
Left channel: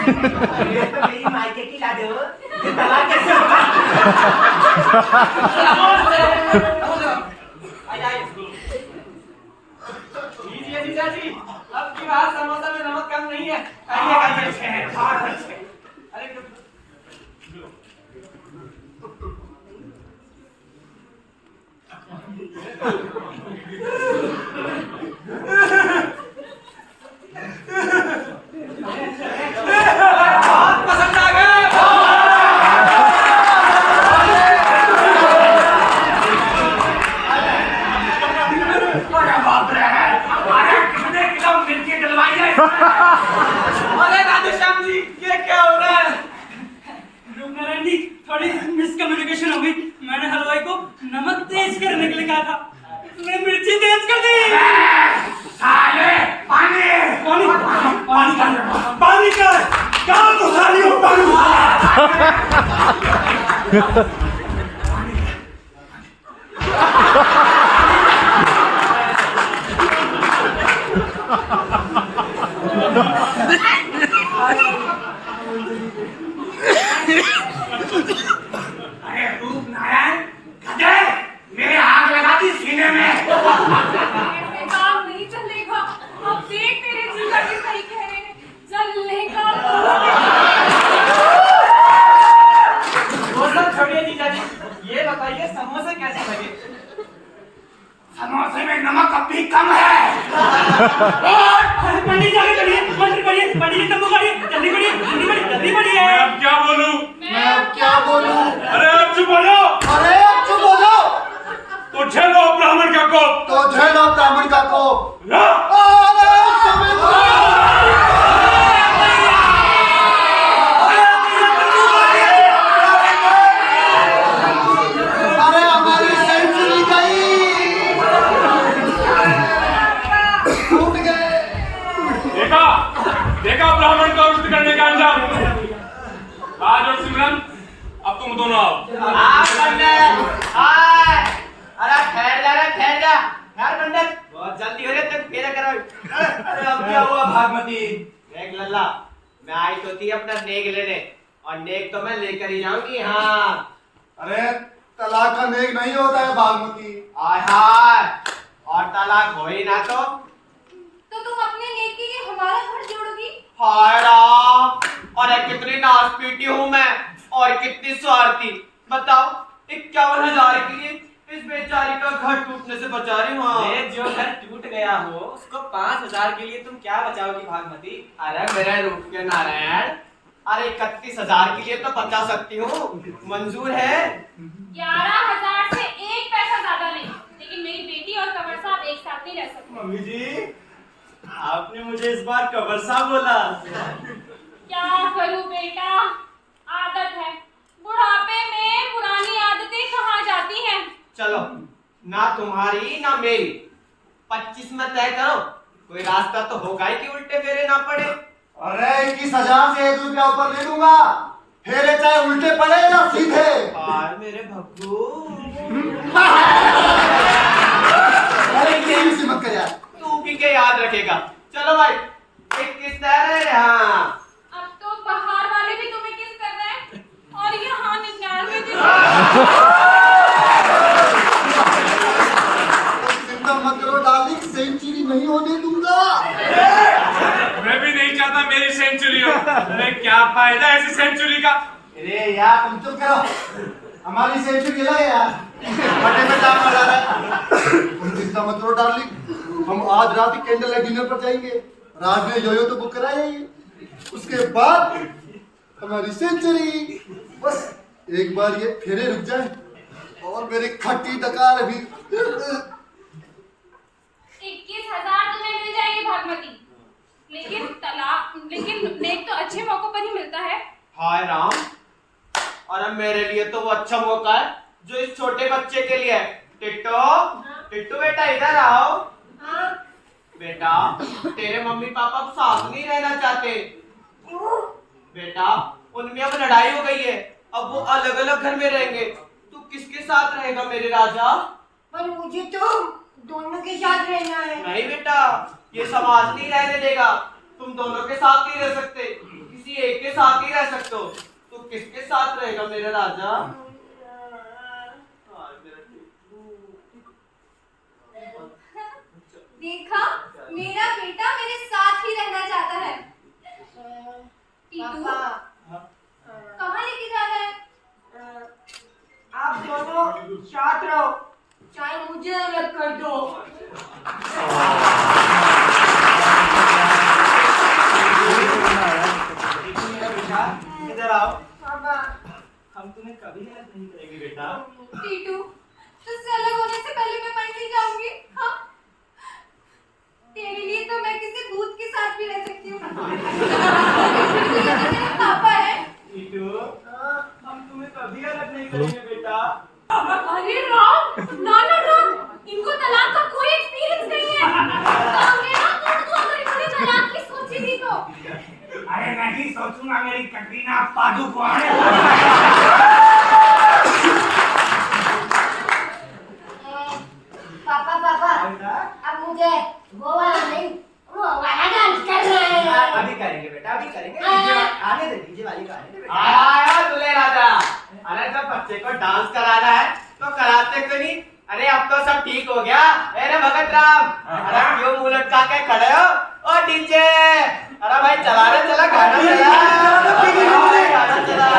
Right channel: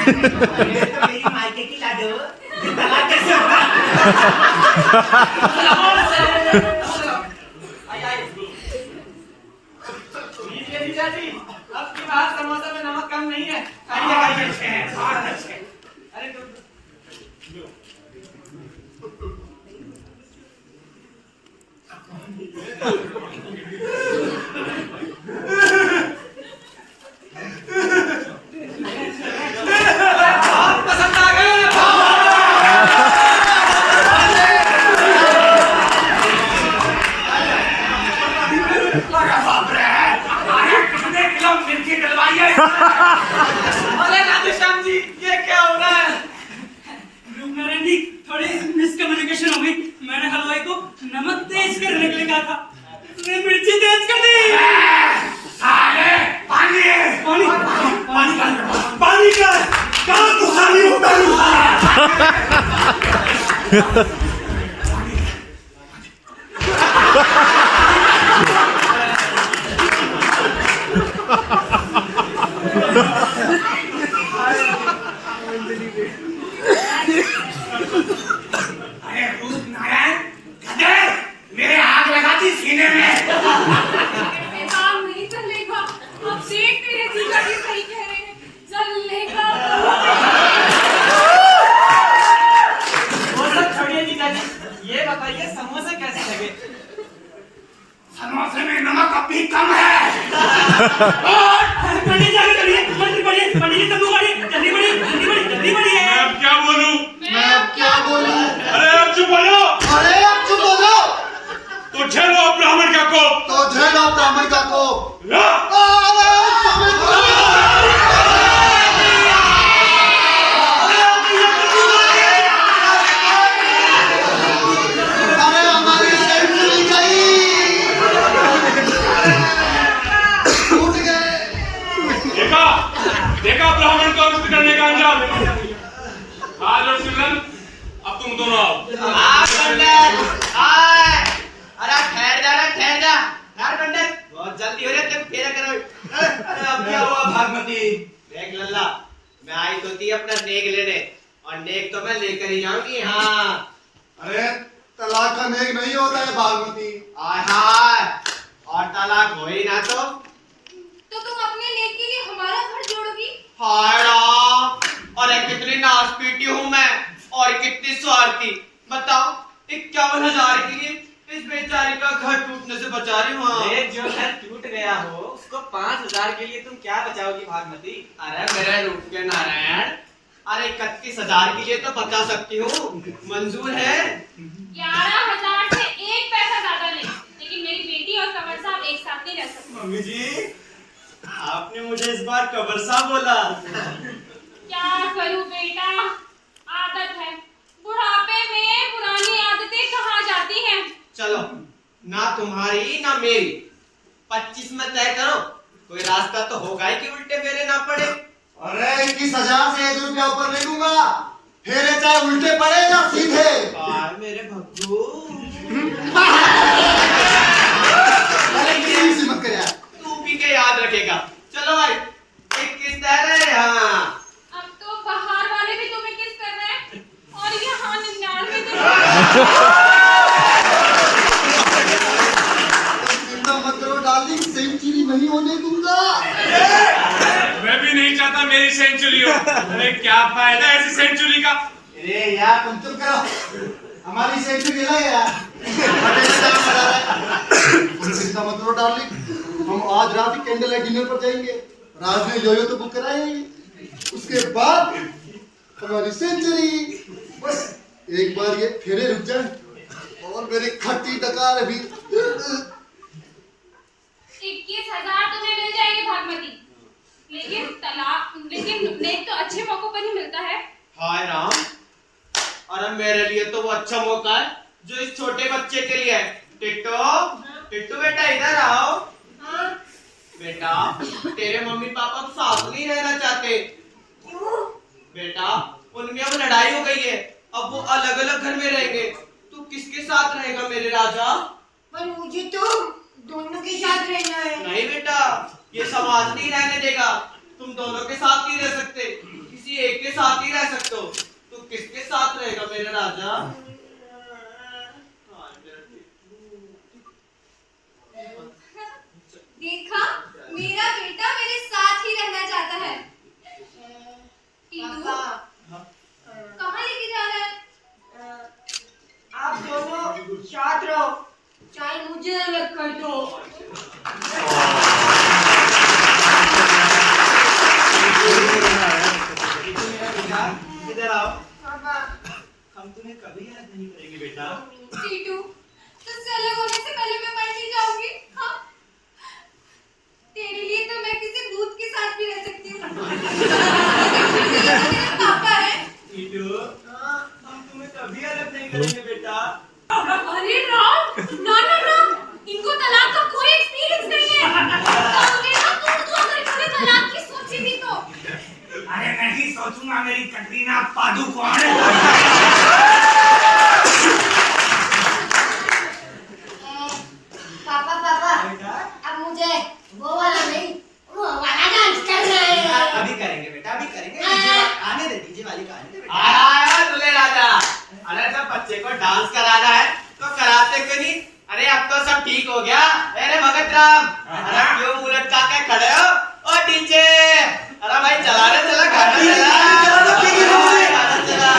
तो मेरी मायके की लाडो, ये तलाक कैसे होगा? लीजिए जीजा जी, अब की बार समोसा में नमक कम नहीं है। बहुत अच्छे हैं, बहुत अच्छे। अरे बहुत पसंद आ गए। कितने किलो मिर्ची डलवाई है? अरे राधेश्याम जी, ये क्या हो रहा है? रूपनारायण जी, थोड़ी मिसकम्युनिकेशन हो गई। मैंने हलवाई को नमक तेज करने के लिए कहा था, उसने मिर्ची तेज कर दी। साले, पानी कर काम तो सारी होता है। अरे रूप नारायण, मेरे आग लगा ये बताइए समोसे कैसे लगे? समोसे में नमक अब भी कम है। पंडित जी आगे बढ़िए, मंत्री बढ़िए, पंडित जी तंबू बढ़िए, जल्दी बढ़िए, जल्दी बढ़िए, जल्दी बढ़िए। मैं अब क्या बोलूं? मैं अब क्या बोलूं? अरे अब चुप हो जाओ। अरे अब चुप हो जाओ। तो झेलो ब्राह्मण का कोप। तो झेलो ब्राह्मण का कोप। ला। अरे हमारी सेंचुरी गई, टूट गए। देखा देखा ब्राह्मण को अवरुद्ध करने का अंजाम। राज और सिमरन अब तुम दोनों आओ। अरे ठहर जा रे, ठहर जा यार पंडित, बहुत जल्दी हो रही है, तुम फेरा करो। अरे अब क्या हुआ भागमती? देख लल्ला, मैं आई तो थी अपना नेक लेने, और नेक तो मैं लेकर ही जाऊंगी। हाँ अरे तलाक का नेक नहीं होता है बागमती। आय हाय, और तलाक हो ही ना तो तुम अपने नेक के लिए हमारा घर जोड़ोगी? हाय राम, और कितनी नासपीटी हूँ मैं, और कितनी स्वार्थी। बताओ 51,000 के लिए इस बेचारी का घर टूटने से बचा रही हूँ। ये जो घर टूट गया हो उसको 5,000 के लिए तुम क्या बचाओगी भागमती? अरे मेरे रूप के नारायण, अरे 31,000 के लिए तो बचा सकती हूँ, मंजूर है? 11,000 से एक पैसा ज्यादा नहीं, लेकिन मेरी बेटी और कंवर साहब एक साथ नहीं रह सकते। मम्मी जी, आपने मुझे इस बार कबर साहब बोला। क्या करूं बेटा, आदत है, बुढ़ापे में पुरानी आदतें कहाँ जाती हैं। चलो, ना तुम्हारी ना मेरी, 25 में तय करो, कोई रास्ता तो होगा ही कि उल्टे फेरे ना पड़े। अरे 21,000 से 1 रुपया ऊपर ले लूंगा, फेरे चाहे उल्टे पड़े या सीधे। हाय मेरे भग्गू। अरे किसी मत कर यार, तू भी के याद रखेगा। चलो भाई, 21 तय रहे। हाँ अब तो बाहर वाले भी तुम्हें किस कर रहे हैं, और यहाँ 99 चिंता मत करो डार्लिंग, सेंचुरी नहीं होने दूंगा। मैं भी नहीं चाहता मेरी सेंचुरी हो। अरे क्या फायदा ऐसी सेंचुरी का? अरे यार तुम चुप करो, हमारी सेंचुरी लगे यार, मजे में जाने वाला है। तुम चिंता मत करो डार्लिंग, हम आज रात ही कैंडल लाइट डिनर पर जाएंगे, राज ने योयो तो बुक कराएंगे, उसके बाद हमारी सेंचुरी। बस एक बार ये फेरे रुक जाए और मेरी खट्टी डकार भी। 21,000 तुम्हें मिल जाएंगे भागमती, लेकिन नेक तो अच्छे मौकों पर ही मिलता है। हाय राम, और अब मेरे लिए तो वो अच्छा मौका है जो इस छोटे बच्चे के लिए है। टिट्टू, टिट्टू बेटा इधर आओ। बेटा, तेरे मम्मी पापा अब साथ नहीं रहना चाहते। बेटा, उनमें अब लड़ाई हो गई है, अब वो अलग अलग घर में रहेंगे। तू किसके साथ रहेगा मेरे राजा? पर मुझे तो दोनों के साथ रहना है। नहीं बेटा, ये समाज नहीं रहने देगा। तुम दोनों के साथ नहीं रह सकते, किसी एक के साथ ही रह सकते हो। तू किसके साथ रहेगा मेरे राजा? देखा, मेरा बेटा मेरे साथ ही रहना चाहता है। टीटू, कहाँ लेके जा रहा है? आप दोनों साथ रहो, चाहे मुझे अलग कर दो। इधर आओ, पापा, हम तुम्हें कभी याद नहीं करेंगे बेटा। टीटू, तुझसे अलग होने से पहले मैं मर नहीं जाऊंगी। हाँ, तेरे लिए तो मैं किसी भूत के साथ भी रह सकती हूँ। मेरे पापा है। टीटू, हम तुम्हें कभी अलग नहीं करेंगे बेटा। अरे राम, ना ना ना, इनको तलाक का कोई एक्सपीरियंस नहीं है। कांगड़े ना तू अगर इन्होंने तलाक की सोची भी तो। अरे नहीं सोचूंगा, मेरी कटरीना पादुकोण। पापा पापा, अब मुझे वो वाला नहीं, वो वाला डांस करना है। अभी करेंगे बेटा, अभी करेंगे। आने दे, डीजे वाली को आने दे बेटा। आया दुल्हे राजा। अरे जब बच्चे को डांस कराना है तो कराते क्यों नहीं? अरे अब तो सब ठीक हो गया। अरे भगत राम, अरे क्यों मुंह लटका के खड़े हो? ओ डीजे, अरे भाई चला रे, चला गाना चला, गाना चला।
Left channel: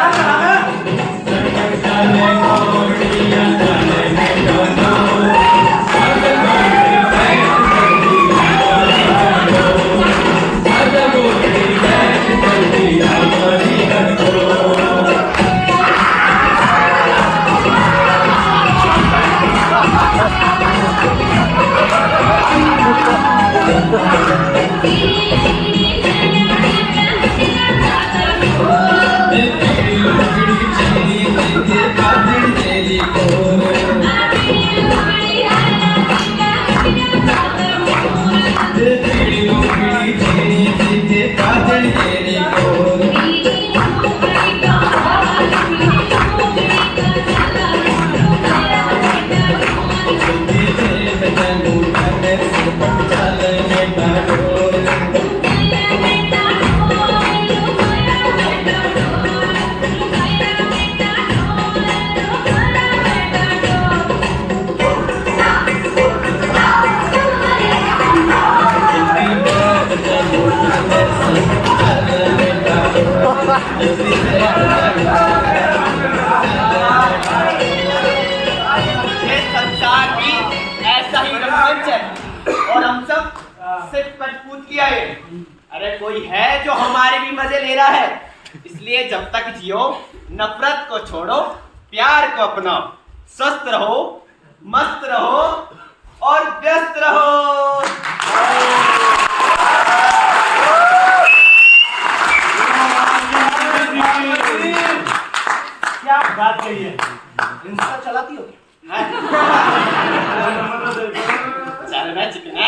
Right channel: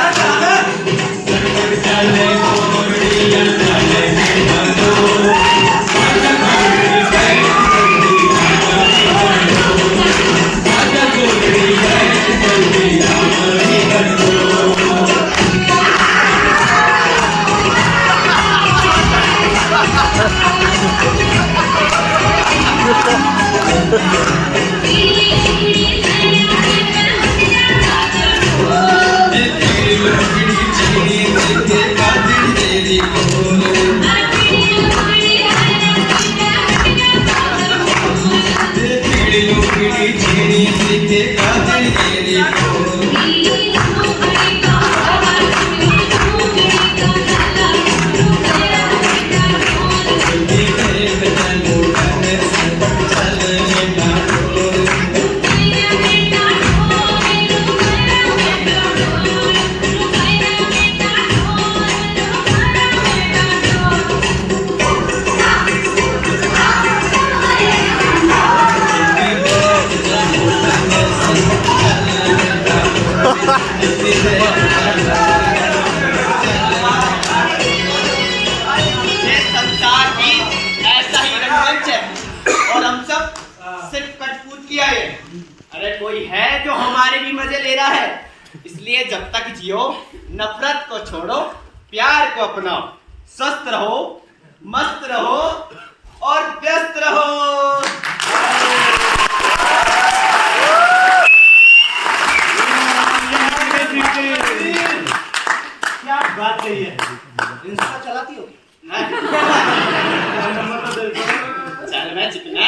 ये संसार की ऐसा ही रंगमंच है और हम सब सिर्फ कठपुतलियां किया है। अरे कोई है जो हमारे भी मजे ले रहा है, इसलिए जब तक जियो नफरत को छोड़ो, प्यार को अपनाओ, स्वस्थ रहो, मस्त रहो और व्यस्त रहो। क्या बात कही है, इंस्टा चलाती हो? चल मैं चिकना